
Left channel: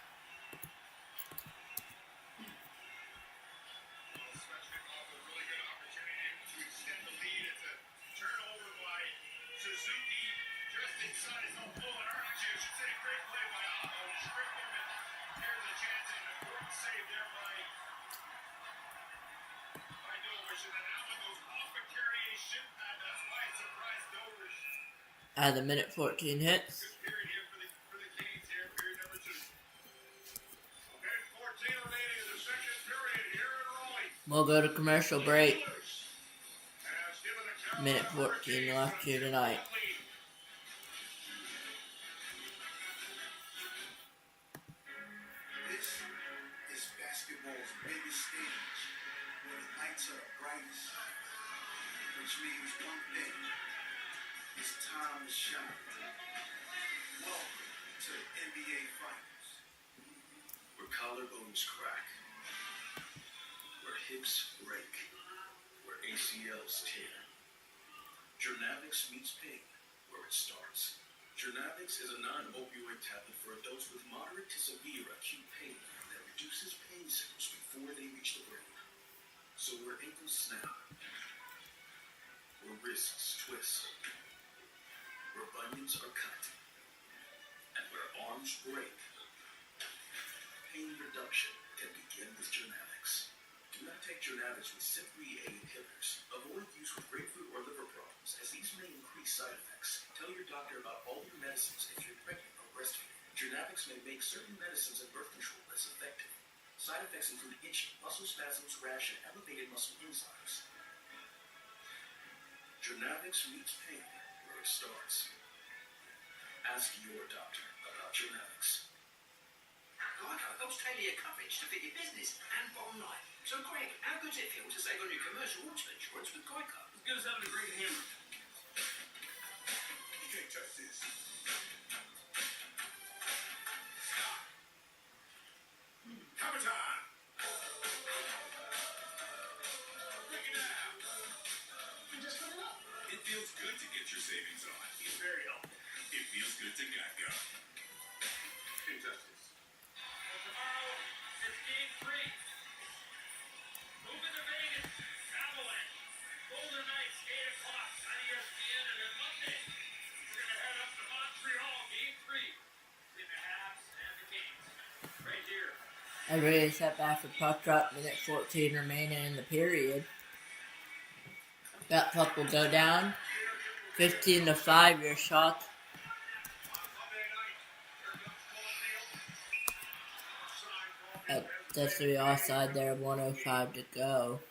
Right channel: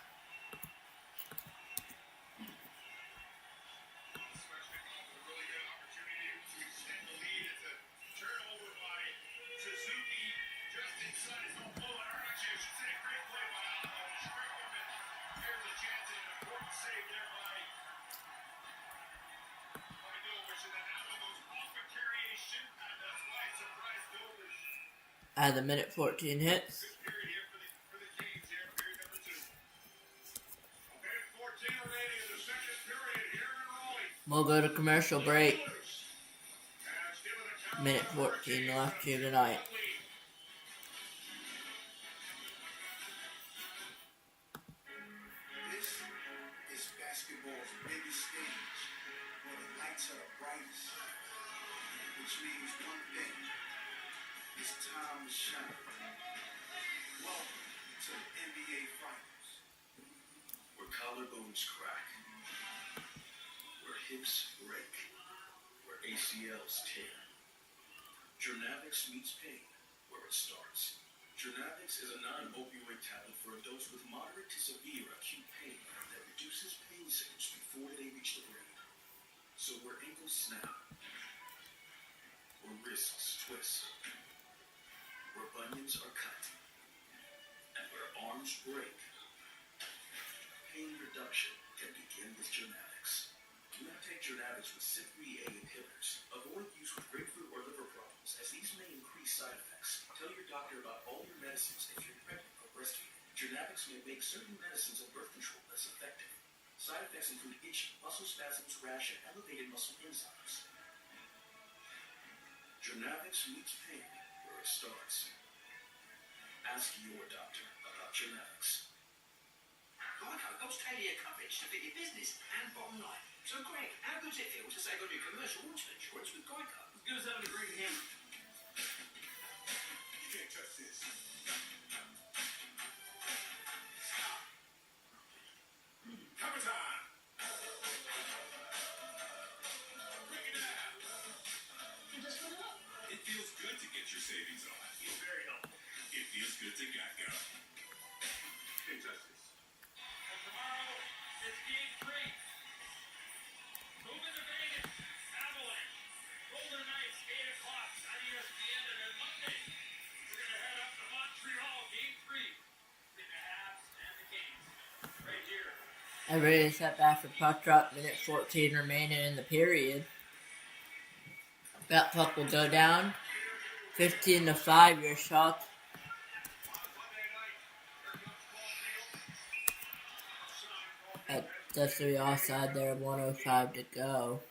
As the minute 14 hits. We'll go to commercial break. Minute 14 left here tonight. This is basketball's biggest stage, where the lights are the brightest, which means one thing. It's time to shine. Welcome to the NBA Finals. Where collarbones crack, where hips break, where ACLs tear. Journavix meets pain, where it starts. Journavix is a non-opioid tablet for adults with moderate to severe acute pain that reduces pain signals before they reach the brain. So where ankles snap, where wrists twist, where bunions are cut, and where arms break, pain reduction can begin with Journavix. Do not take Journavix with CYP3A inhibitors. Avoid use with grapefruit or liver problems, as these may increase side effects. Tell your doctor about all your medicines if you're pregnant or breastfeeding. Journavix may make certain medicines and birth control less effective. Side effects include itching, muscle spasms, rash, and elevated muscle enzymes. Journavix meets pain where it starts. Ask your doctor about Journavix. Geico helps tailor your coverage to fit your business and bottom line. So, Greg, how good does it feel to save on your commercial auto insurance with Geico? As good as having a great hammer. You can't touch this. Cover time. Break it down. It feels good to get your savings on. It's very helpful. It feels good to Geico. Can't touch this. Well, tomorrow is game 3. Moving to Vegas. Avalanche. Golden Knights, 8 o'clock on ESPN. And then Monday, we're going to head up to Montreal. Game 3. In the Habs and the Kings. Right here. Everybody set back for puck drop. Minute 14 remaining in the period. That puck will go down. 15-5 your shot. That's the offside there. 1:05 to go.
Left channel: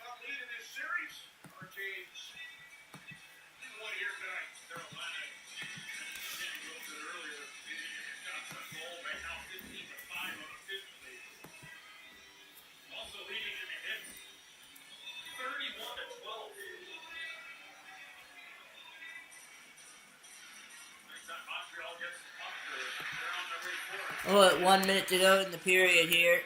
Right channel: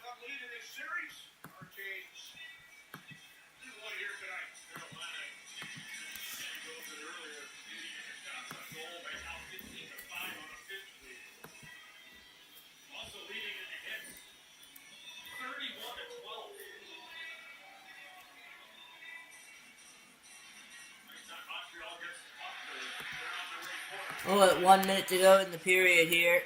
Oh, at 1 minute to go in the period here.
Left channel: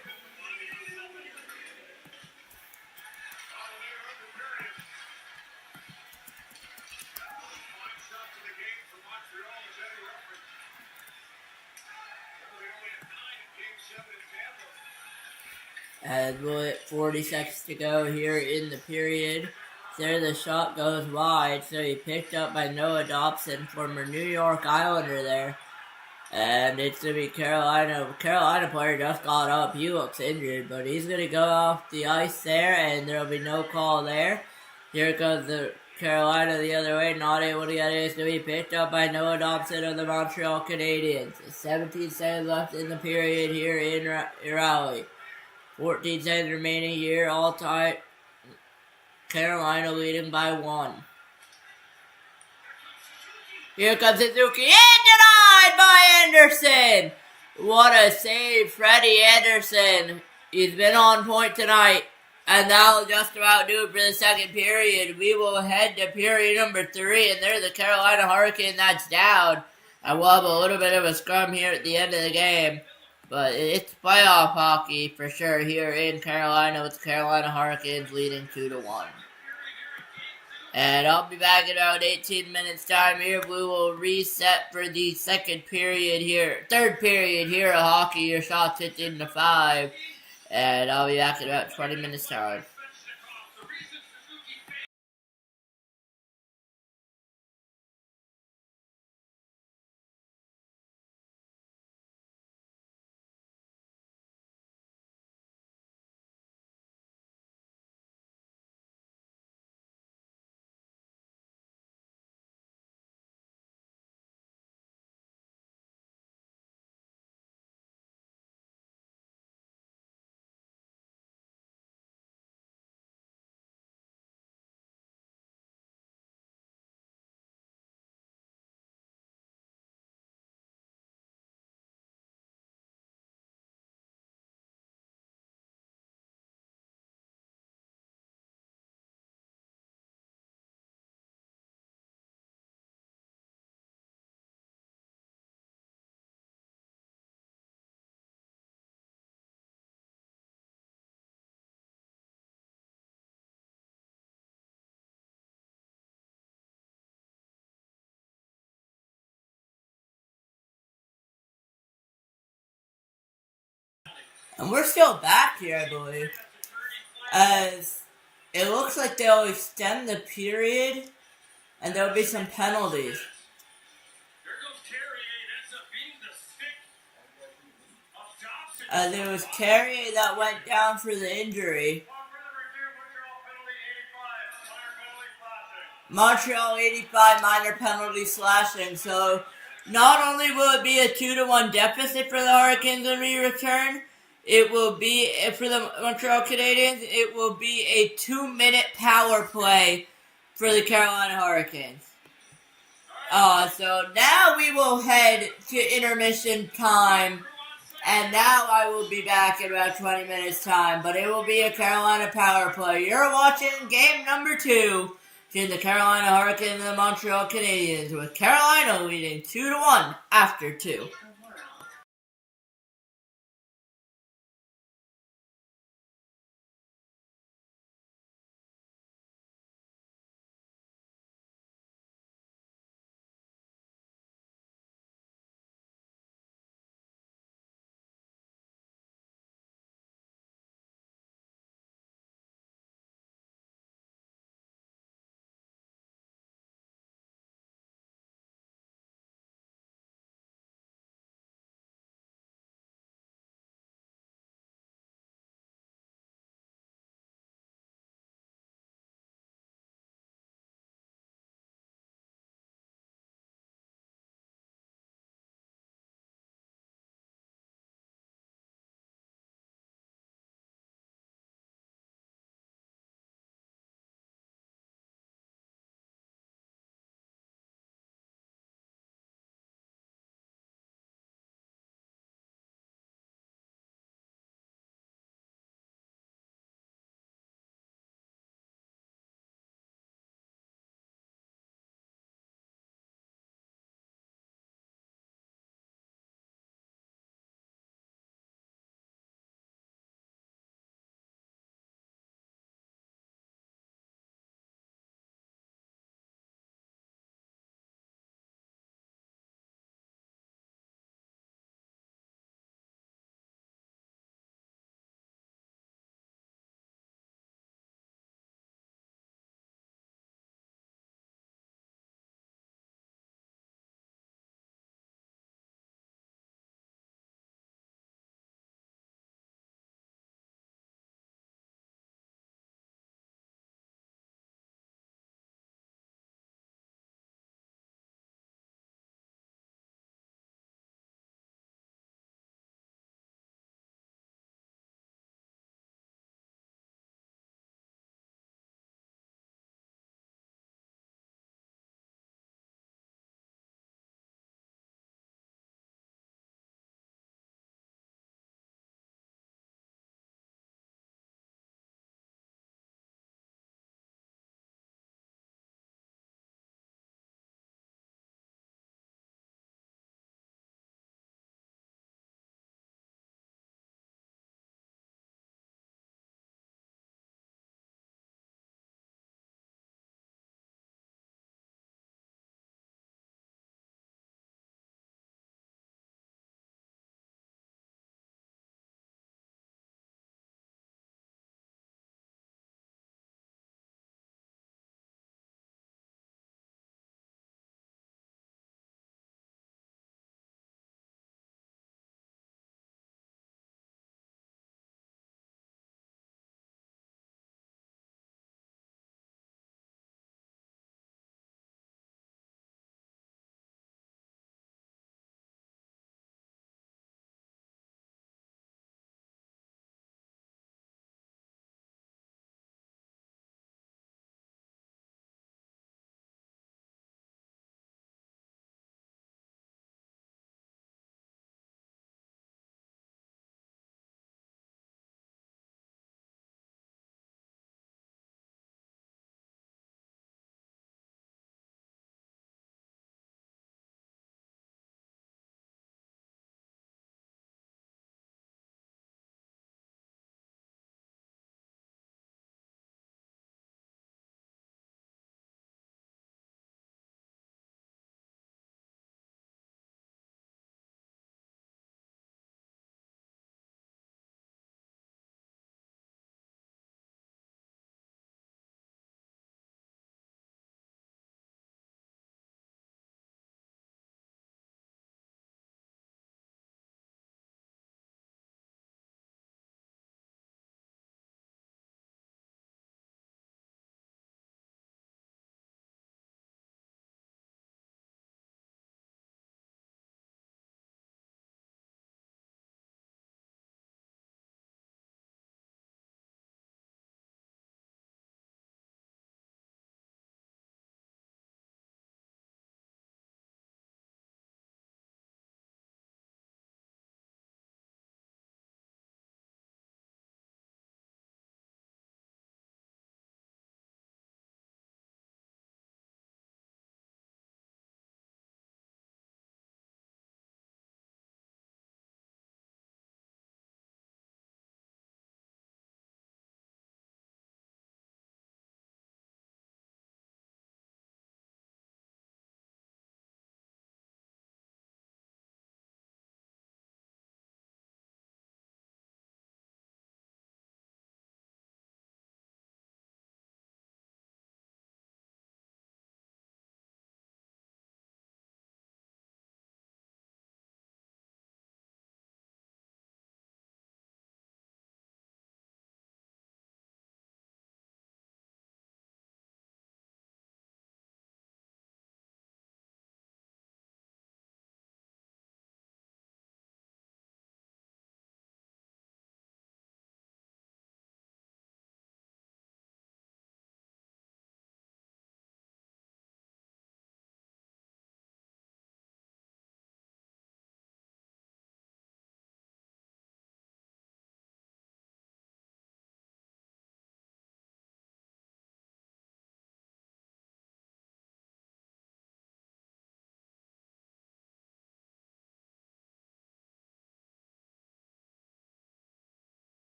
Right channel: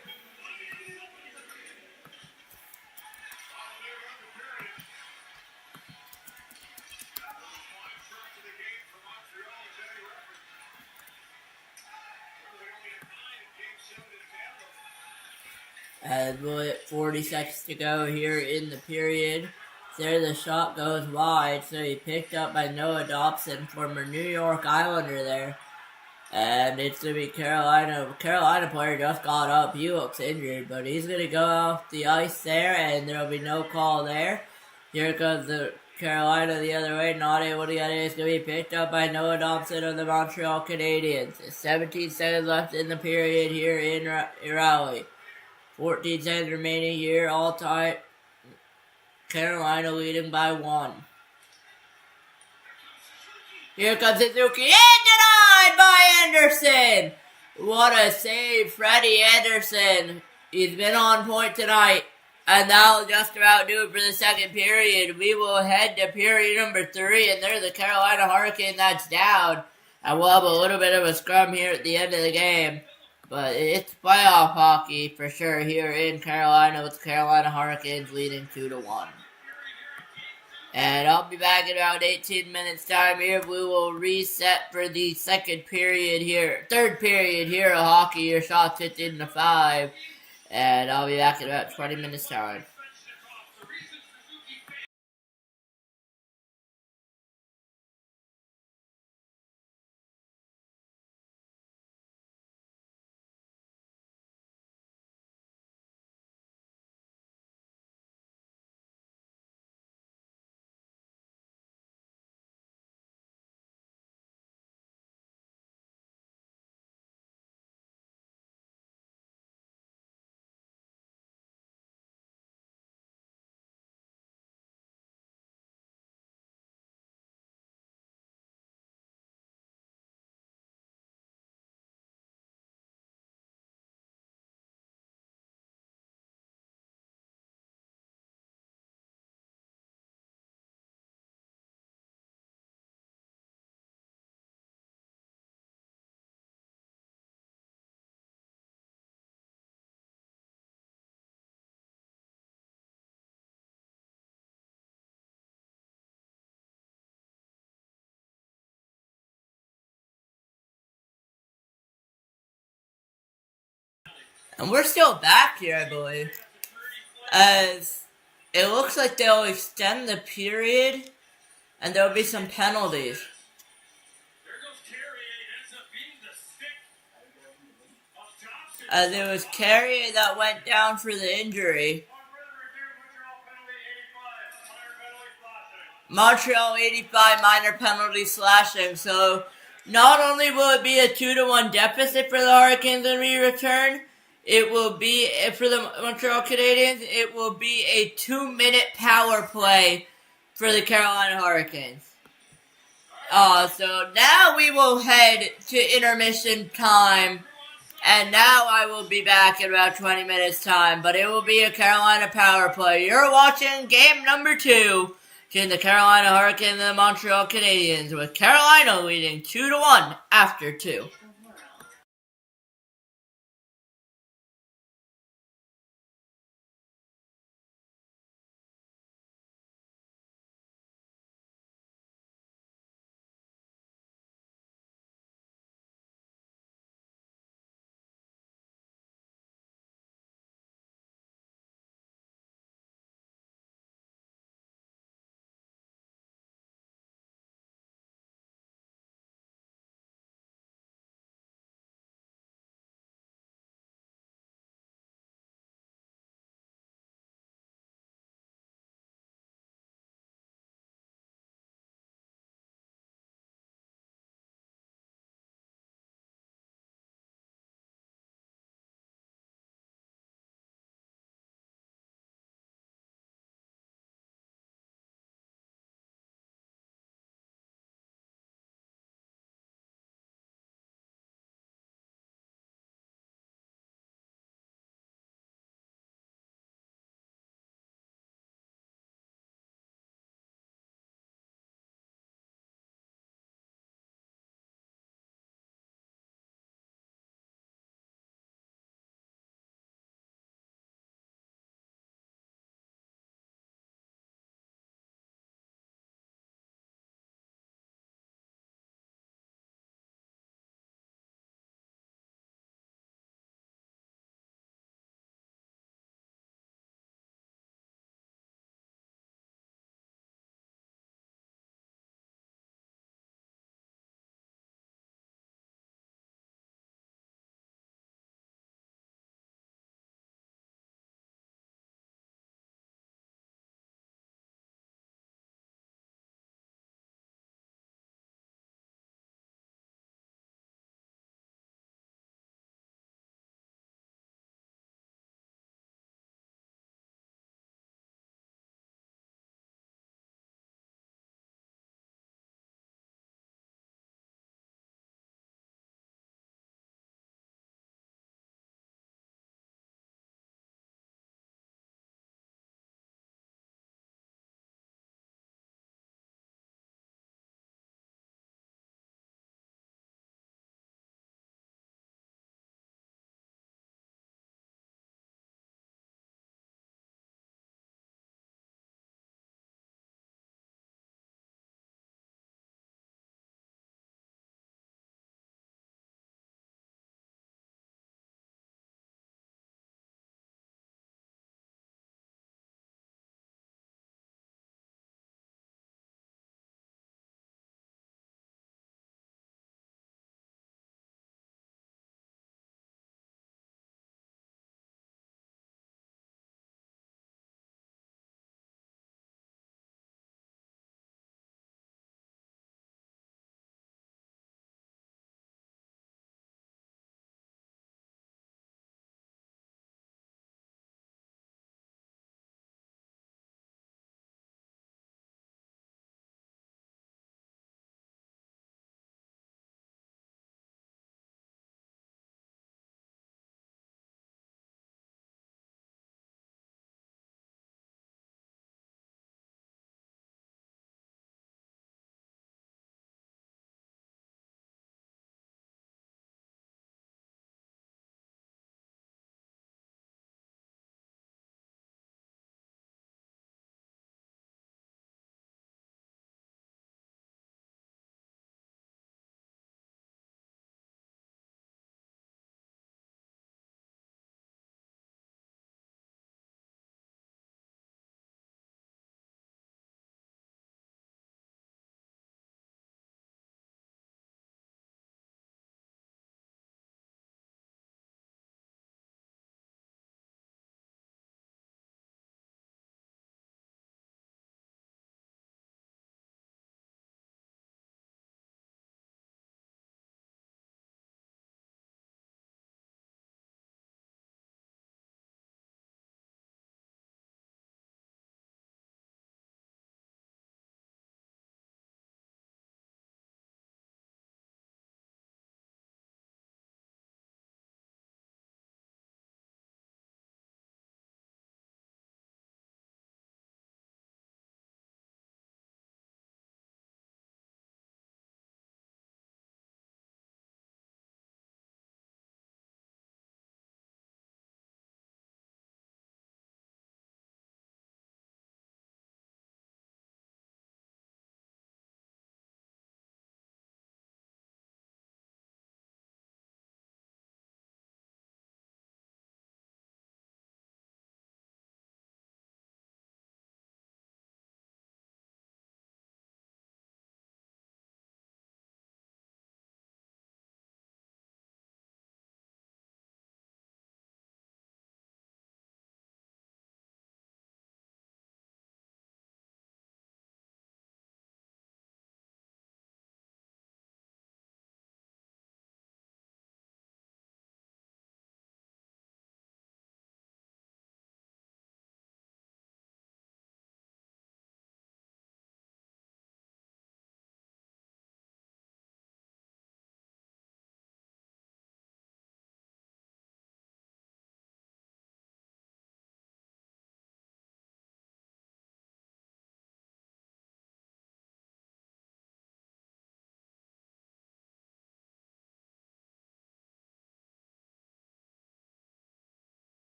As with 40 seconds to go here in the period. There the shot goes wide, so he picked up by Noah Dobson, former New York Islander there. And it's going to be Carolina. Carolina player just got up. He looks injured, but he's going to go off the ice there, and there will be no call there. Here goes the Carolina the other way, not able to get it. It's going to be picked up by Noah Dobson of the Montreal Canadiens. 17 seconds left in the period here in Raleigh. 14 seconds remaining here, all tied. Carolina leading by 1. Here comes Suzuki, and denied by Anderson! What a save, Freddie Anderson. He's been on point tonight, and that'll just about do it for the second period. We will head to period number 3, and there's the Carolina Hurricane that's down. And we'll have a little bit of a scrum here at the end of the game. But it's playoff hockey for sure here in Carolina with the Carolina Hurricanes leading 2-1. And I'll be back in about 18 minutes time here. We will reset for the third period here of hockey. Your shots 15-5. And I'll be back in about 20 minutes time. And we're still back here, I believe. As it looks like they'll extend the period, and there'll be some penalties. There was Carrier that went down for the injury. Montreal 85 minor penalty slashing. So not only will it be a 2-1 deficit for the Hurricanes when we return, it will be, for the Montreal Canadiens, it will be a 2-minute power play for the Carolina Hurricanes. So now we will head to intermission time, and now I will be back in about 20 minutes time, but it will be a Carolina power play. You're watching game number 2 between the Carolina Hurricanes and the Montreal Canadiens, with Carolina leading 2-1 after 2.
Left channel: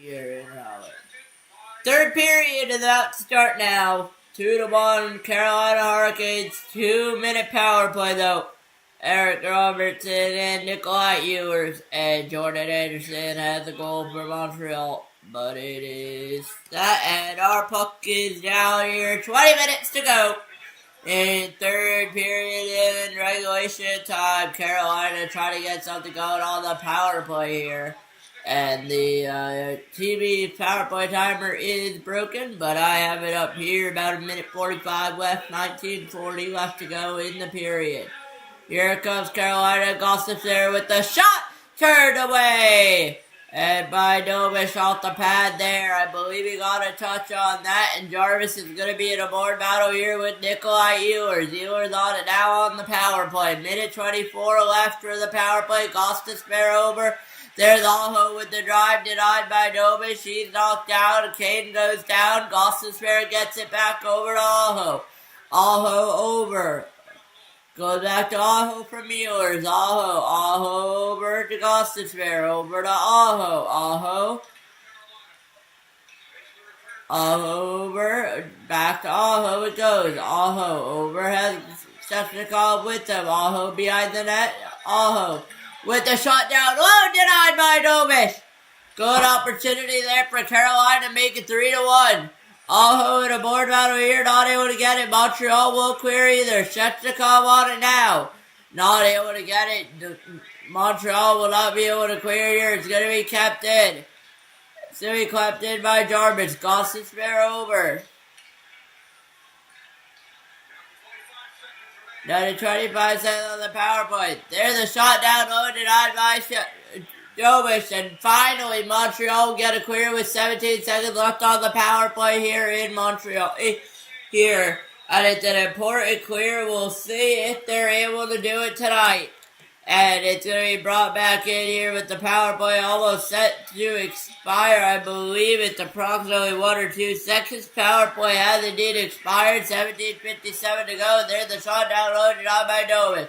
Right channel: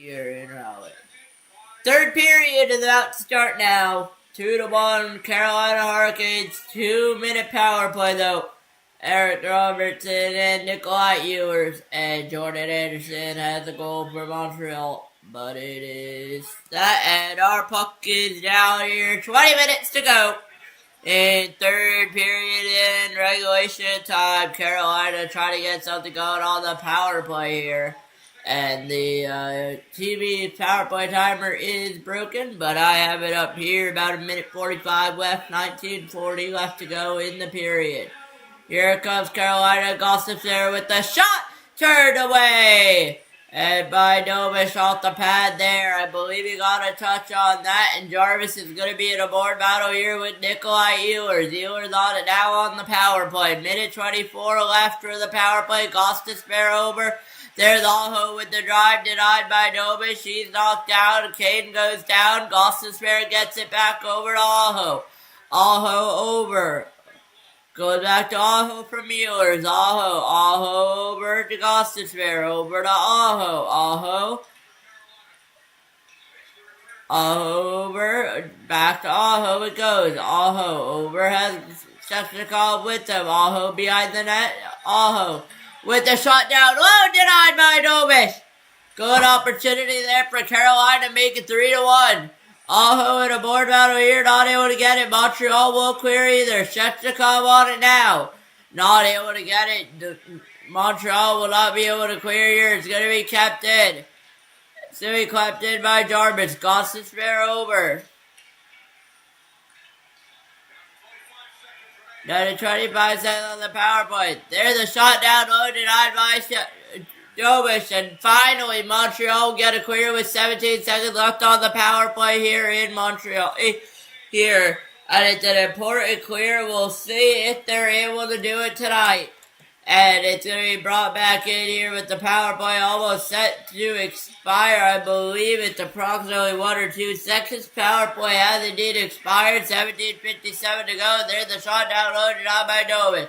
here in Raleigh. Third period is about to start now. 2-1 Carolina Hurricanes. 2-minute power play though. Eric Robertson and Nikolai Ewers and Jordan Anderson has a goal for Montreal. But it is that, and our puck is down here. 20 minutes to go. In third period in regulation time, Carolina trying to get something going on the power play here. And the TV power play timer is broken, but I have it up here. About 1:45 left, 19:40 left to go in the period. Here comes Carolina. Gossips there with the shot. Turned away. And by Dobish off the pad there. I believe he got a touch on that. And Jarvis is going to be in a board battle here with Nikolai Ewers. Ewers on it now on the power play. 1:24 left for the power play. Gossips spare over. There's Aho with the drive denied by Dobish. He's knocked down. Caden goes down. Gossips gets it back over to Aho. Aho over. Goes back to Aho from Muellers. Aho over to Gostisbehere. Over to Aho. Aho over. Back to Aho it goes. Aho over has Shevchnikov with him. Aho behind the net. Aho with the shot down. Oh, denied by Dobish. Good opportunity there for Carolina to make it 3-1. Aho in a board battle here, not able to get it. Montreal will clear either. Shevchnikov on it now. Not able to get it. Montreal will not be able to clear here. It's going to be kept in. It's going to be kept in by Jarvis. Gostisbehere over. Down to 25 seconds on the power play. There's a shot down low, denied by Dobish, and finally Montreal will get a clear with 17 seconds left on the power play here in Montreal. Here, and it's an important clear. We'll see if they're able to do it tonight. And it's going to be brought back in here with the power play almost set to expire. I believe it's approximately 1 or 2 seconds. Power play has indeed expired. 17:57 to go. There's the shot down low, denied by Dobish.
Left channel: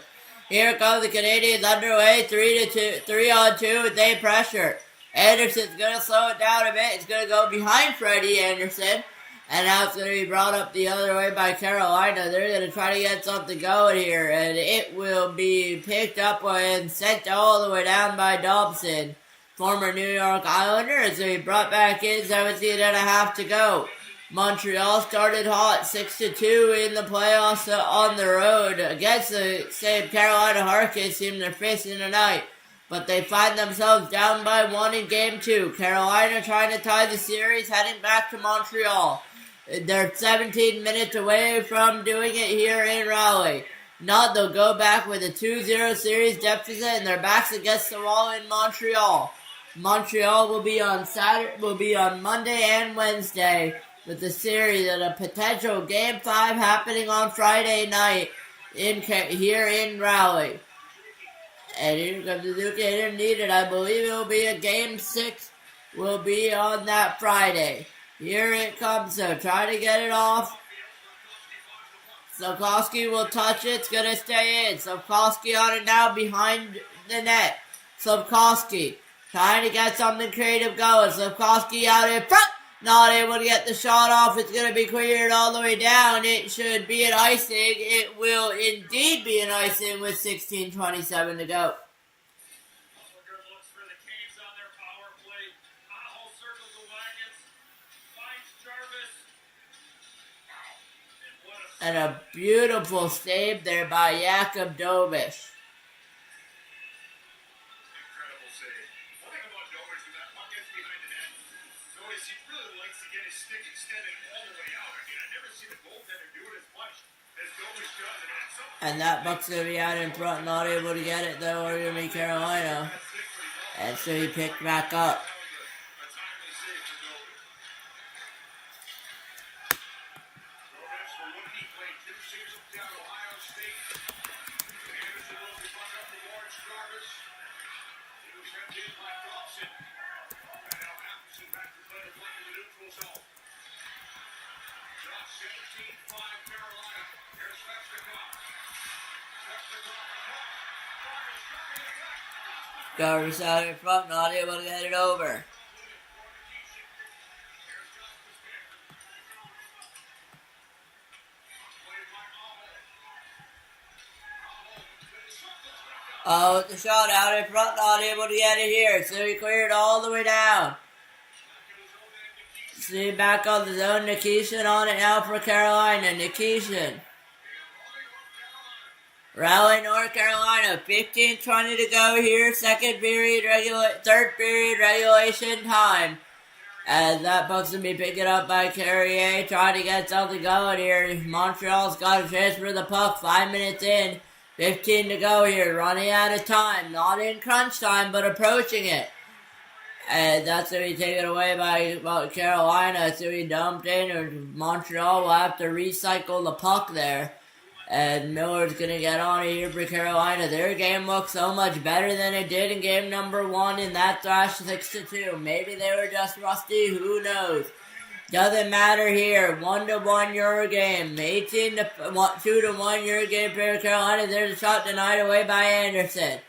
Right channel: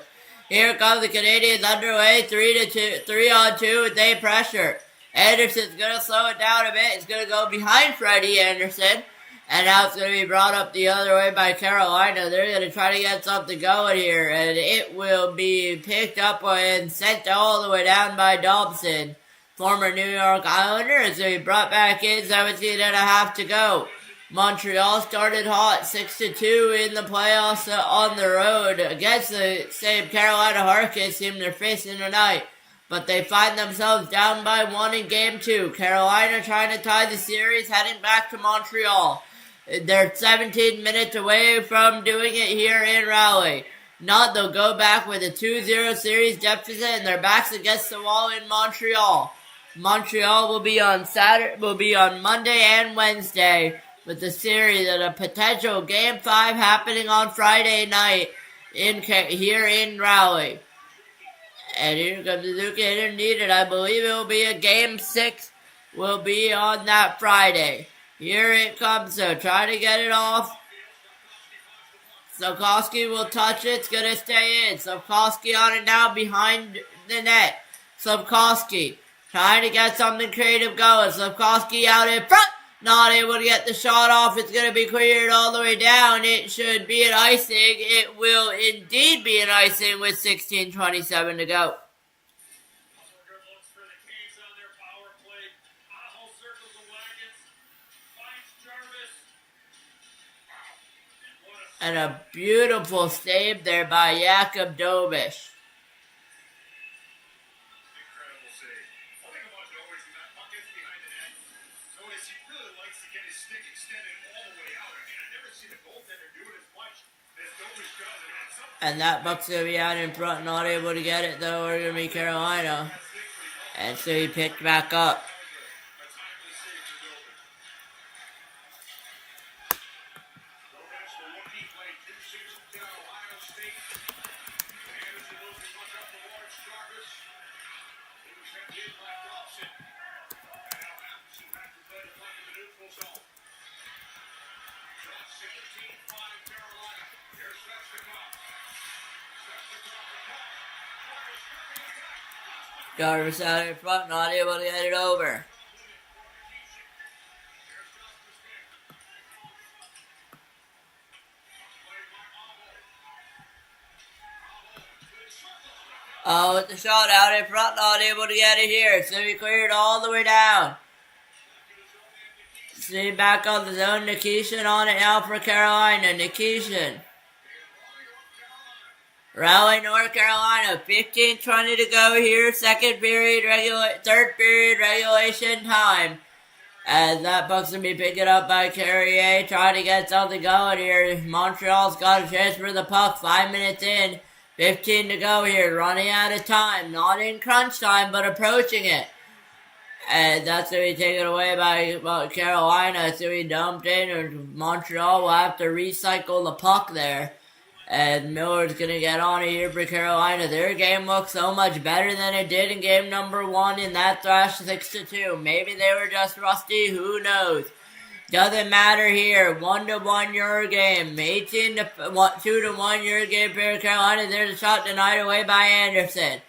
Here comes the Canadiens underway, 3-on-2 with a pressure. Anderson's going to slow it down a bit. It's going to go behind Freddie Anderson. And now it's going to be brought up the other way by Carolina. They're going to try to get something going here. And it will be picked up and sent all the way down by Dobson. Former New York Islander. It's going to be brought back in, 17.5 to go. Montreal started hot, 6-2 in the playoffs on the road against the same Carolina Hurricanes team they're facing tonight. But they find themselves down by 1 in Game 2. Carolina trying to tie the series, heading back to Montreal. They're 17 minutes away from doing it here in Raleigh. Not, they'll go back with a 2-0 series deficit and their backs against the wall in Montreal. Montreal will be on Monday and Wednesday, with the series and a potential Game 5 happening on Friday night here in Raleigh. And here comes the Duke needed. I believe it will be a Game 6 will be on that Friday. Here it comes, so try to get it off. Slavkovsky will touch it. It's going to stay in. Slavkovsky on it now behind the net. Slavkovsky trying to get something creative going. Slavkovsky out in front. Not able to get the shot off. It's going to be cleared all the way down. It should be an icing. It will indeed be an icing with 16:27 to go. And a beautiful save there by Jakub Dobish. And that buck's going to be out in front, not able to get it though. We're going to be Carolina. And so he picked back up. Jarvis out in front, not able to get it over. With the shot out in front, not able to get it here. So he cleared all the way down. See back on the zone. Nikishin on it now for Carolina. Nikishin. Rally North Carolina. 15:20 to go here. Third period regulation time. As that puck's going to be picked up by Carrier. Trying to get something going here. Montreal's got a chance for the puck. 5 minutes in. 15 to go here. Running out of time. Not in crunch time, but approaching it. And that's going to be taken away by Carolina. It's going to be dumped in. And Montreal will have to recycle the puck there. And Miller's going to get on it here for Carolina. Their game looks so much better than it did in game number 1 in that thrash 6-2. Maybe they were just rusty. Who knows? Doesn't matter here. 1-1 your game. 2-1 your game for Carolina. There's a shot denied away by Anderson.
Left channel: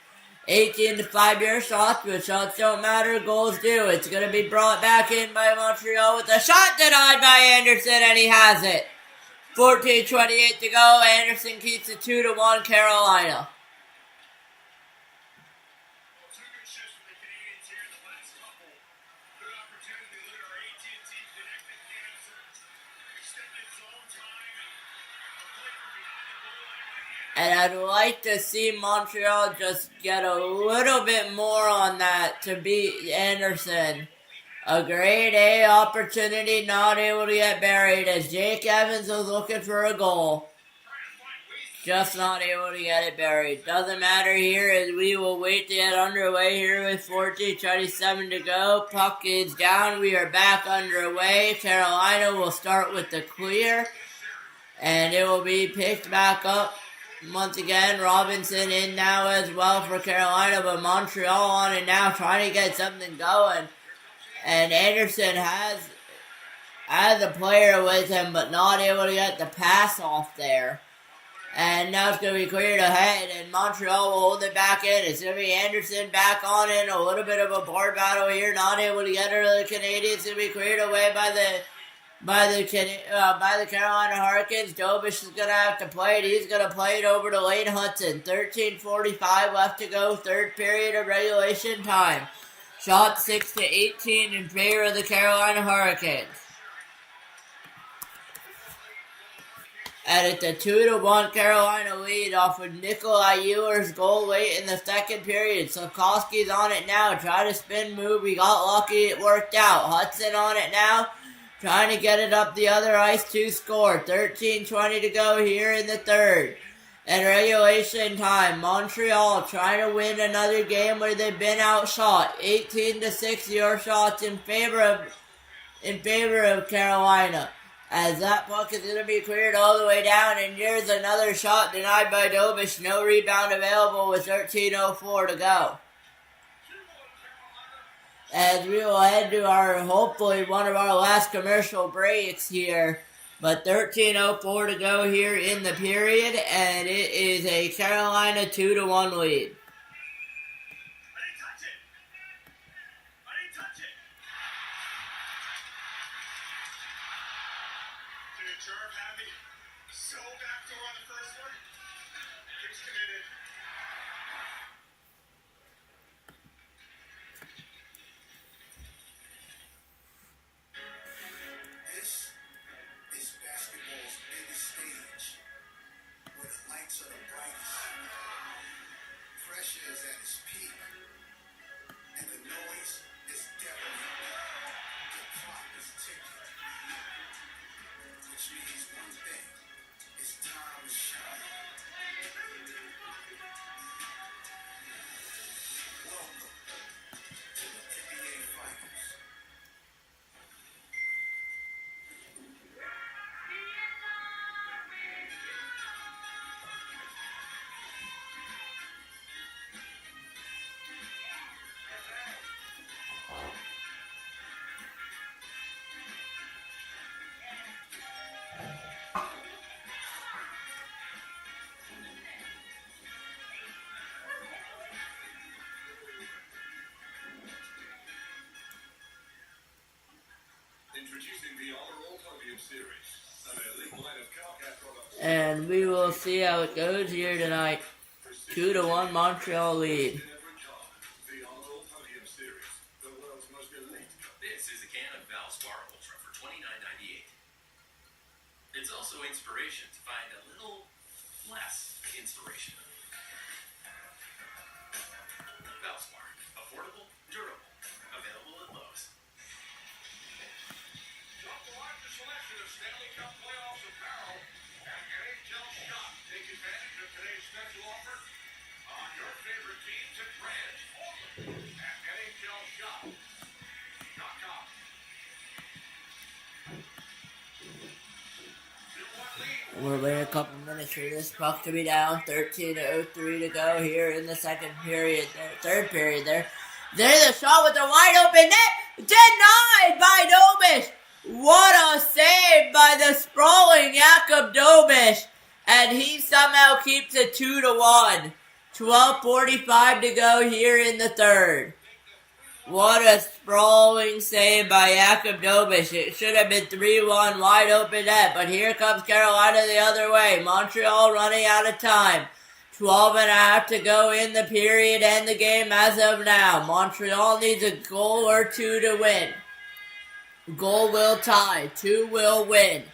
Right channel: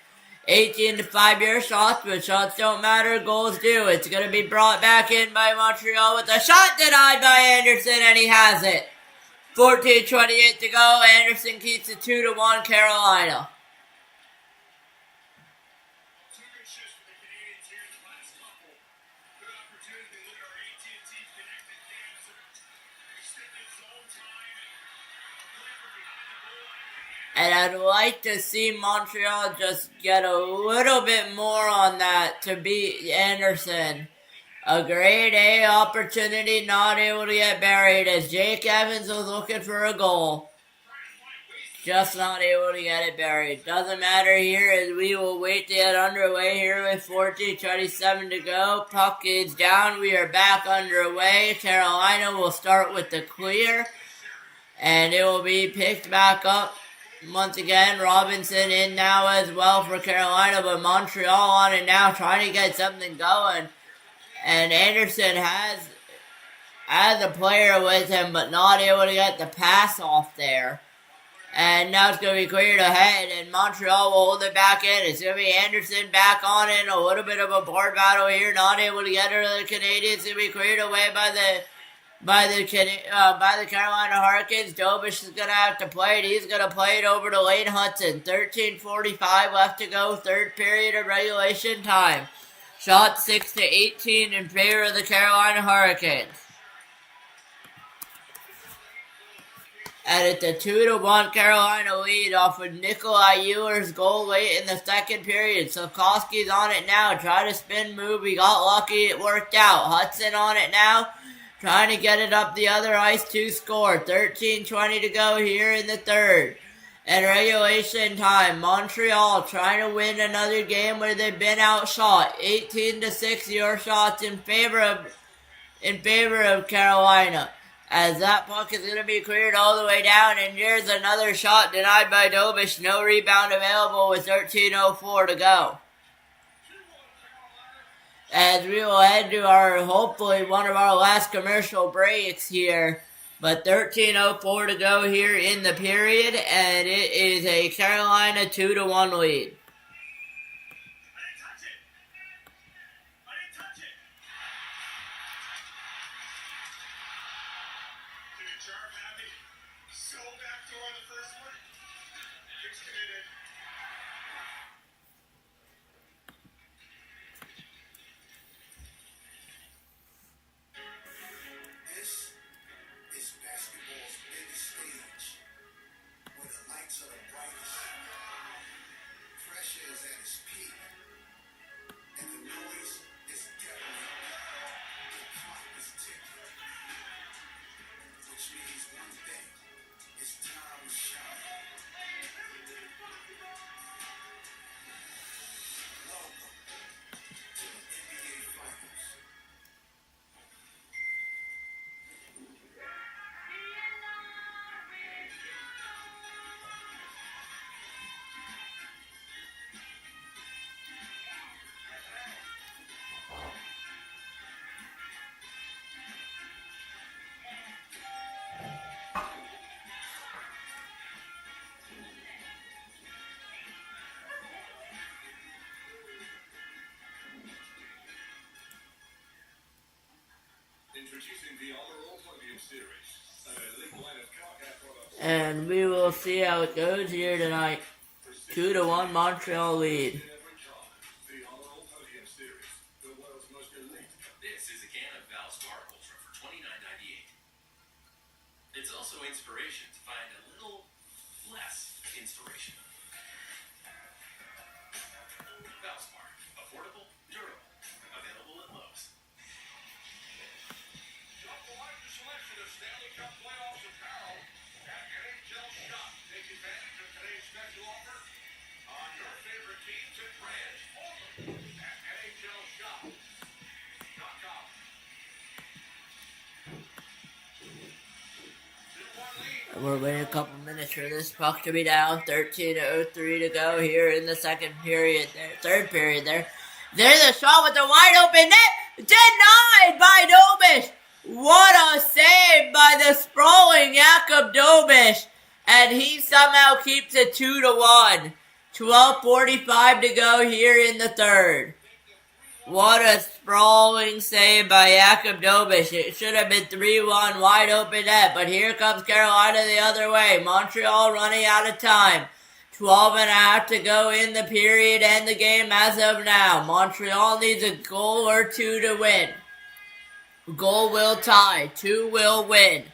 18-5 your shots, but shots don't matter. Goals do. It's going to be brought back in by Montreal with a shot denied by Anderson, and he has it. 14:28 to go. Anderson keeps it 2-1 Carolina. Two good shifts for the Canadiens here in the last couple. Good opportunity. Look at our AT&T connected cam. Extended zone time and a play from behind the goal line. And I'd like to see Montreal just get a little bit more on that to beat Anderson. A grade A opportunity, not able to get buried as Jake Evans was looking for a goal. Just not able to get it buried. Doesn't matter here as we will wait to get underway here with 14:27 to go. Puck is down. We are back underway. Carolina will start with the clear. And it will be picked back up. Once again, Robinson in now as well for Carolina. But Montreal on it now trying to get something going. And Anderson has a player with him, but not able to get the pass off there. And now it's going to be cleared ahead, and Montreal will hold it back in. It's going to be Anderson back on in. A little bit of a board battle here, not able to get it to the Canadiens. It's going to be cleared away by the Carolina Hurricanes. Dobish is going to have to play it. He's going to play it over to Lane Hudson. 13:45 left to go, third period of regulation time. Shot 6-18 in favor of the Carolina Hurricanes. And it's a 2-1 Carolina lead off of Nikolai Euler's goal late in the second period. Slavkovsky's on it now. Try to spin move. He got lucky. It worked out. Hudson on it now. Trying to get it up the other ice to score. 13:20 to go here in the third. And regulation time, Montreal trying to win another game where they've been outshot. 18-6 your shots in favor of Carolina. As that puck is going to be cleared all the way down, and here's another shot denied by Dobish. No rebound available with 13:04 to go. As we will head to hopefully one of our last commercial breaks here. But 13:04 to go here in the period, and it is a Carolina 2-1 lead. And we will see how it goes here tonight. 2-1 Montreal lead. The All Podium Series, the world's most elite. This is a can of Valspar Ultra for $29.98. It's also inspiration to find a little less inspiration. Valspar, affordable, durable, available at Lowe's. Shop the largest selection of Stanley Cup playoffs apparel at NHL Shop. Take advantage of today's special offer on your favorite teams and brands only at NHLShop.com. 2-1 lead. We're waiting a couple minutes for this puck to be down. 13:03 to go here in the second period. Third period there. There's a shot with the wide open net. Denied by Dobish. What a save by the sprawling Jakub Dobish. And he somehow keeps it 2-1. 12:45 to go here in the third. What a sprawling save by Jakub Dobish. It should have been 3-1 wide open net, but here comes Carolina the other way. Montreal running out of time. 12.5 to go in the period and the game as of now. Montreal needs a goal or two to win. Goal will tie. 2 will win.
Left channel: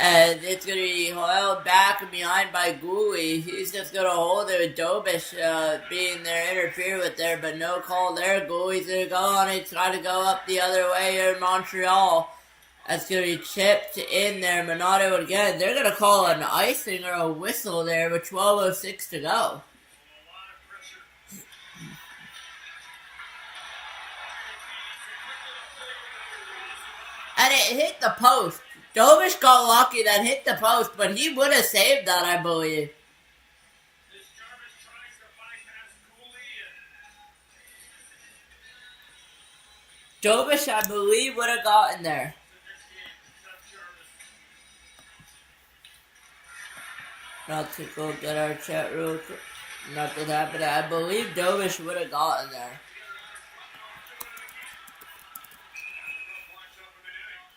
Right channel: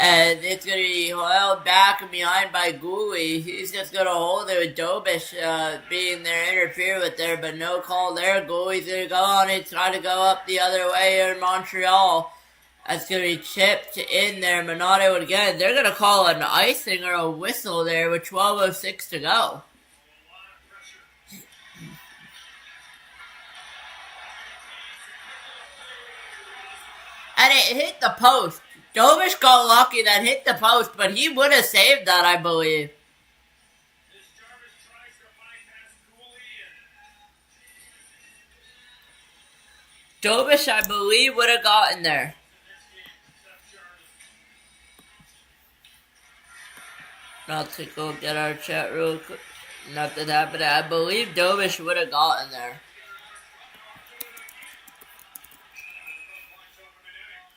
And it's going to be held back and behind by Gooley. He's just going to hold it with Dobish being there, interfered with there, but no call there. Gooley's going to go on it, try to go up the other way here in Montreal. That's going to be chipped in there, but not able to get it. They're going to call an icing or a whistle there with 12:06 to go. And it hit the post. Dobish got lucky that hit the post, but he would have saved that, I believe. This Jarvis tries to bypass Cooley and Dobish, I believe, would have gotten there. Not to go get our chat real quick. Nothing happened. I believe Dobish would have gotten there.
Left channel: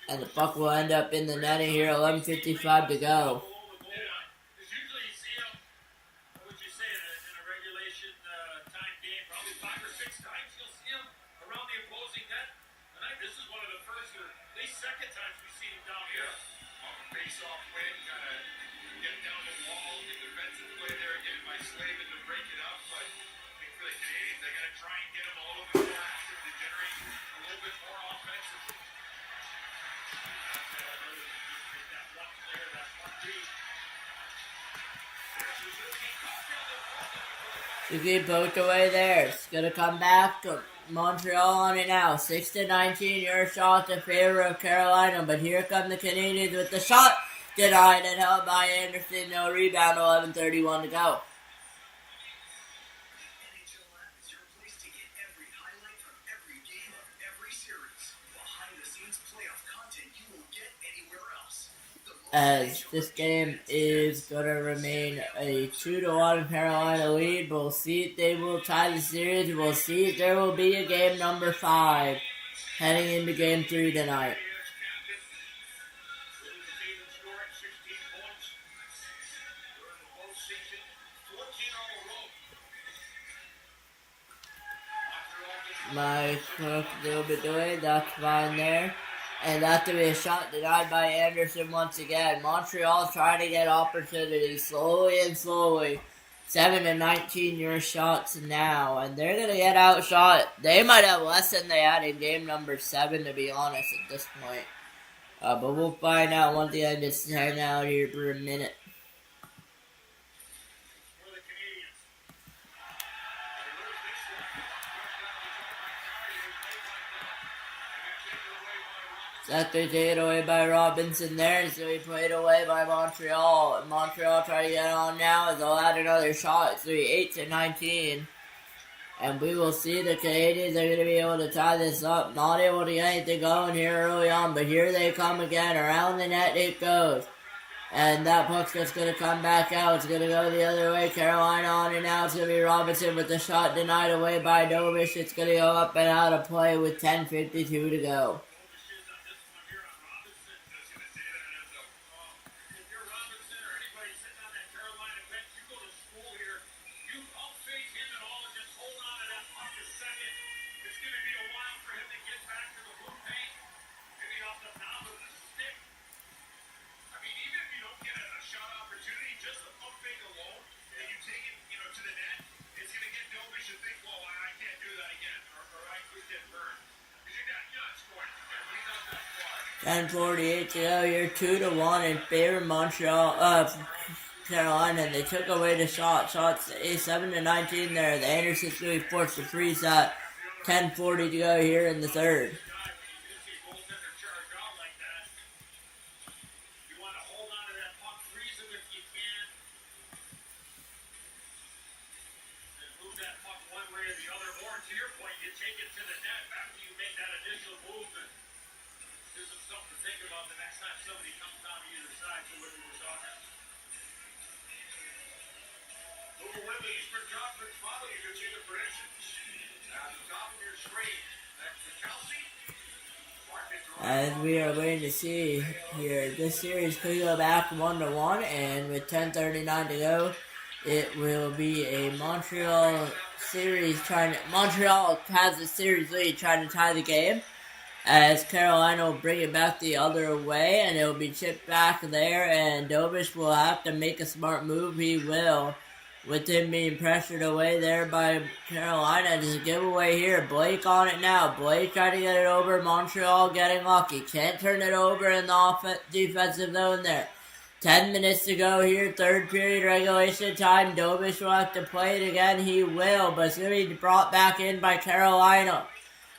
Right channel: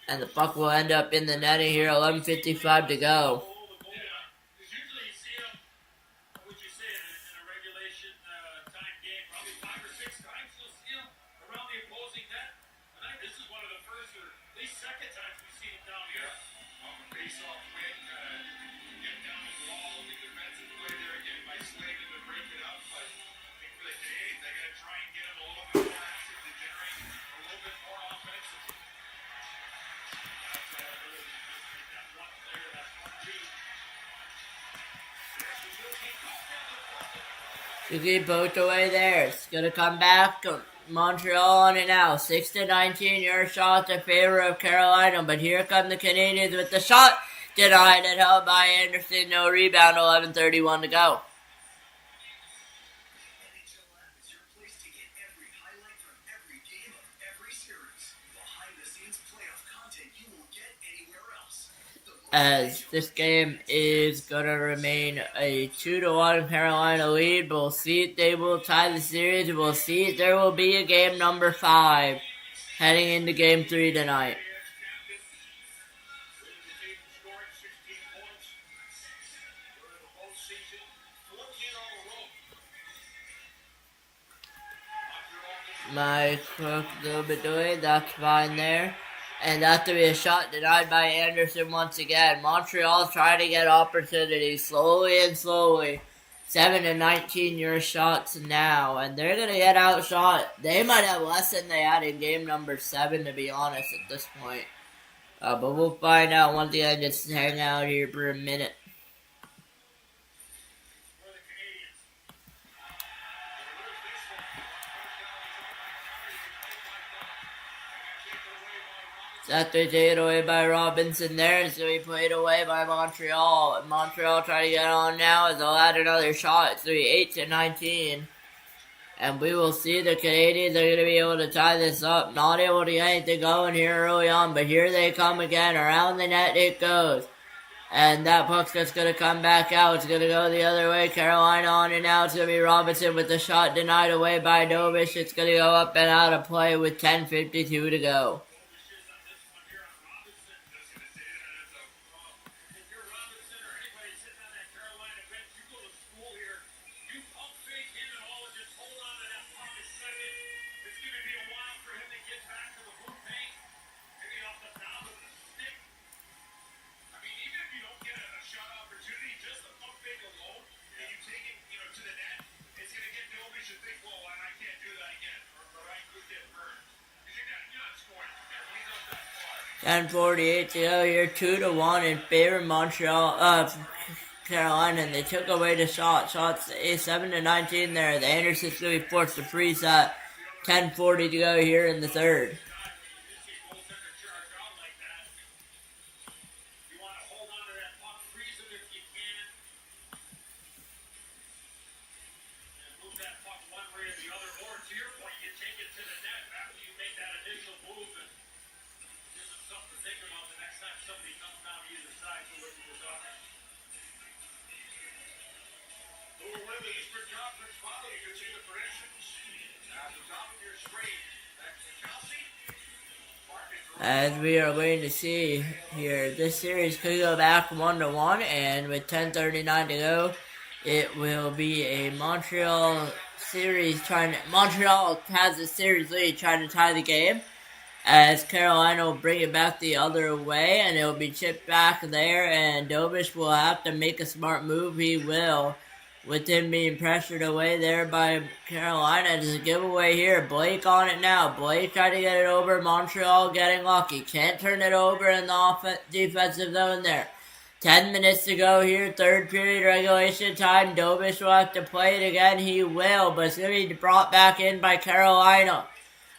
And the puck will end up in the netting here. 11:55 to go. Because usually you see him, what would you say, in a regulation time game, probably 5 or 6 times you'll see him around the opposing net. Tonight, this is one of the first or at least second times we've seen him down here. On the face-off win, kind of get down the wall, the defensive play there again by Slavin to break it up. But I think for the Canadiens, they got to try and get him a little bit more active to generate a little bit more offensively. Suzuki poked away there. It's going to come back. Montreal on it now. 6-19. Your shot in favor of Carolina. But here come the Canadiens with the shot. Denied and held by Anderson. No rebound. 11:31 to go. NHL app is your place to get every highlight from every game of every series. Behind-the-scenes playoff content you won't get anywhere else. As this game is going to remain a 2-1 Carolina lead. We'll see if they will tie the series. We'll see if there will be a game number 5 heading into game 3 tonight. My cook a little bit delayed. That's fine there. And that's to be a shot denied by Anderson once again. Montreal trying to get opportunities slowly and slowly. 7-19 your shots now. And they're going to get outshot. They might have less than they had in game number 7, to be honest, at this point. But we'll find out once again. Just hang out here for a minute. After taken away by Robinson there, and so he played away by Montreal. Montreal trying to get on now as they'll add another shot. It's 8-19. And we will see the Canadiens are going to be able to tie this up. Not able to get anything going here early on, but here they come again. Around the net it goes. And that puck's just going to come back out. It's going to go the other way. Carolina on it now. It's going to be Robinson with the shot denied away by Dobish. It's going to go up and out of play with 10:52 to go. 10:48 to go here, 2-1 in favor of Montreal, Carolina, and they took away the shot. Shots 7-19 there. The Andersons going to be forced to freeze that. 10:40 to go here in the third. As we are waiting to see here, this series could go back 1-1, and with 10:39 to go, it will be a Montreal series Montreal has the series lead, trying to tie the game, as Carolina will bring it back the other way, and it will be chipped back there, and Dobish will have to make a smart move. He will, with him being pressured away there by Carolina. There's a giveaway here. Blake on it now. Blake tried to get it over. Montreal getting lucky. Can't turn it over in the defensive zone there. 10 minutes to go here. Third period regulation time. Dobish will have to play it again. He will, but it's going to be brought back in by Carolina.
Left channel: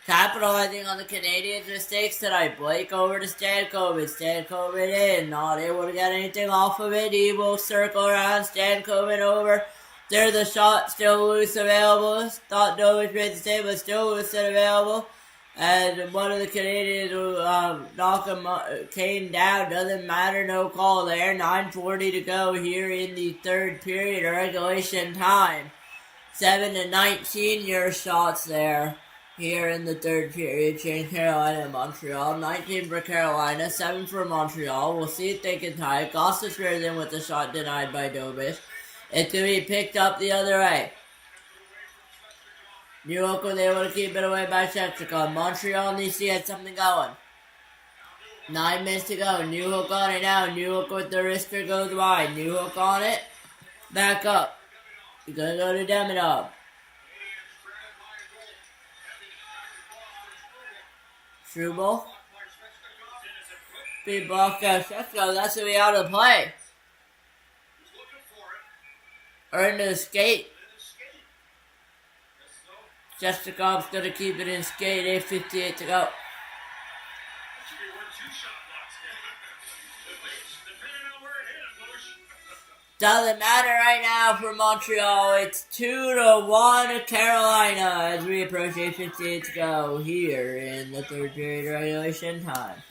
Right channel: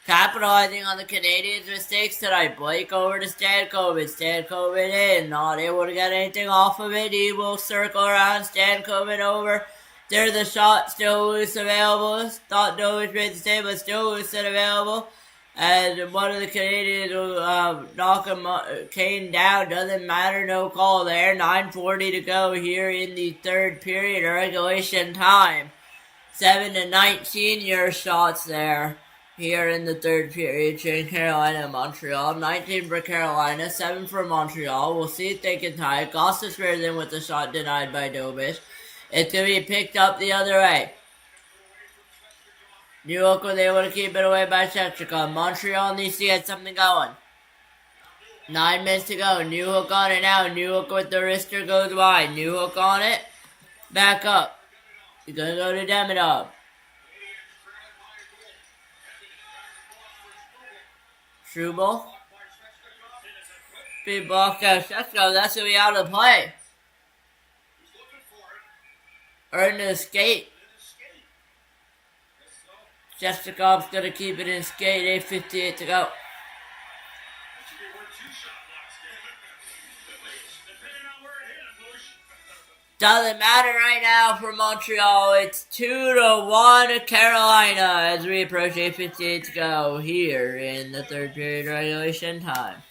Capitalizing on the Canadiens' mistakes tonight. Blake over to Stankoven. Stankoven in. Not able to get anything off of it. He will circle around. Stankoven over. There's the shot. Still loose available. Thought Dovish made the save, but still loose and available. And one of the Canadiens will knock him, Kane down. Doesn't matter. No call there. 9:40 to go here in the third period of regulation time. 7-19 your shots there. Here in the third period, between Carolina and Montreal. 19 for Carolina, 7 for Montreal. We'll see if they can tie. Gossip squares in with the shot denied by Dobish. It's going to be picked up the other way. New York was able to keep it away by Sharik. Montreal needs to get something going. 9 minutes to go. New Hook on it now. New Hook with the wrister goes wide. New Hook on it. Back up. You're going to go to Demidov. Struble. Be blocked out. Sheshko, that's going to be out of play. Or into the skate. Sheshkov's going to keep it in skate. 8:58 to go. Doesn't matter right now for Montreal. It's 2-1 Carolina as we approach 8:58 to go here in the third period regulation time.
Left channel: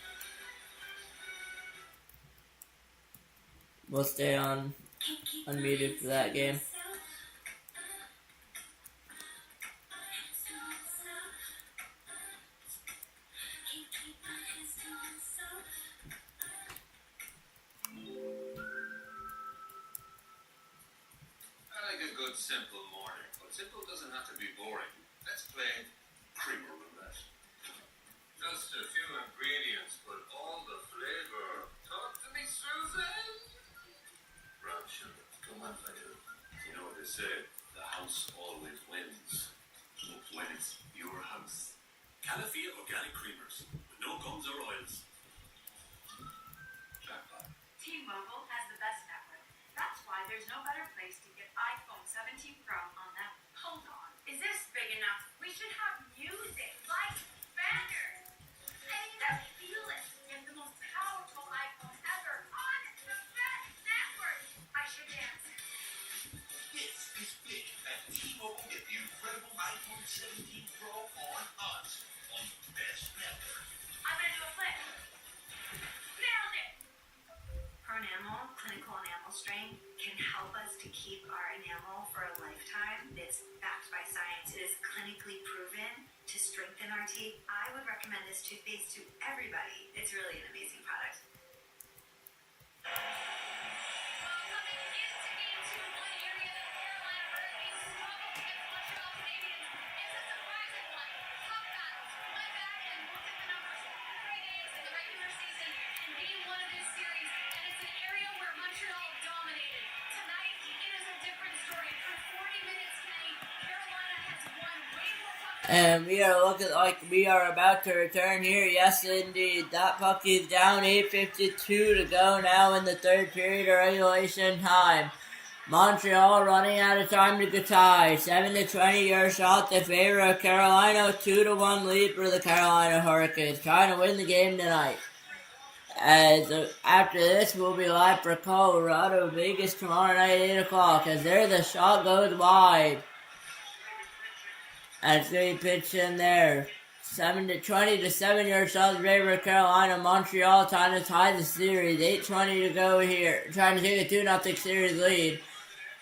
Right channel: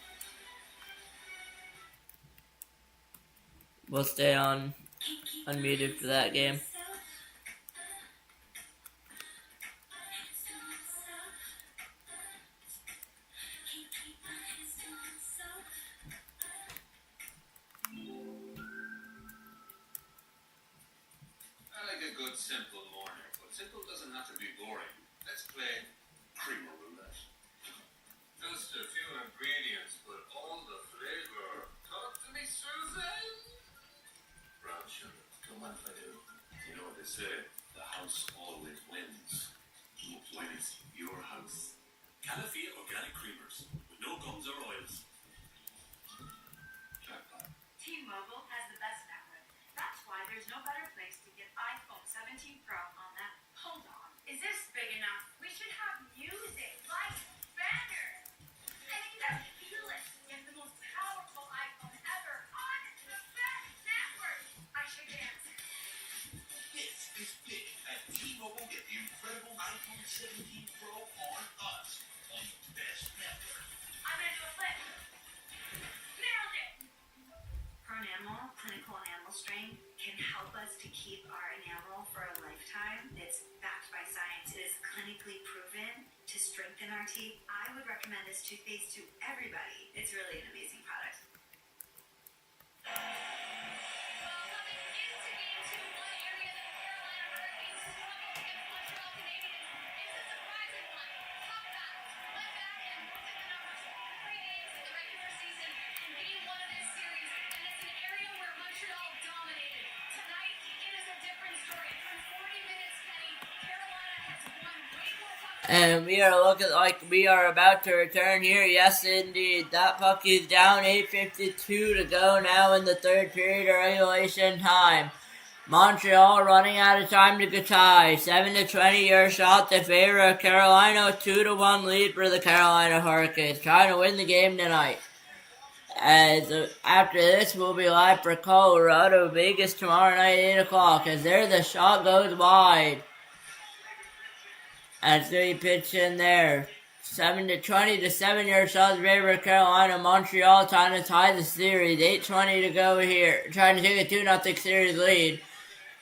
We'll stay on unmuted for that game. Simple morning, but simple doesn't have to be boring. Let's play creamer roulette. Just a few ingredients, but all the flavor. Talk to me, Susan. Brown sugar. Come on, Fadil. You know what they say? The house always wins. When it's your house. Calafia organic creamers with no gums or oils. Jackpot. T-Mobile has the best network. That's why there's no better place to get iPhone 17 Pro on them. Hold on. Is this big enough? We should have music, lights, banners. And just feel it. Get the most powerful iPhone ever on the best network. I should dance. This is big at T-Mobile. Get the incredible iPhone 17 Pro on us on the best network. I'm gonna do a flip. Nailed it. Pronamel, clinical enamel strain, can help us to keep our enamel for a lifetime. It's backed by science. It is clinically proven to strengthen our teeth. I would recommend this toothpaste to everybody. It's really an amazing product. And we are looking like we are about to return here. Yes, indeed. That puck is down. 8:52 to go now in the third period of regulation time. Montreal running out of time to tie. 7-20 your shot in favor of Carolina. 2-1 lead for the Carolina Hurricanes. Trying to win the game tonight. As after this, we'll be live for Colorado Vegas tomorrow night, 8 o'clock. As there, the shot goes wide. And it's going to be pitched in there. 7-20 to 7-yard shot in favor of Carolina. Montreal trying to tie the series. 8:20 to go here. Trying to take a 2-0 series lead.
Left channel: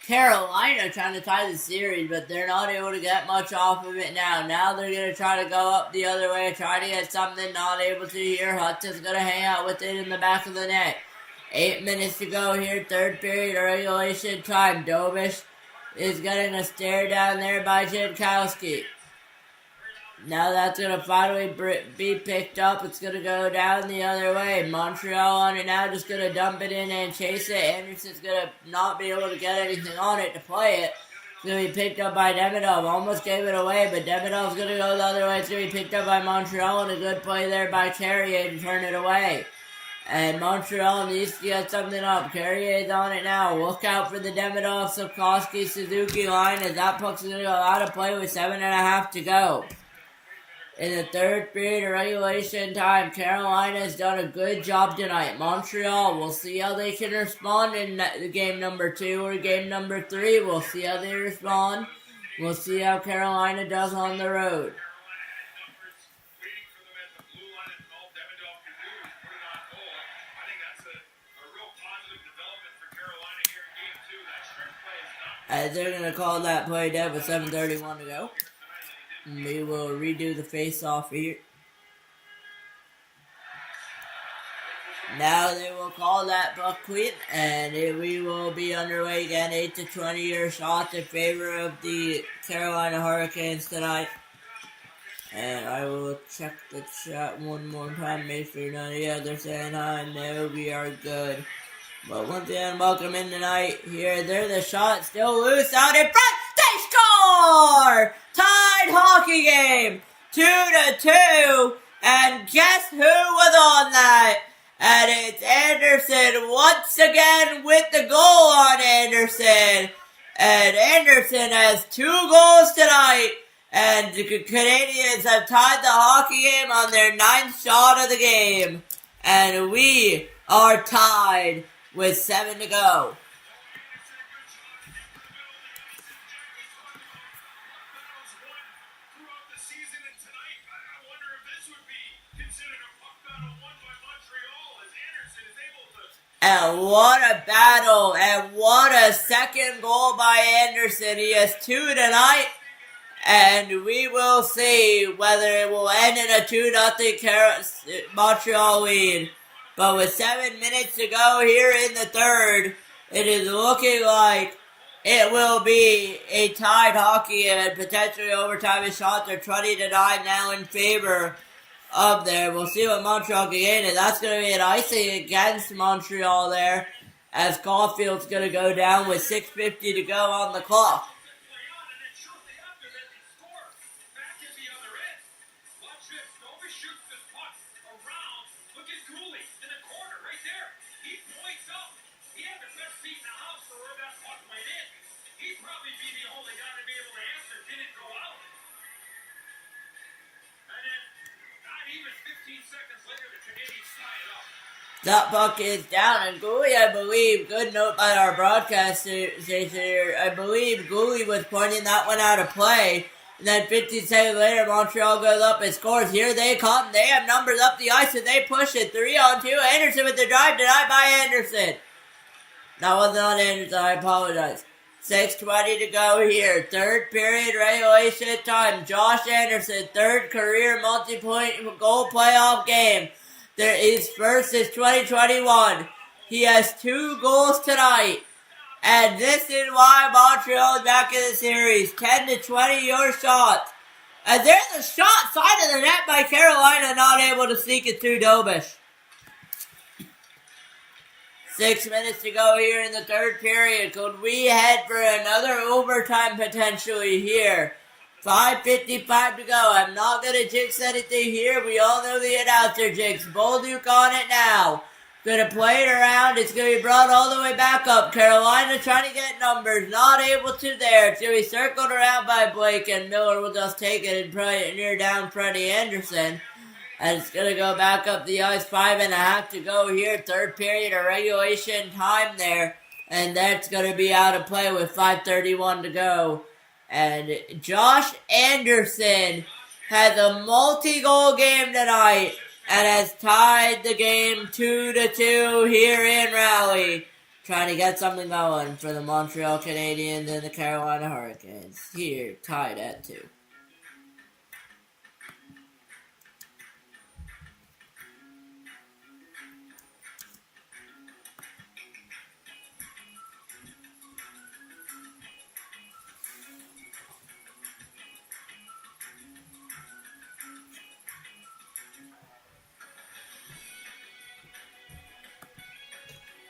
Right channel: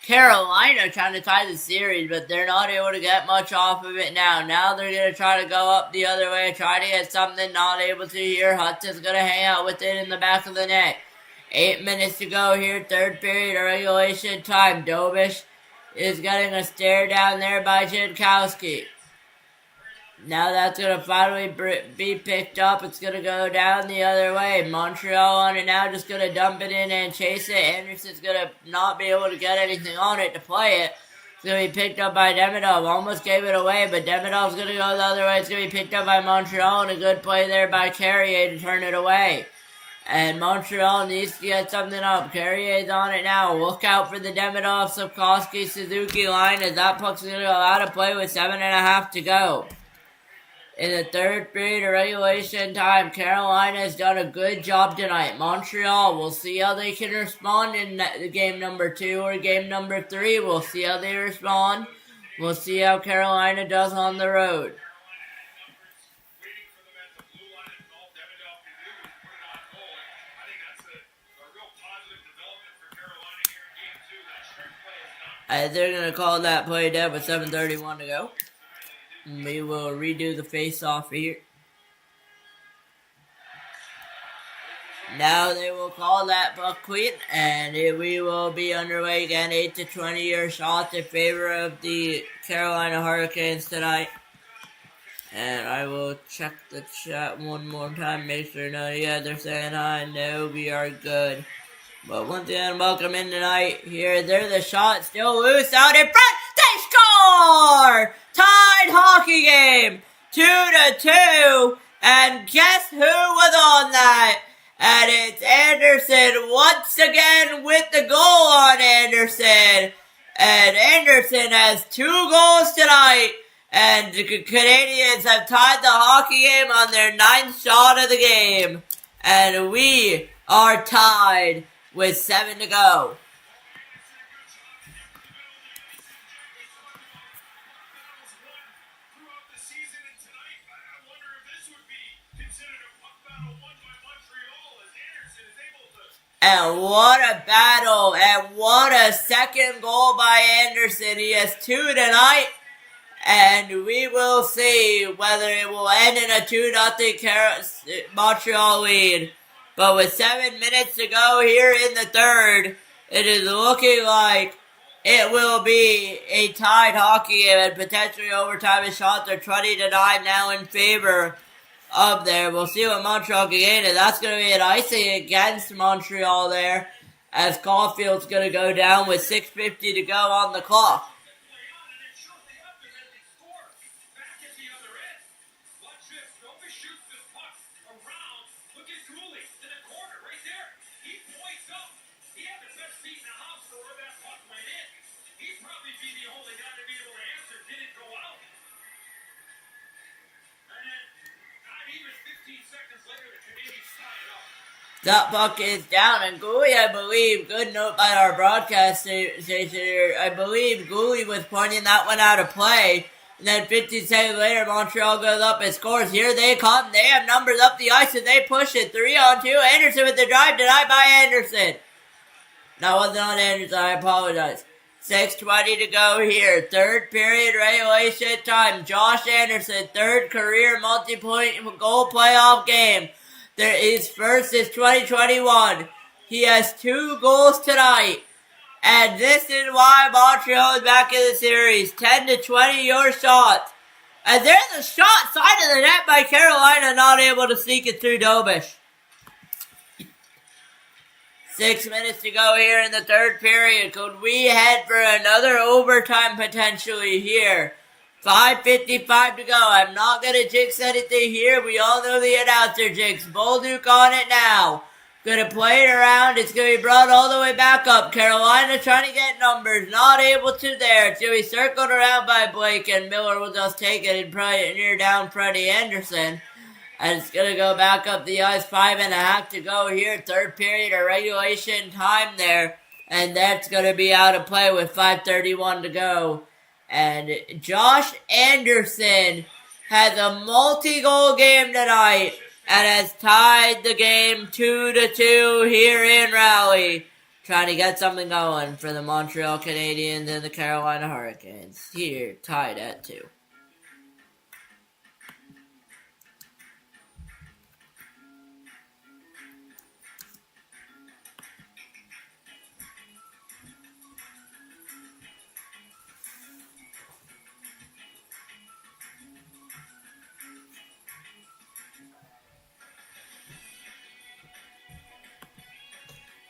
Carolina trying to tie the series, but they're not able to get much off of it now. Now they're going to try to go up the other way, try to get something, not able to here. Hudson's going to hang out with it in the back of the net. 8 minutes to go here, third period of regulation time. Dobish is getting a stare down there by Jankowski. Now that's going to finally be picked up. It's going to go down the other way. Montreal on it now, just going to dump it in and chase it. Anderson's going to not be able to get anything on it to play it. It's going to be picked up by Demidov. Almost gave it away, but Demidov's going to go the other way. It's going to be picked up by Montreal, and a good play there by Carrier to turn it away. And Montreal needs to get something up. Carrier's on it now. Look out for the Demidov, Sapkowski, Suzuki line, as that puck's going to go out of play with 7.5 to go. In the third period of regulation time, Carolina has done a good job tonight. Montreal, we'll see how they can respond in the game number 2 or game number 3. We'll see how they respond. We'll see how Carolina does on the road. They're going to call that play dead with 7:31 to go. We will redo the face-off here. Now they will call that puck clean, and we will be underway again. 8-20 your shots in favor of the Carolina Hurricanes tonight. And I will check the chat one more time, make sure none of you guys are saying hi. No, we are good. But once again, welcome in tonight. Here, there's the shot, still loose out in front. They score! Tied hockey game, 2-2. And guess who was on that? And it's Anderson once again with the goal on Anderson. And Anderson has 2 goals tonight. And the Canadiens have tied the hockey game on their 9th shot of the game. And we are tied with 7 to go. And what a battle, and what a second goal by Anderson. He has 2 tonight, and we will see whether it will end in a 2-0 Montreal lead. But with 7 minutes to go here in the third, it is looking like it will be a tied hockey game, and potentially overtime. His shots are 20-9 now in favor up there. We'll see what Montreal can gain, and that's going to be an icing against Montreal there, as Caulfield's going to go down with 6:50 to go on the clock. That puck is down, and Gooley, I believe, good note by our broadcast station here, I believe Gooley was pointing that one out of play, and then 15 seconds later, Montreal goes up and scores. Here they come, they have numbers up the ice, and they push it, 3-on-2, Anderson with the drive, denied by Anderson. That wasn't on Anderson, I apologize. 6:20 to go here, third period regulation time, Josh Anderson, third career multi-point goal playoff game. His first is 2021. He has 2 goals tonight. And this is why Montreal is back in the series. 10-20 your shots. And there's a shot side of the net by Carolina, not able to sneak it through Dobish. 6 minutes to go here in the third period. Could we head for another overtime potentially here? 5:55 to go. I'm not going to jinx anything here. We all know the announcer jinx. Bolduc on it now. Going to play it around. It's going to be brought all the way back up. Carolina trying to get numbers. Not able to there. It's going to be circled around by Blake, and Miller will just take it and probably near down Freddie Anderson. And it's going to go back up the ice. 5.5 to go here. Third period of regulation time there. And that's going to be out of play with 5:31 to go. And Josh Anderson has a multi-goal game tonight and has tied the game 2-2 here in Raleigh. Trying to get something going for the Montreal Canadiens and the Carolina Hurricanes. Here, tied at 2.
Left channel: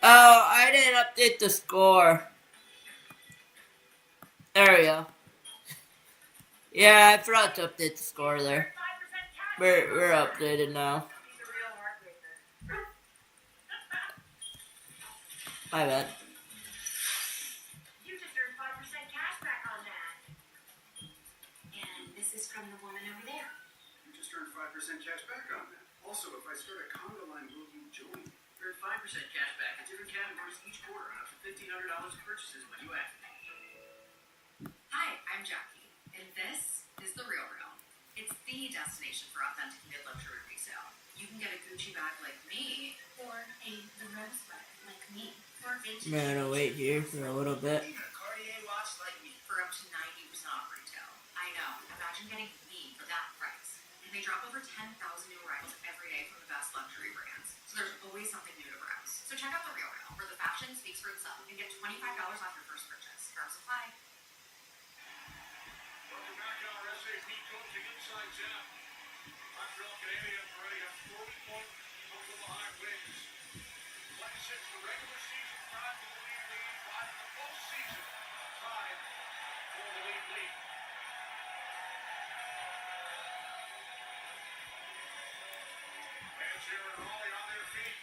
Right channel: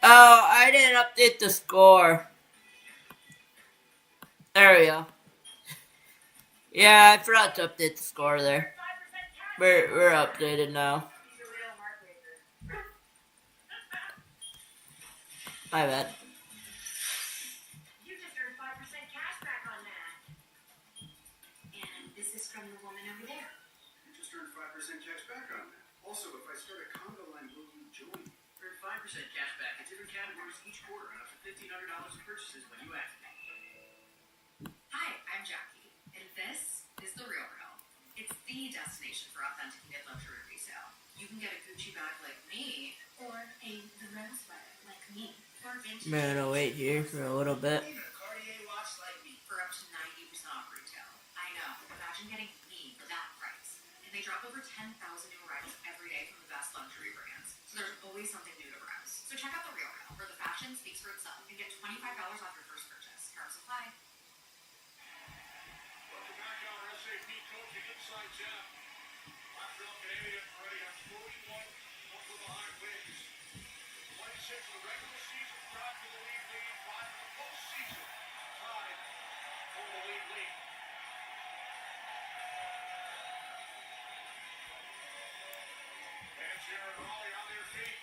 Oh, I didn't update the score. There we go. Yeah, I forgot to update the score there. We're updated now. My bad. You just earned 5% cash back on that. And this is from the woman over there. You just earned 5% cash back on that. Also, if I start a condo line, will you join? Earn 5% cash back in different categories each quarter on up to $1,500 in purchases when you activate. Hi, I'm Jackie, and this is The Real Real. It's the destination for authenticated luxury resale. You can get a Gucci bag like me, Or a the rose sweater like me. or vintage I'm gonna wait here for a little bit. Cartier watch like me. for up to 90% off retail. I know, imagine getting me for that price. And they drop over 10,000 new arrivals every day from the best luxury brands. So there's always something new to browse. So check out The Real Real, where the fashion speaks for itself, and get $25 off your first purchase. Terms apply. Welcome back to our SAP coaching insights out. Montreal Canadiens already have 41 over the high wins. 26 for regular season, 5 for the league lead, 5 for the postseason, 5 for the league lead. Fans here in Raleigh on their feet.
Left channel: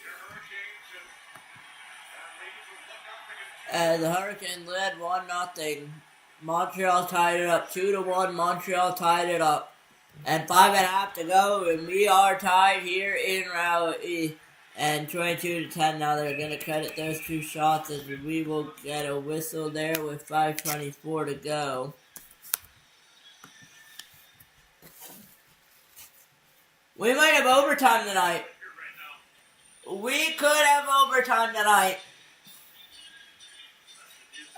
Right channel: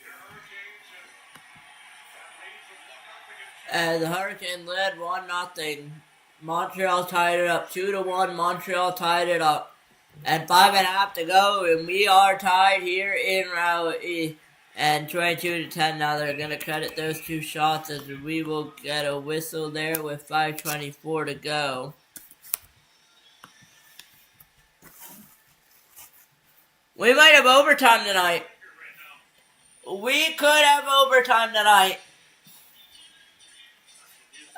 Your Hurricanes and lead from 1-0 The Hurricane led 1-0. Montreal tied it up 2-1. Montreal tied it up. And 5.5 to go, and we are tied here in Raleigh. And 22-10. Now they're gonna credit those two shots as we will get a whistle there with 5:24 to go. We might have overtime tonight. We could have overtime tonight.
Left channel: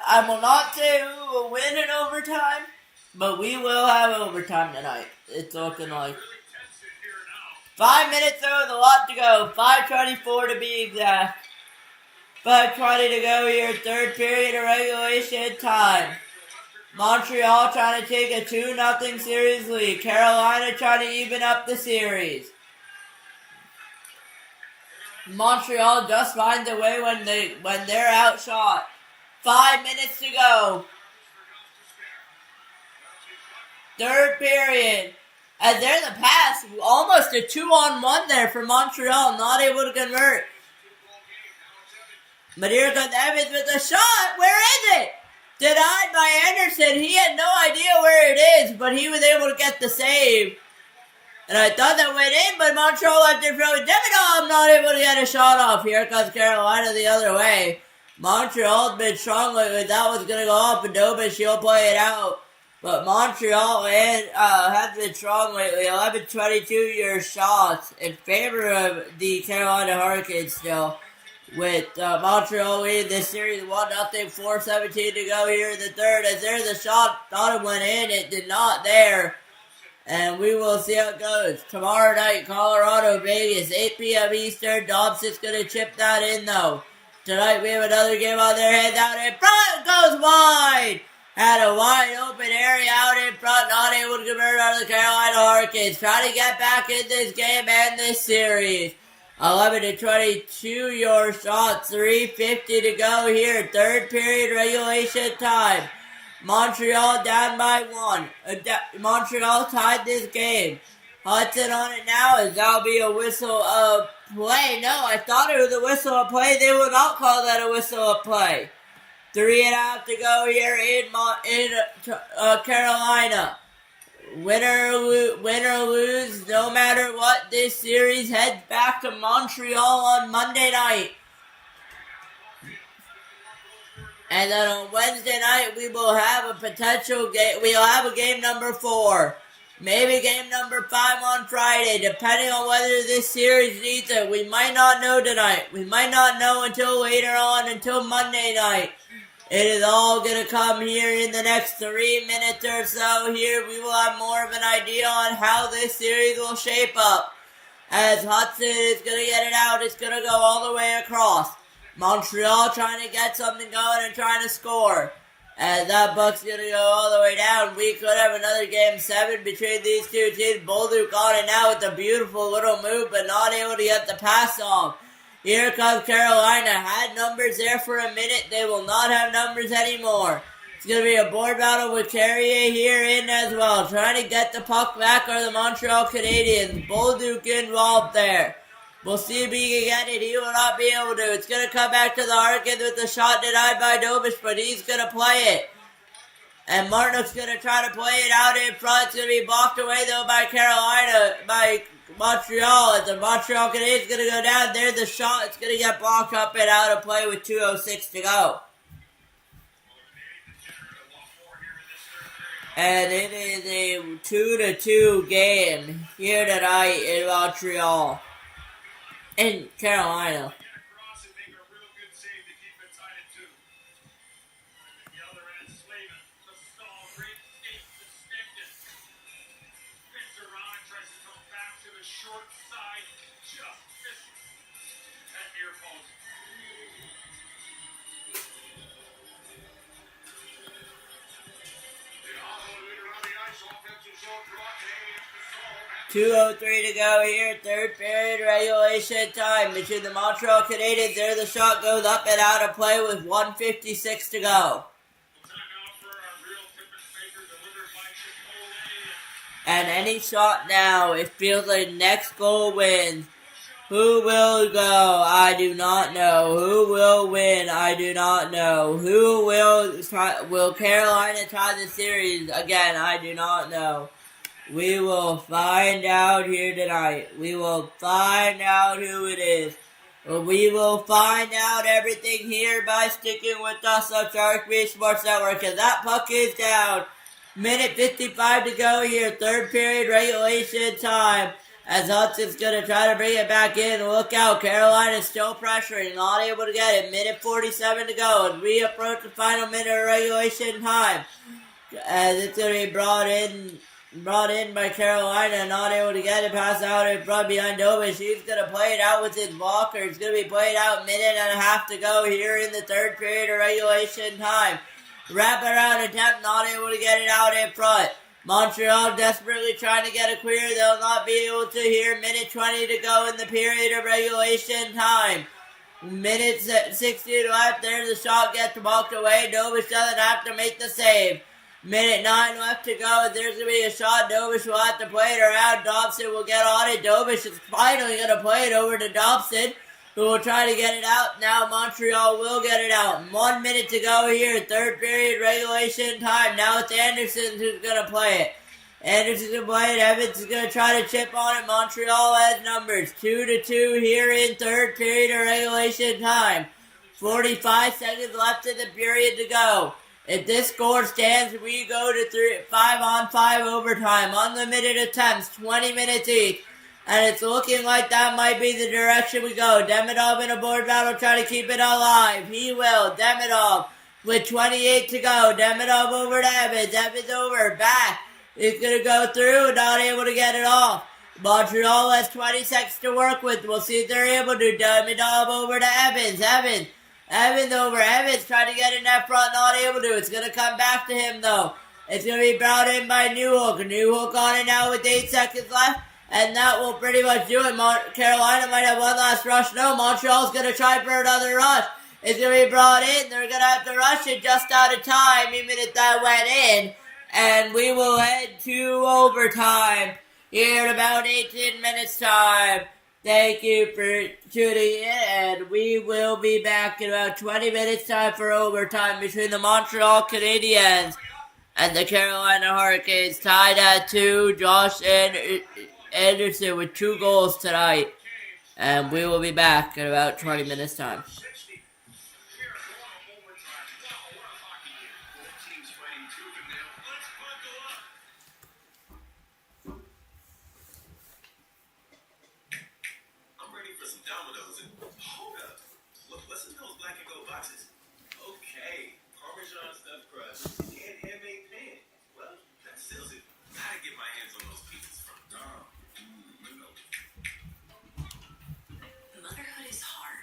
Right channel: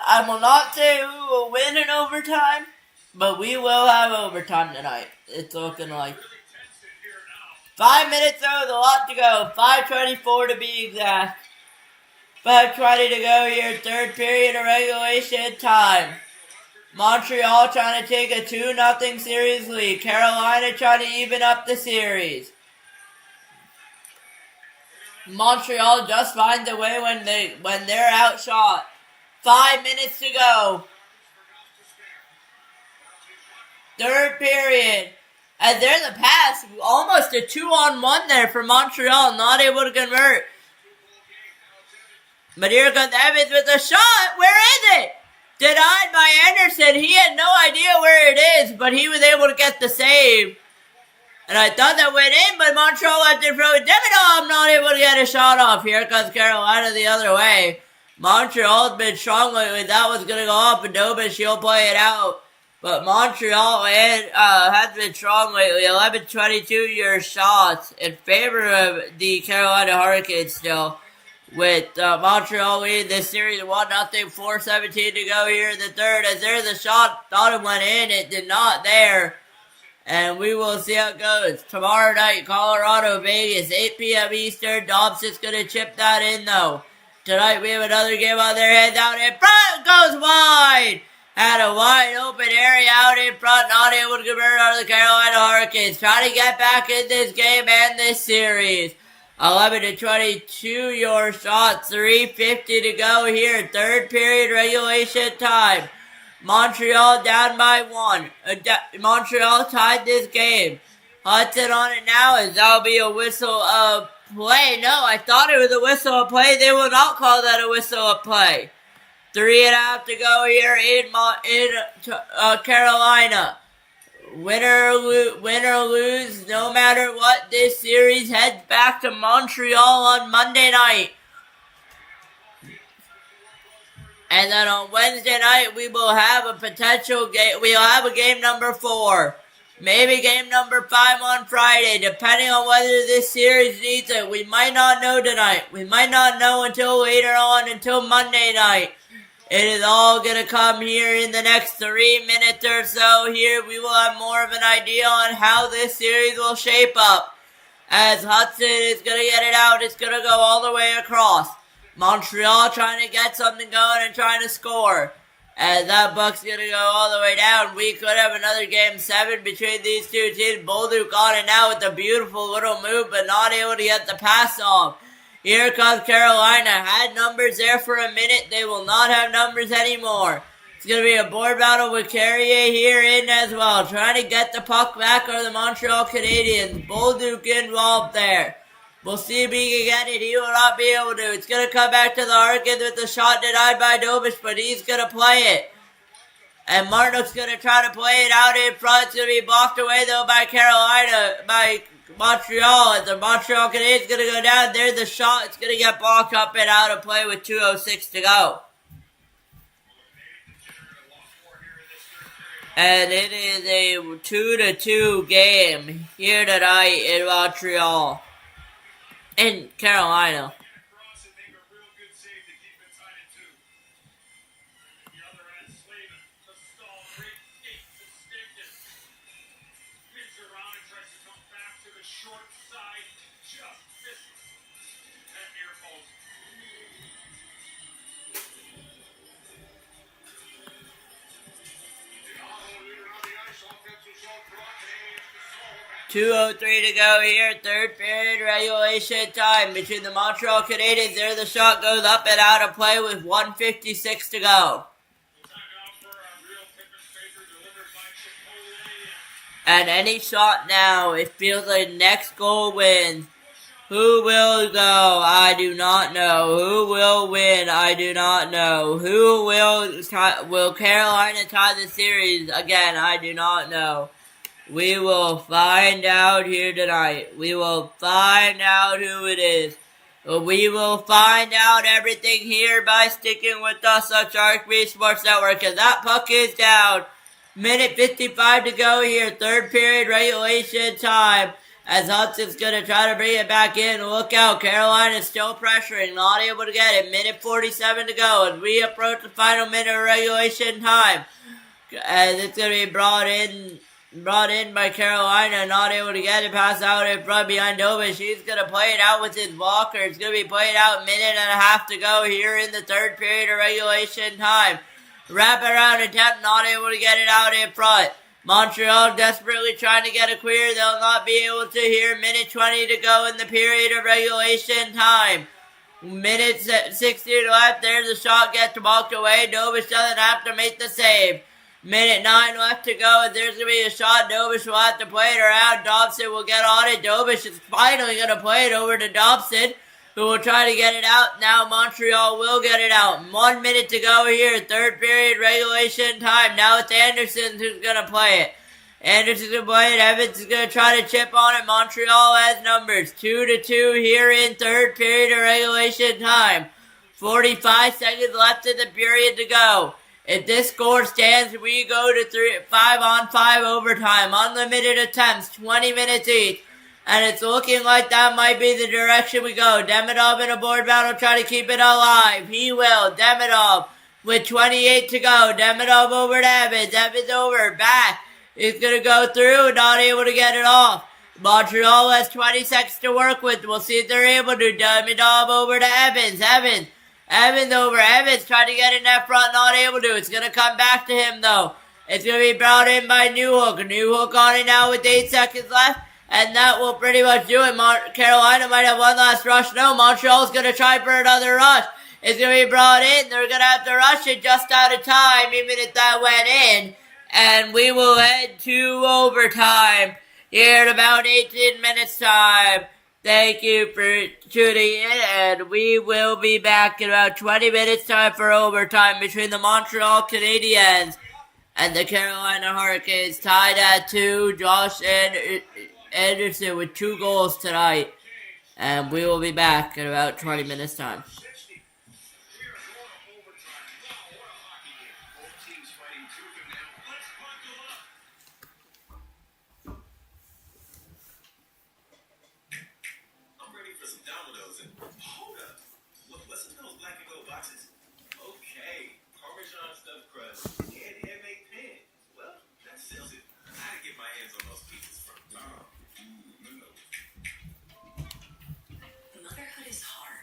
I will not say who will win in overtime, but we will have overtime tonight. It's looking like. 5 minutes though, with a lot to go. 5:24 to be exact. 5:20 to go here. Third period of regulation time. Montreal trying to take a 2-0 series lead. Carolina trying to even up the series. Montreal just finds a way when they're outshot. 5 minutes to go. Third period. As there's a pass, almost a 2-on-1 there for Montreal, not able to convert. But here comes Evans with a shot. Where is it? Denied by Anderson. He had no idea where it is, but he was able to get the save. And I thought that went in, but Montreal left it for Demidov, not able to get a shot off. Here comes Carolina the other way. Montreal's been strong lately. That was going to go off, and Dobin, she'll play it out. But Montreal has been strong lately. 11-22 your shots in favor of the Carolina Hurricanes still. With Montreal leading this series 1-0, 4:17 to go here in the third. As there's a shot, thought it went in, it did not there. And we will see how it goes. Tomorrow night, Colorado, Vegas, 8 p.m. Eastern. Dobson's going to chip that in, though. Tonight, we have another game on their heads out in front. Goes wide. Had a wide open area out in front. Not able to convert on the Carolina Hurricanes. Trying to get back in this game and this series. 11-22 your shots. 3:50 to go here. Third period regulation time. Montreal down by 1. Montreal tied this game. Hudson on it now as that'll be a whistle of play. No, I thought it was a whistle of play. They will not call that a whistle of play. 3.5 to go here in Carolina. Win or lose, no matter what, this series heads back to Montreal on Monday night. And then on Wednesday night, we will have a potential game. We'll have a game number 4. Maybe game number 5 on Friday, depending on whether this series needs it. We might not know tonight. We might not know until later on, until Monday night. It is all going to come here in the next 3 minutes or so. Here we will have more of an idea on how this series will shape up. As Hudson is going to get it out, it's going to go all the way across. Montreal trying to get something going and trying to score. As that buck's going to go all the way down. We could have another game 7 between these two teams. Bolduc on it now with a beautiful little move, but not able to get the pass off. Here comes Carolina. Had numbers there for a minute. They will not have numbers anymore. It's going to be a board battle with Carrier here in as well. Trying to get the puck back are the Montreal Canadiens. Bolduc involved there. We'll see if he can get it. He will not be able to. It's going to come back to the Harkins with the shot denied by Dobich, but he's going to play it. And Martinuk's going to try to play it out in front. It's going to be blocked away, though, by Montreal. As the Montreal Canadiens going to go down. There's the shot. It's going to get blocked up and out of play with 2:06 to go. And it is a 2-2 game here tonight in Montreal. In Carolina. .203 to go here, third period regulation time between the Montreal Canadiens. There the shot goes up and out of play with 1:56 to go. And any shot now, it feels like next goal wins. Who will go? I do not know. Who will win? I do not know. Who will Carolina tie the series? Again, I do not know. We will find out here tonight. We will find out who it is. We will find out everything here by sticking with us on Sharik Sports Network. Because that puck is down. Minute 55 to go here. Third period regulation time. As Hudson's going to try to bring it back in. Look out. Carolina's still pressuring. Not able to get it. Minute 47 to go. As we approach the final minute of regulation time. As it's going to be brought in by Carolina, not able to get it past out in front behind Dobich. He's going to play it out with his blocker. It's going to be played out, minute and a half to go here in the third period of regulation time. Wrap around attempt, not able to get it out in front. Montreal desperately trying to get a clear. They'll not be able to here. Minute 20 to go in the period of regulation time. Minute 60 left. There's the shot, gets walked away. Dobich doesn't have to make the save. Minute 9 left to go. There's going to be a shot. Dobich will have to play it around. Dobson will get on it. Dobich is finally going to play it over to Dobson, who will try to get it out. Now Montreal will get it out. 1 minute to go here. Third period regulation time. Now it's Anderson who's going to play it. Anderson's going to play it. Evans is going to try to chip on it. Montreal has numbers. 2-2 here in third period of regulation time. 45 seconds left in the period to go. If this score stands, we go to 5-on-5 overtime. Unlimited attempts, 20 minutes each. And it's looking like that might be the direction we go. Demidov in a board battle, try to keep it alive. He will. Demidov with 28 to go. Demidov over to Evans. Evans over. Back. He's going to go through, not able to get it off. Montreal has 20 seconds to work with. We'll see if they're able to. Demidov over to Evans. Evans over. Evans trying to get in that front, not able to. It's going to come back to him, though. It's going to be brought in by Newhook. Newhook on it now with 8 seconds left. And that will pretty much do it. Carolina might have one last rush. No, Montreal's going to try for another rush. is going to be brought in. They're going to have to rush it just out of time, even if that went in. And we will head to overtime here in about 18 minutes time. Thank you for tuning in, and we will be back in about 20 minutes time for overtime between the Montreal Canadiens and the Carolina Hurricanes, tied at 2. Josh Anderson with 2 goals tonight. And we will be back in about 20 minutes time. I'm ready for some Dominoes and hold up. What's in those black and gold boxes? Okay, Parmesan stuffed crust and handmade pan. Well, that seals it. I gotta get my hands on those pieces from Dom. Ooh, you know. Motherhood is hard.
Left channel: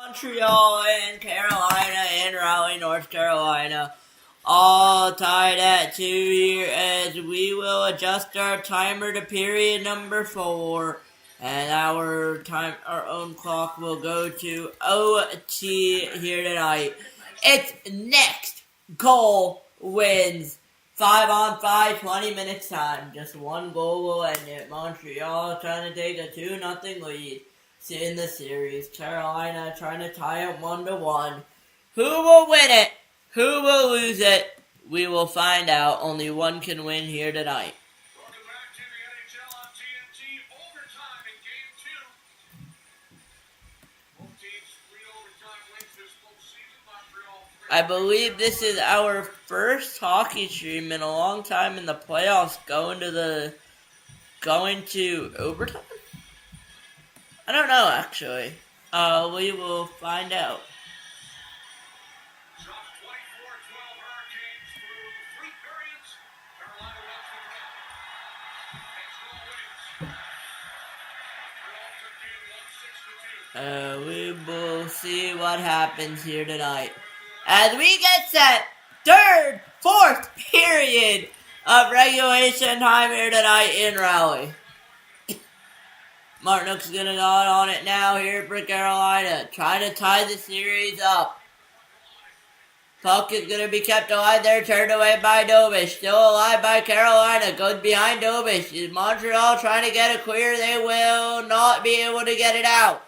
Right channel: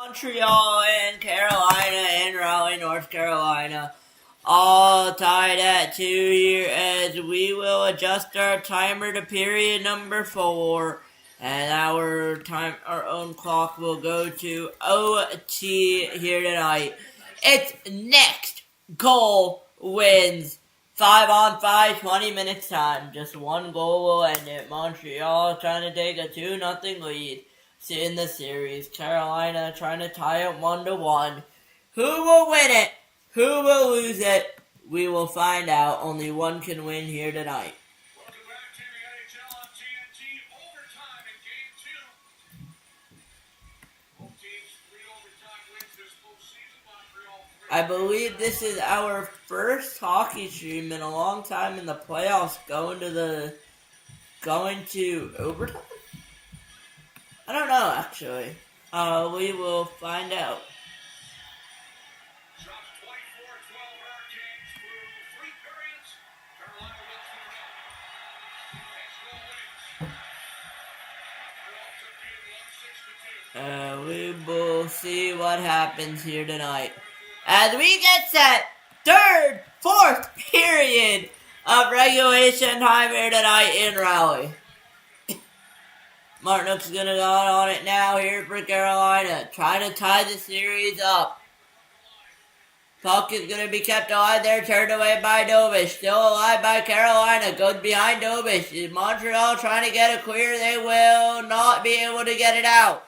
Montreal and Carolina and Raleigh, North Carolina, all tied at 2 here as we will adjust our timer to period number 4, and our own clock will go to OT here tonight. It's next goal wins. 5-on-5, 20 minutes time. Just one goal will end it. Montreal trying to take a 2-0 lead in the series. Carolina trying to tie it 1-1. Who will win it? Who will lose it? We will find out. Only one can win here tonight. Welcome back to the NHL on TNT. Overtime in Game 2. Both teams 3 overtime wins this postseason. Montreal 3. I believe this is our first hockey stream in a long time in the playoffs going to overtime? I don't know, actually. We will find out. Shots 24-12 Hurricanes through 3 periods. Carolina wins the net. Next goal wins. Montreal took game 1-6 to 2. We will see what happens here tonight. As we get set, third, fourth period of regulation time here tonight in Raleigh. Martinook's gonna go on it now here for Carolina, trying to tie the series up. Puck is gonna be kept alive there, turned away by Dobish. Still alive by Carolina, goes behind Dobish. Montreal trying to get it clear, they will not be able to get it out.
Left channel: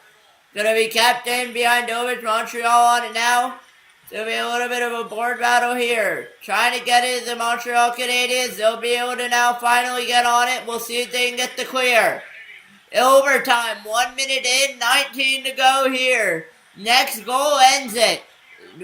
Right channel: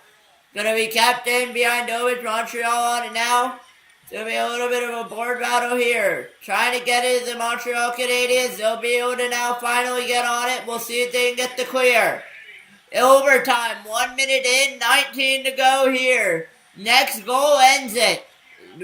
Gonna be kept in behind Dobish, Montreal on it now. It's gonna be a little bit of a board battle here. Trying to get it, the Montreal Canadiens. They'll be able to now finally get on it. We'll see if they can get the clear. Overtime, 1 minute in, 19 to go here. Next goal ends it.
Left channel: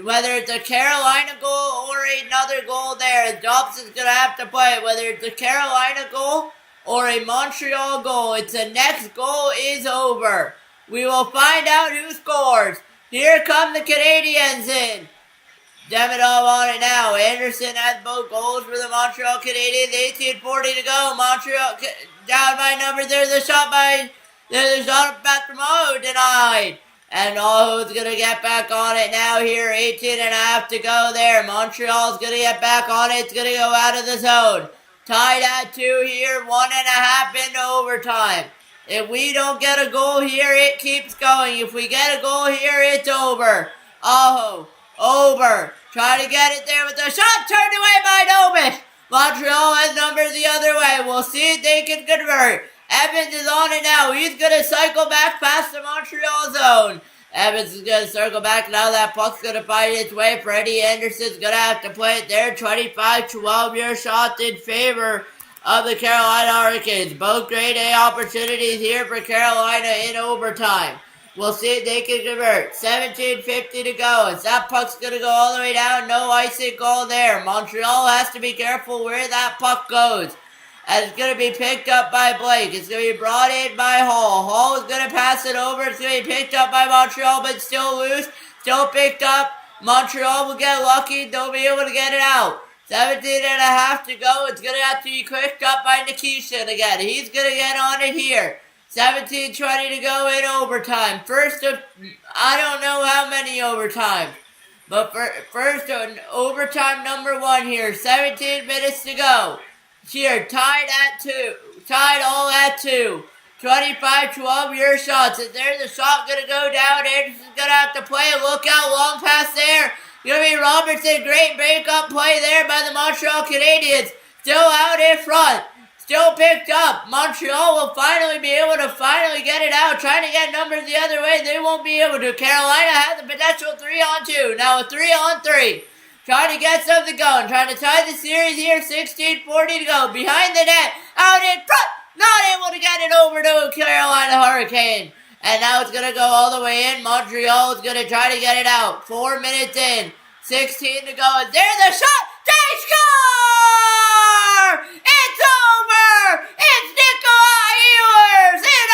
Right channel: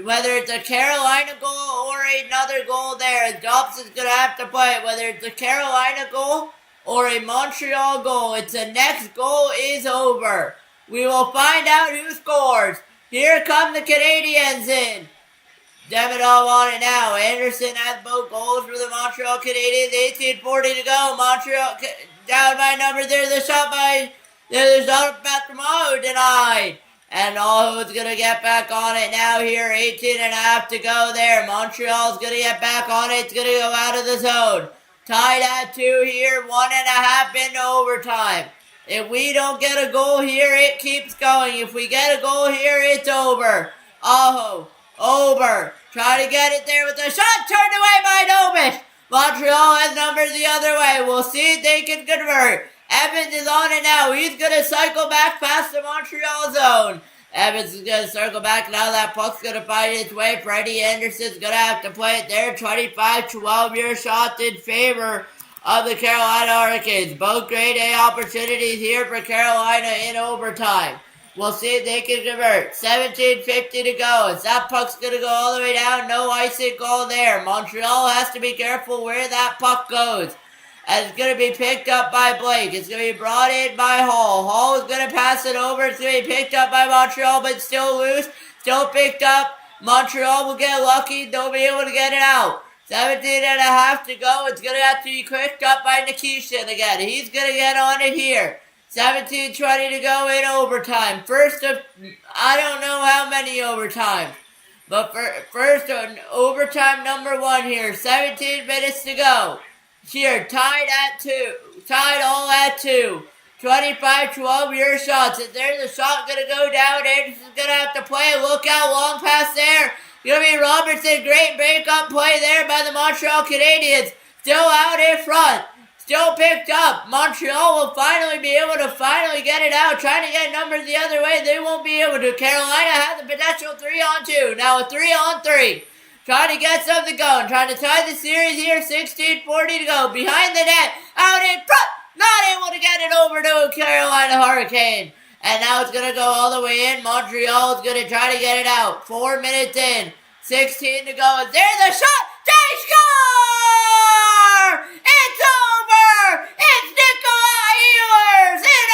Whether it's a Carolina goal or another goal there, Dobson's going to have to play it. Whether it's a Carolina goal or a Montreal goal, it's the next goal is over. We will find out who scores. Here come the Canadiens in. Demidov on it now. Anderson has both goals for the Montreal Canadiens. 18:40 to go. Montreal down by number. There's a shot by Patrick denied. And Aho's going to get back on it now here. 18.5 to go there. Montreal's going to get back on it. It's going to go out of the zone. Tied at 2 here. 1.5 into overtime. If we don't get a goal here, it keeps going. If we get a goal here, it's over. Aho. Over. Try to get it there with a shot turned away by Dobish. Montreal has numbers the other way. We'll see if they can convert. Evans is on it now. He's going to cycle back past the Montreal zone. Evans is going to circle back. Now that puck's going to find its way. Freddie Anderson's going to have to play it there. 25-12 your shots in favor of the Carolina Hurricanes. Both grade A opportunities here for Carolina in overtime. We'll see if they can convert. 17:50 to go. As that puck's going to go all the way down. No icing goal there. Montreal has to be careful where that puck goes. And it's going to be picked up by Blake. It's going to be brought in by Hall. Hall is going to pass it over. It's going to be picked up by Montreal, but still loose. Still picked up. Montreal will get lucky. They'll be able to get it out. 17.5 to go. It's going to have to be picked up by Nikishin again. He's going to get on it here. 17:20 to go in overtime. First of, I don't know how many overtimes. But first overtime number 1 here. 17 minutes to go. Here, tied at 2. Tied all at 2. 25-12 your shots. Is there the shot going to go down? Anderson's going to have to play a look out. Long pass there. Going to be Robertson. Great breakup play there by the Montreal Canadiens. Still out in front. Still picked up. Montreal will finally be able to get it out. Trying to get numbers the other way. They won't be able to. Carolina has the potential 3-on-2. Now a 3-on-3. Trying to get something going. Trying to tie the series here. 16:40 to go. Behind the net. Out in front. Not able to get it over to a Carolina Hurricane. And now it's going to go all the way in. Montreal is going to try to get it out. 4 minutes in. 16 to go. There's a shot. They score! It's over! It's Nikolai Ehlers in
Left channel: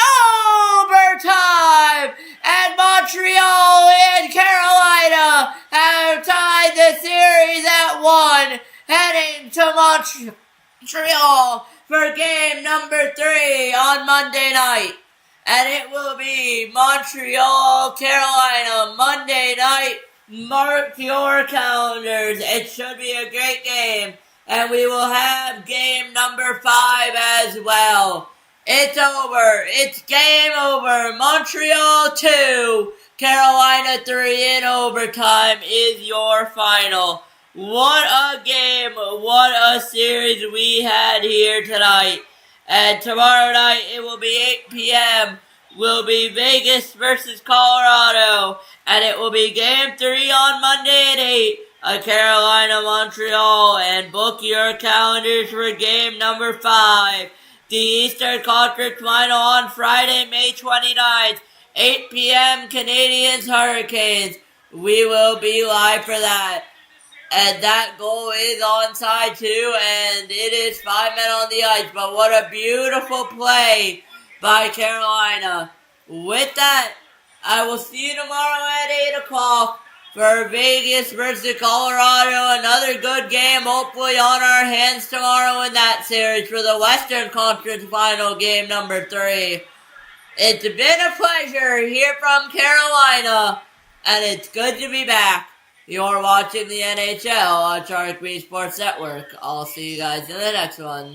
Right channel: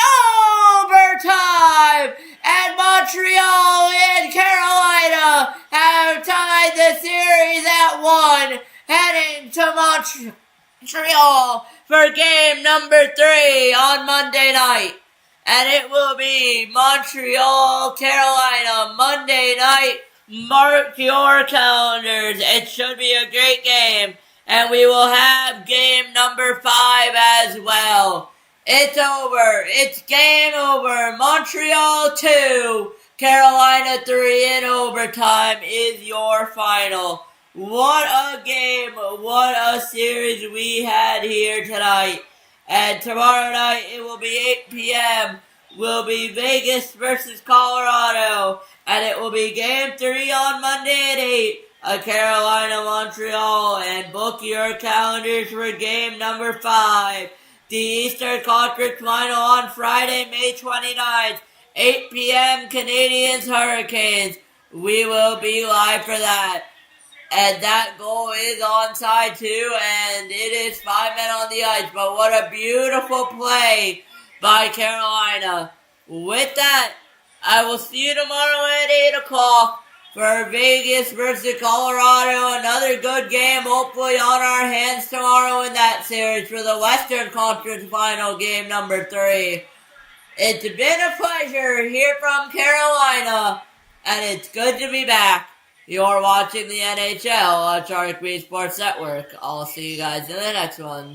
overtime! And Montreal and Carolina have tied the series at 1, heading to Montreal for game number 3 on Monday night. and it will be Montreal, Carolina, Monday night. Mark your calendars. It should be a great game, and we will have game number 5 as well. It's over. It's game over. Montreal 2, Carolina 3 in overtime is your final. What a game. What a series we had here tonight. And tomorrow night it will be 8 p.m. will be Vegas versus Colorado. And it will be game 3 on Monday at 8. Carolina, Montreal. And book your calendars for game number 5. The Eastern Conference Final on Friday, May 29th. 8 p.m. Canadiens Hurricanes. We will be live for that. And that goal is onside too, and it is 5 men on the ice. But what a beautiful play by Carolina. With that, I will see you tomorrow at 8 o'clock for Vegas versus Colorado. Another good game, hopefully on our hands tomorrow in that series for the Western Conference Final game number 3. It's been a pleasure here from Carolina, and it's good to be back. You're watching the NHL on Sharik Sports Network. I'll see you guys in the next one.